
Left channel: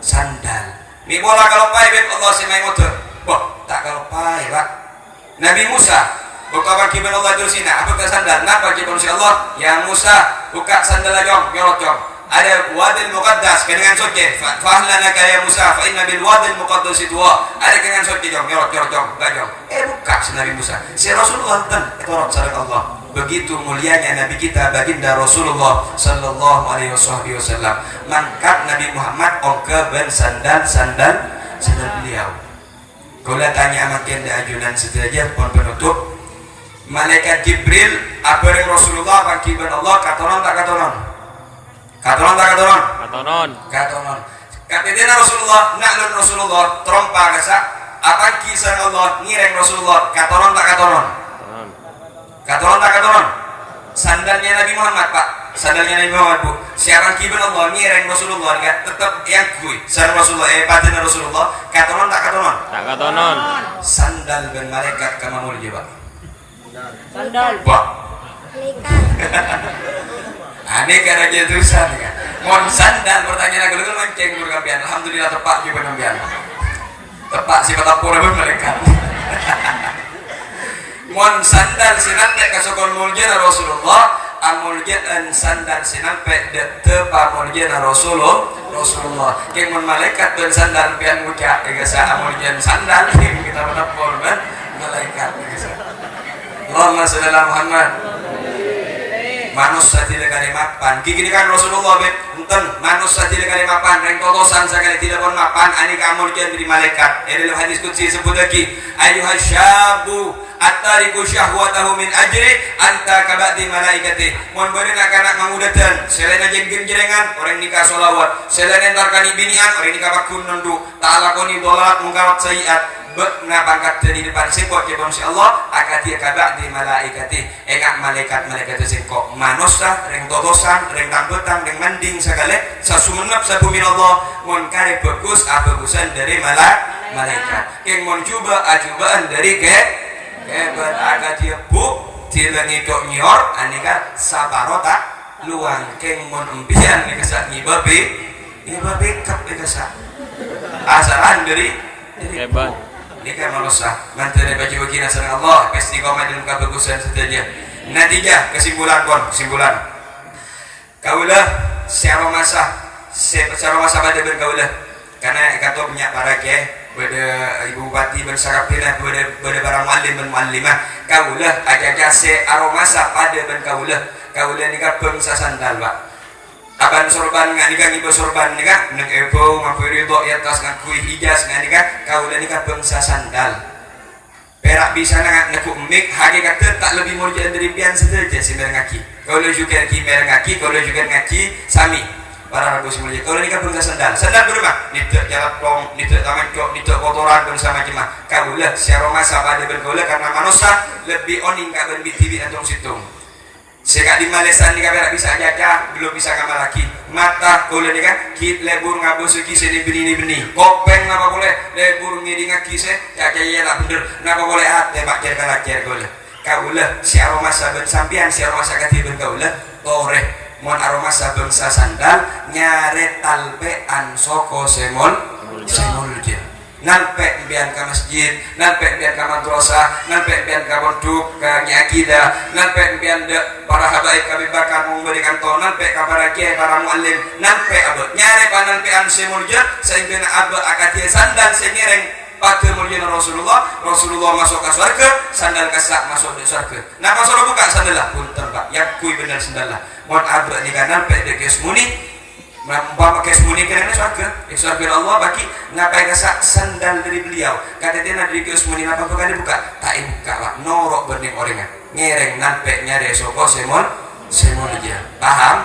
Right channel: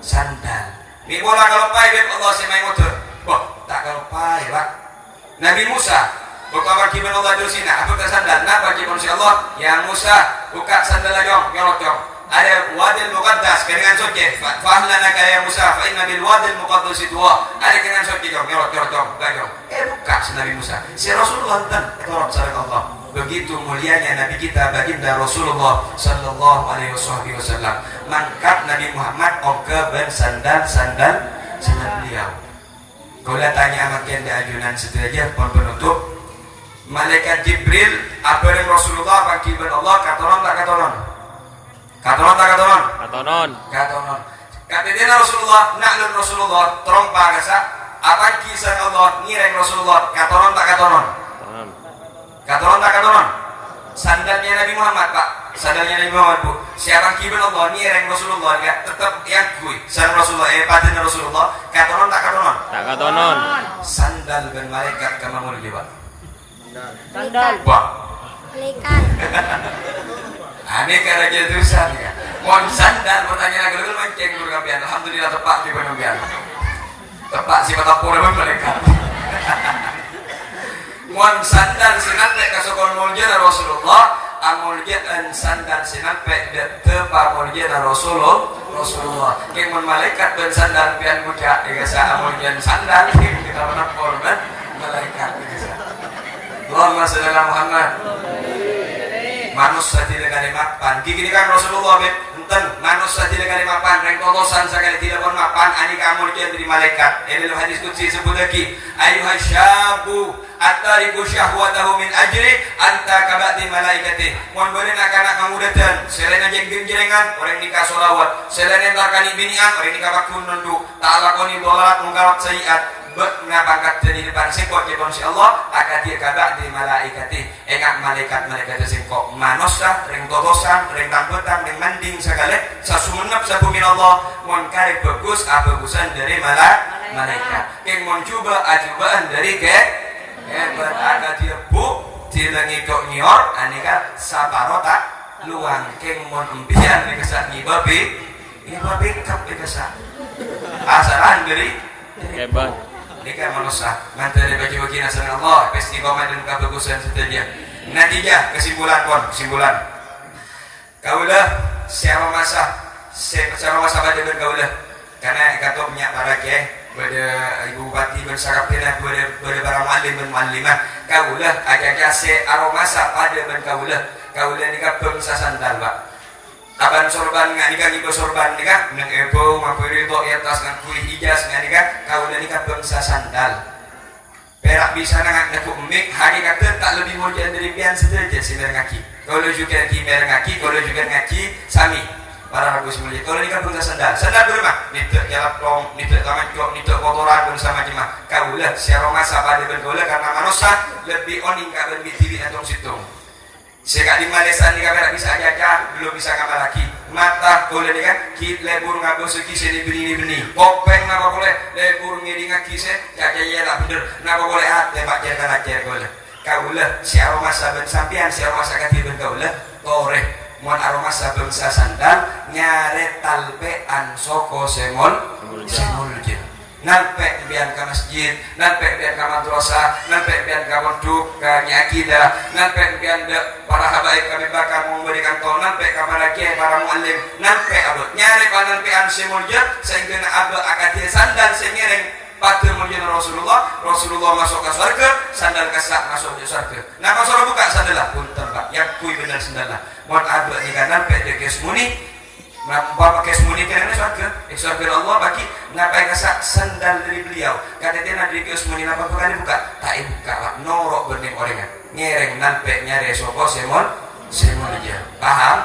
sandal. Ni bola kalau pai bet Allah semai motor. Boh, tak kau pai Pak. Nabi Musa buka bagi Allah itu sini, aku tak sandal. Nak bagi manusia Allah, ya Musa buka sandal dong, nyorot dong. Ada wadil muqaddas dengan soke. Fahlanaka ya Musa, fa inna bil wadil muqaddas itu. Ada dengan soke dong, nyorot dong, dong. Buka si Nabi Musa. Si Rasulullah dan etorot sadaq Allah. Begitu mulianya Nabi kita baginda Rasulullah sallallahu alaihi wasallam. Mangkat Nabi Muhammad oke ben sandal beliau. Kalau tanya makin da ajunan sederajat pun penutup. Malaikat Jibril apa yang Rasulullah bagi ben Allah katonon tak katonon. Katonon. Katanya Rasulullah naklun Rasulullah trompa kasa apa kisah Allah ngireng Rasulullah katonon tak katonon. Katonon. Sandalnya Nabi Muhammad Pak. Sandalnya Nabi Muhammad Bu. Siapa kibul Allah ngireng Rasulullah enggak tetap yang kui. Sandal Rasulullah paten Rasulullah katonon tak katonon. Tak katonon. Sandal ben malaikat kama mulia Pak. Sandal. Pak. Malaikat. Ane kada jetusan ya. Mohon sandal pertanyaan agak mancing dulu kampian. Alhamdulillah tepat juga kampian. Tepat si kata pura malaikat. Mohon sandal sinampe kasokon muljana Rasulullah amuljan sandal sinampe tepa muljana Rasulullah kemon malaikat dan sandal pian muka egasa amuljan sandal kita dapat korban malaikat egasa Allahumma shalli ala Muhammad. Manusia tidak kali mapan. Gini kan Rasulullah enten manusia tidak kali mapan. Reng totosan sekali tidak pun mapan. Ani kamu jadi malaikat. Dalam hadis qudsi sebut lagi. Ayuhai syabu attariku syahwatahu min ajri anta kabati malaikati. Mohon boleh nak mengudatan. Selain jeng-jengan orang nikah solawat. Selain barkani binian orang nikah bakun nundu. Ta'alakoni dolat mungkarat sayiat. Betna pangkat dari depan singkok ke si Allah akad dia kabak di malaikati engak malaikat singkok manusia reng totosan reng rambutan reng manding segala sasumenap sabumi Allah mon kare bagus bagusan dari malaikat yang mon coba ajubaan dari ke beragak dia bu tilangi kok nyor anika sabarota luang keng mon empian nikasat nyibabi kap nikasat asalan dari kebat ini kan manusia mantan bagi wakil nasrani Allah pasti komen dan kebagusan setelahnya natijah kesimpulan kaulah secara masa pada kaulah karena kata punya para ke pada ibu bupati bersarapina pada para muallim dan muallimah kaulah agak secara masa pada kaulah nikah bangsa sandal Pak. Aban sorban nga nikah ngipo sorban nikah nag-ebo mapiri to atas ngakui hijas nga nikah kaulah nikah bangsa sandal perak bisa ngaku mik hakikat tak lebih mulia dari pian sederajat si merengaki kalau juga merengaki kalau juga ngaki sami para ragu semuanya kalau nikah bangsa sandal berumah nituk jalap plong nituk taman cok nituk kotoran bersama cimah kaulah secara masa pada bergaulah karena manusia lebih oning kak lebih TV atau situ sekak di Malaysia ni kabeh bisa jaga belum bisa ngamal lagi mata boleh ni kan kit lebur ngabosu kise ni beni kopeng ngapa boleh lebur ngiri ngakise jaga ya lah bener ngapa boleh tembak jaga boleh kaulah si aroma saben sampian si aroma sakati ben kaulah toreh mon aroma saben sandal nyare talbean soko semol je nalpek bian ke masjid, nalpek bian ke madrasah, nalpek bian ke pondok, ke nyakidah, nalpek bian para habaib kami bakar memberikan tol, nalpek ke para kiai, para muallim, nalpek abad nyare panalpean semulja sehingga abad akadia sandal senyereng patur mulia Rasulullah masuk ke surga, sandal kesak masuk ke surga. Nah kalau sudah buka sandal lah, punten Pak, yang kui benar sandal lah. Mohon abad ni kan nalpek dia kesmuni. Bapak kesmuni kerana surga Allah bagi ngapai kesak sandal dari beliau kata dia dari kesmuni apa bukan dibuka tak buka Pak norok berning orangnya ngereng nampek nyare soko semol aja paham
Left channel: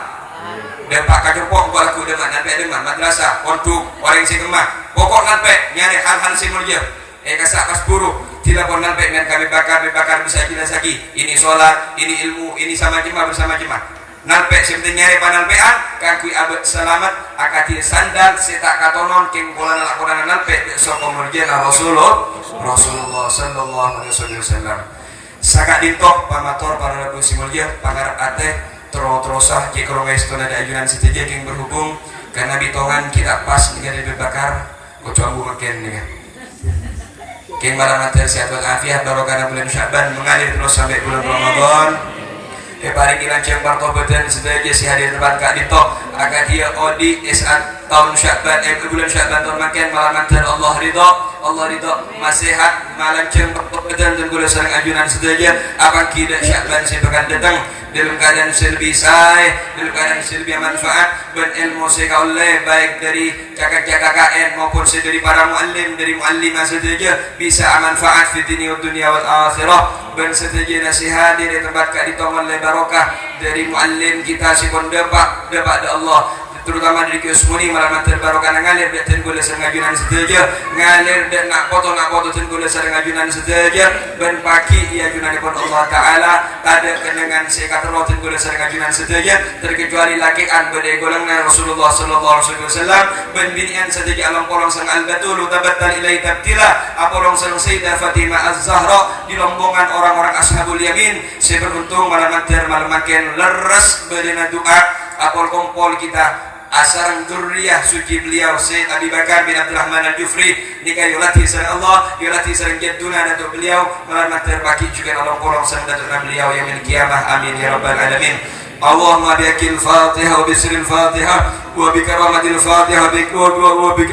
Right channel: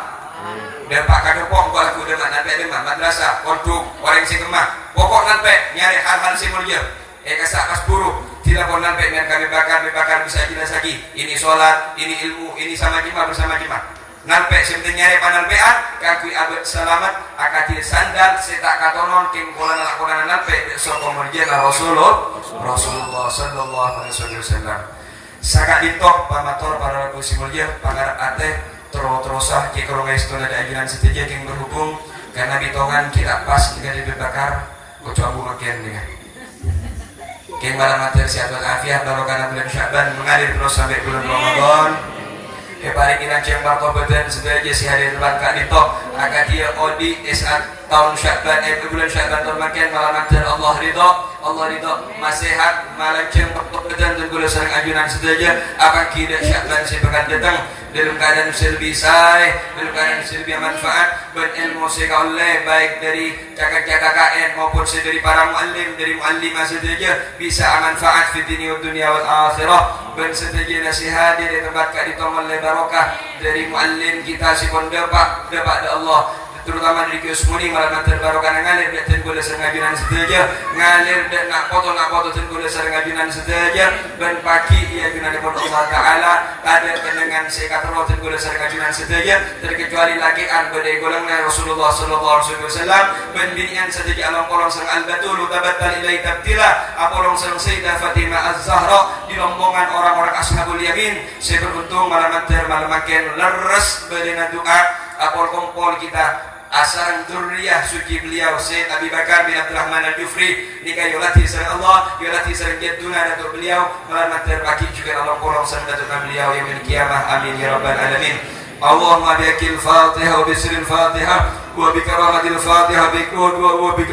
dan Pak kagepok balaku dengan nampek dengan madrasah pondok orang sing kemah pokok nampek nyare hal-hal semol aja kesak kas buruk tidak pun nampek dengan kami bakar bisa jelas lagi ini sholat ini ilmu ini sama jemaah bersama jemaah nalpek sebenarnya nyari panalpean kaki abad selamat akatir sandal setak katonon king kolan lakonan nalpek soko merjana Rasulullah sallallahu alaihi wasallam sakak ditok pamator para ragu simulja pangarap ate terosah kikrowes tona da ajunan seteja king berhubung karena bitohan kita pas dengan dibakar kucu ambu makin nih King malam mater sehat walafiat barokah bulan Sya'ban mengalir terus sampai bulan Ramadan. Kepari kita cembar tobetan sedaya si hari depan Kak Dito agar dia odi saat tahun Sya'ban bulan Sya'ban tahun makin malam mater Allah ridho masehat malam cembar tobetan dan gula sering ajunan sedaya akan kita Sya'ban si pekan datang dalam keadaan selbi say, dalam keadaan selbi manfaat berilmu sekaulai baik dari kakak-kakak KKN maupun dari para muallim dari muallimah saja bisa manfaat di dunia wal akhirah dan saja nasihat di tempat kak ditongol barokah dari muallim kita si pun dapat Allah terutama dari kiosmuni malam terbarokah ngalir dan gula sengajunan saja ngalir dan nak foto dan gula sengajunan saja dan pagi ia junan pun Allah Taala ada kenangan sekatro dan gula sengajunan saja terkecuali laki an badai golongan Rasulullah sallallahu alaihi wasallam ben binian saja alam kolong sang al-batul tabattal ilai tabtila apolong sang Sayyidah Fatimah Az-Zahra di rombongan orang-orang ashabul yamin seberuntung malam makin leres badina doa apol kompol kita asaran durriyah suci beliau Syekh Abi Bakar bin Abdurrahman Al-Jufri nikah yolati sareng Allah yolati sareng jadduna datuk beliau malam terpaki juga Allah kolong sareng datuk beliau yang min kiamah amin ya rabbal alamin Allahumma biakil fatihah wa bisril fatihah وبكرامة الفاتحة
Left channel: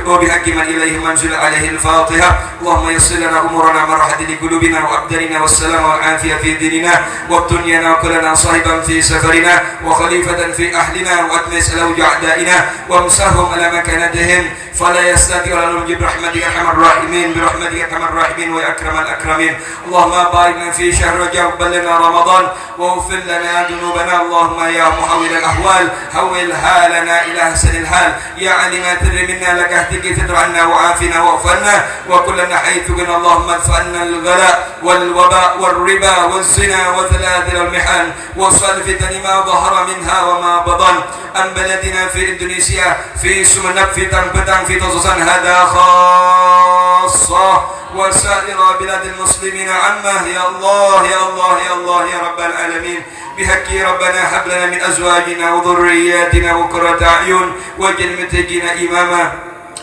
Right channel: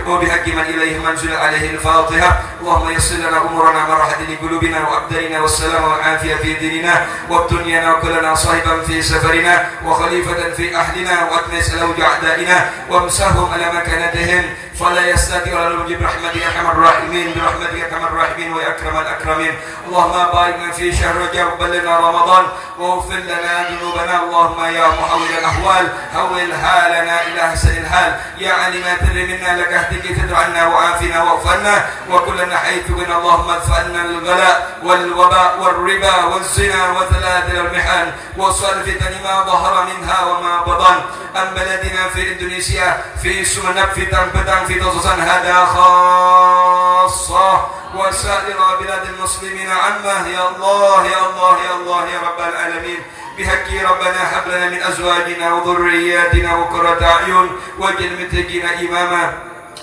وبحق من إليه منزل عليه الفاتحة اللهم يسر لنا أمورنا مرحة لقلوبنا وأبداننا والسلام والعافية في ديننا وابتنينا وكلنا صاحبا في سفرنا وخليفة في أهلنا وأتمس لوجع أعدائنا وامسحهم على مكانتهم فلا يستطيع ولا نرجي برحمتك أرحم الراحمين برحمتك أرحم الراحمين وأكرم الأكرمين اللهم باركنا في شهر رجب بلغنا رمضان واغفر لنا ذنوبنا اللهم يا محول الأحوال حول حالنا إلى أحسن الحال يا علم تدري منا لك اهتك فتر عنا وعافنا واغفرنا وكلنا حيث كنا اللهم ادفع عنا الغلاء والوباء والربا والزنا وثلاث المحن وصل فتن ما ظهر منها وما بطن أم بلدنا في إندونيسيا في سمنك في تنبتان في تصصان هذا خاصة وسائر بلاد المسلمين عامة يا الله يا الله يا الله يا رب العالمين بحق ربنا هب لنا من أزواجنا وذرياتنا وقرة أعين واجعل المتقين إماما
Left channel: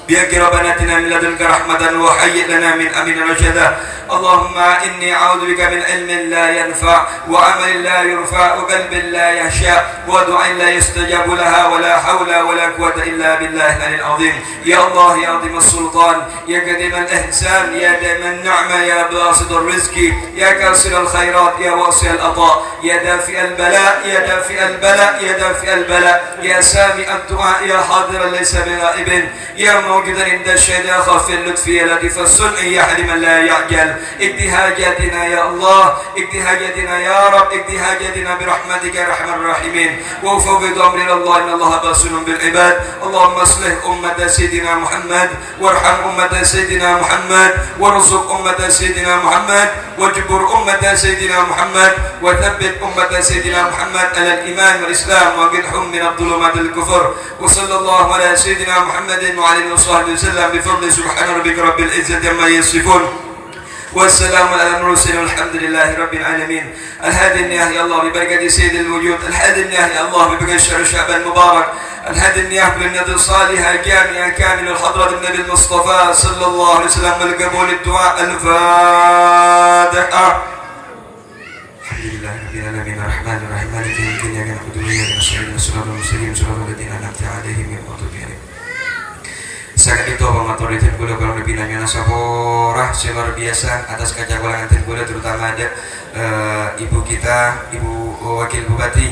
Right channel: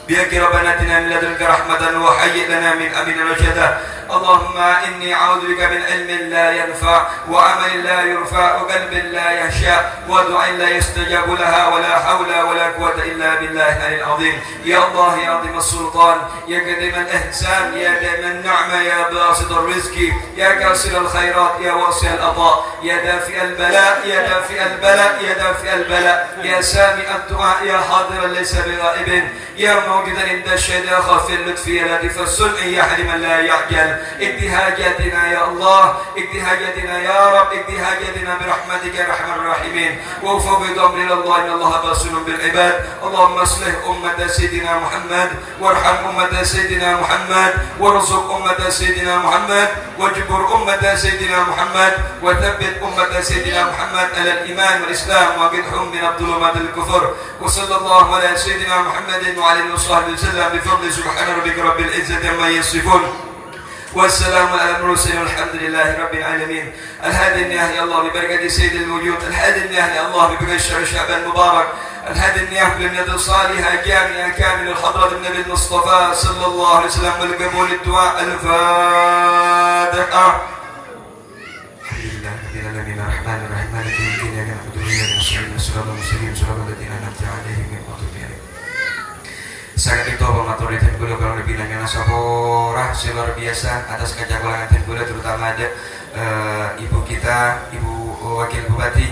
بحق ربنا آتنا من لدنك رحمة وهيئ لنا من أمرنا رشدا اللهم إني أعوذ بك من علم لا ينفع وعمل لا يرفع وقلب لا يخشع ودعاء لا يستجاب لها ولا حول ولا قوة إلا بالله العلي العظيم يا الله يا عظيم السلطان يا قديم الإحسان يا دائم النعمة يا باسط الرزق يا كاسر الخيرات يا واسع العطاء يا دافع البلاء يا دافع البلاء يا دافع البلاء يا سامع الدعاء يا حاضرا ليس بغائب يا موجودا عند الشهداء خف اللطف يا لطيف الصنع يا حليما لا يعجل اقض حاجاتنا يا الله اقض حاجاتنا يا رب اقض حاجاتنا برحمتك يا ارحم الراحمين وفوض امر الى الله ان الله بصير بالعباد اللهم اصلح امه سيدنا محمد وارحم امه سيدنا محمد وارزق امه سيدنا محمد واجبر امه سيدنا محمد وثبت امه سيدنا محمد على الايمان والاسلام واقدهم من الظلمات الكفر وصلى الله على سيدنا محمد وعلى اله وصحبه وسلم بفضل سبحان ربك رب العزه عما يصفون والسلام على المرسلين والحمد لله رب العالمين الهادي النياه يا الله ببركة سيد الوجود الهادي النياه يا الله ببركة شهر شعبان المبارك الهادي النياه بالنية الصالحة جامعة كامل الحضرة النبي المصطفى صلى الله عليه وسلم والقبول الدعاء الفاتحة الحمد لله رب العالمين الرحمن الرحيم مالك يوم الدين إياك نعبد وإياك نستعين صراط المستقيم صراط الذين أنعمت عليهم غير المغضوب عليهم sangat itu pematoritan gula kalau lebih nanya nasabora luar biasa atas kejagoan gula terutama ada ibu kita ibu wakil bupati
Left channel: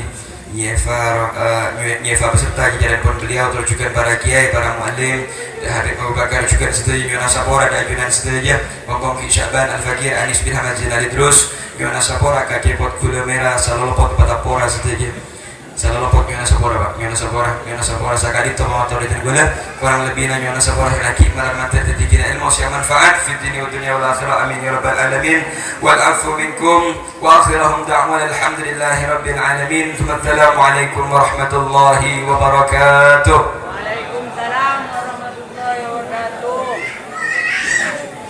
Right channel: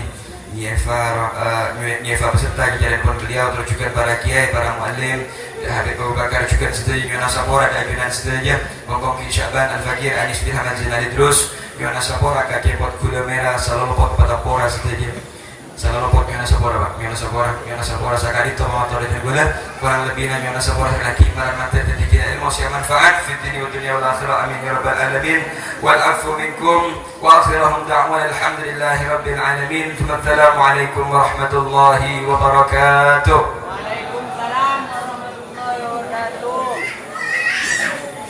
Nyefa beserta kejadian pun beliau terus juga para kiai para muallim Habib Abu Bakar juga setuju nasabora kajian setuju ngomong Sya'ban Al-Fakir Anis bin Hamad Zinali terus nasabora kajian pot gula merah selalu pot pada pora setuju selalu pot Miana Sabora sakali itu mau toritin gula kurang lebih Miana Sabora lagi malam nanti terjadi ilmu yang manfaat di dunia wal akhirah amin ya rabbal alamin wal afu minkum wa akhiruhum da'wana alhamdulillahi rabbil alamin assalamu alaikum warahmatullahi wabarakatuh. Waalaikumsalam warahmatullahi wabarakatuh.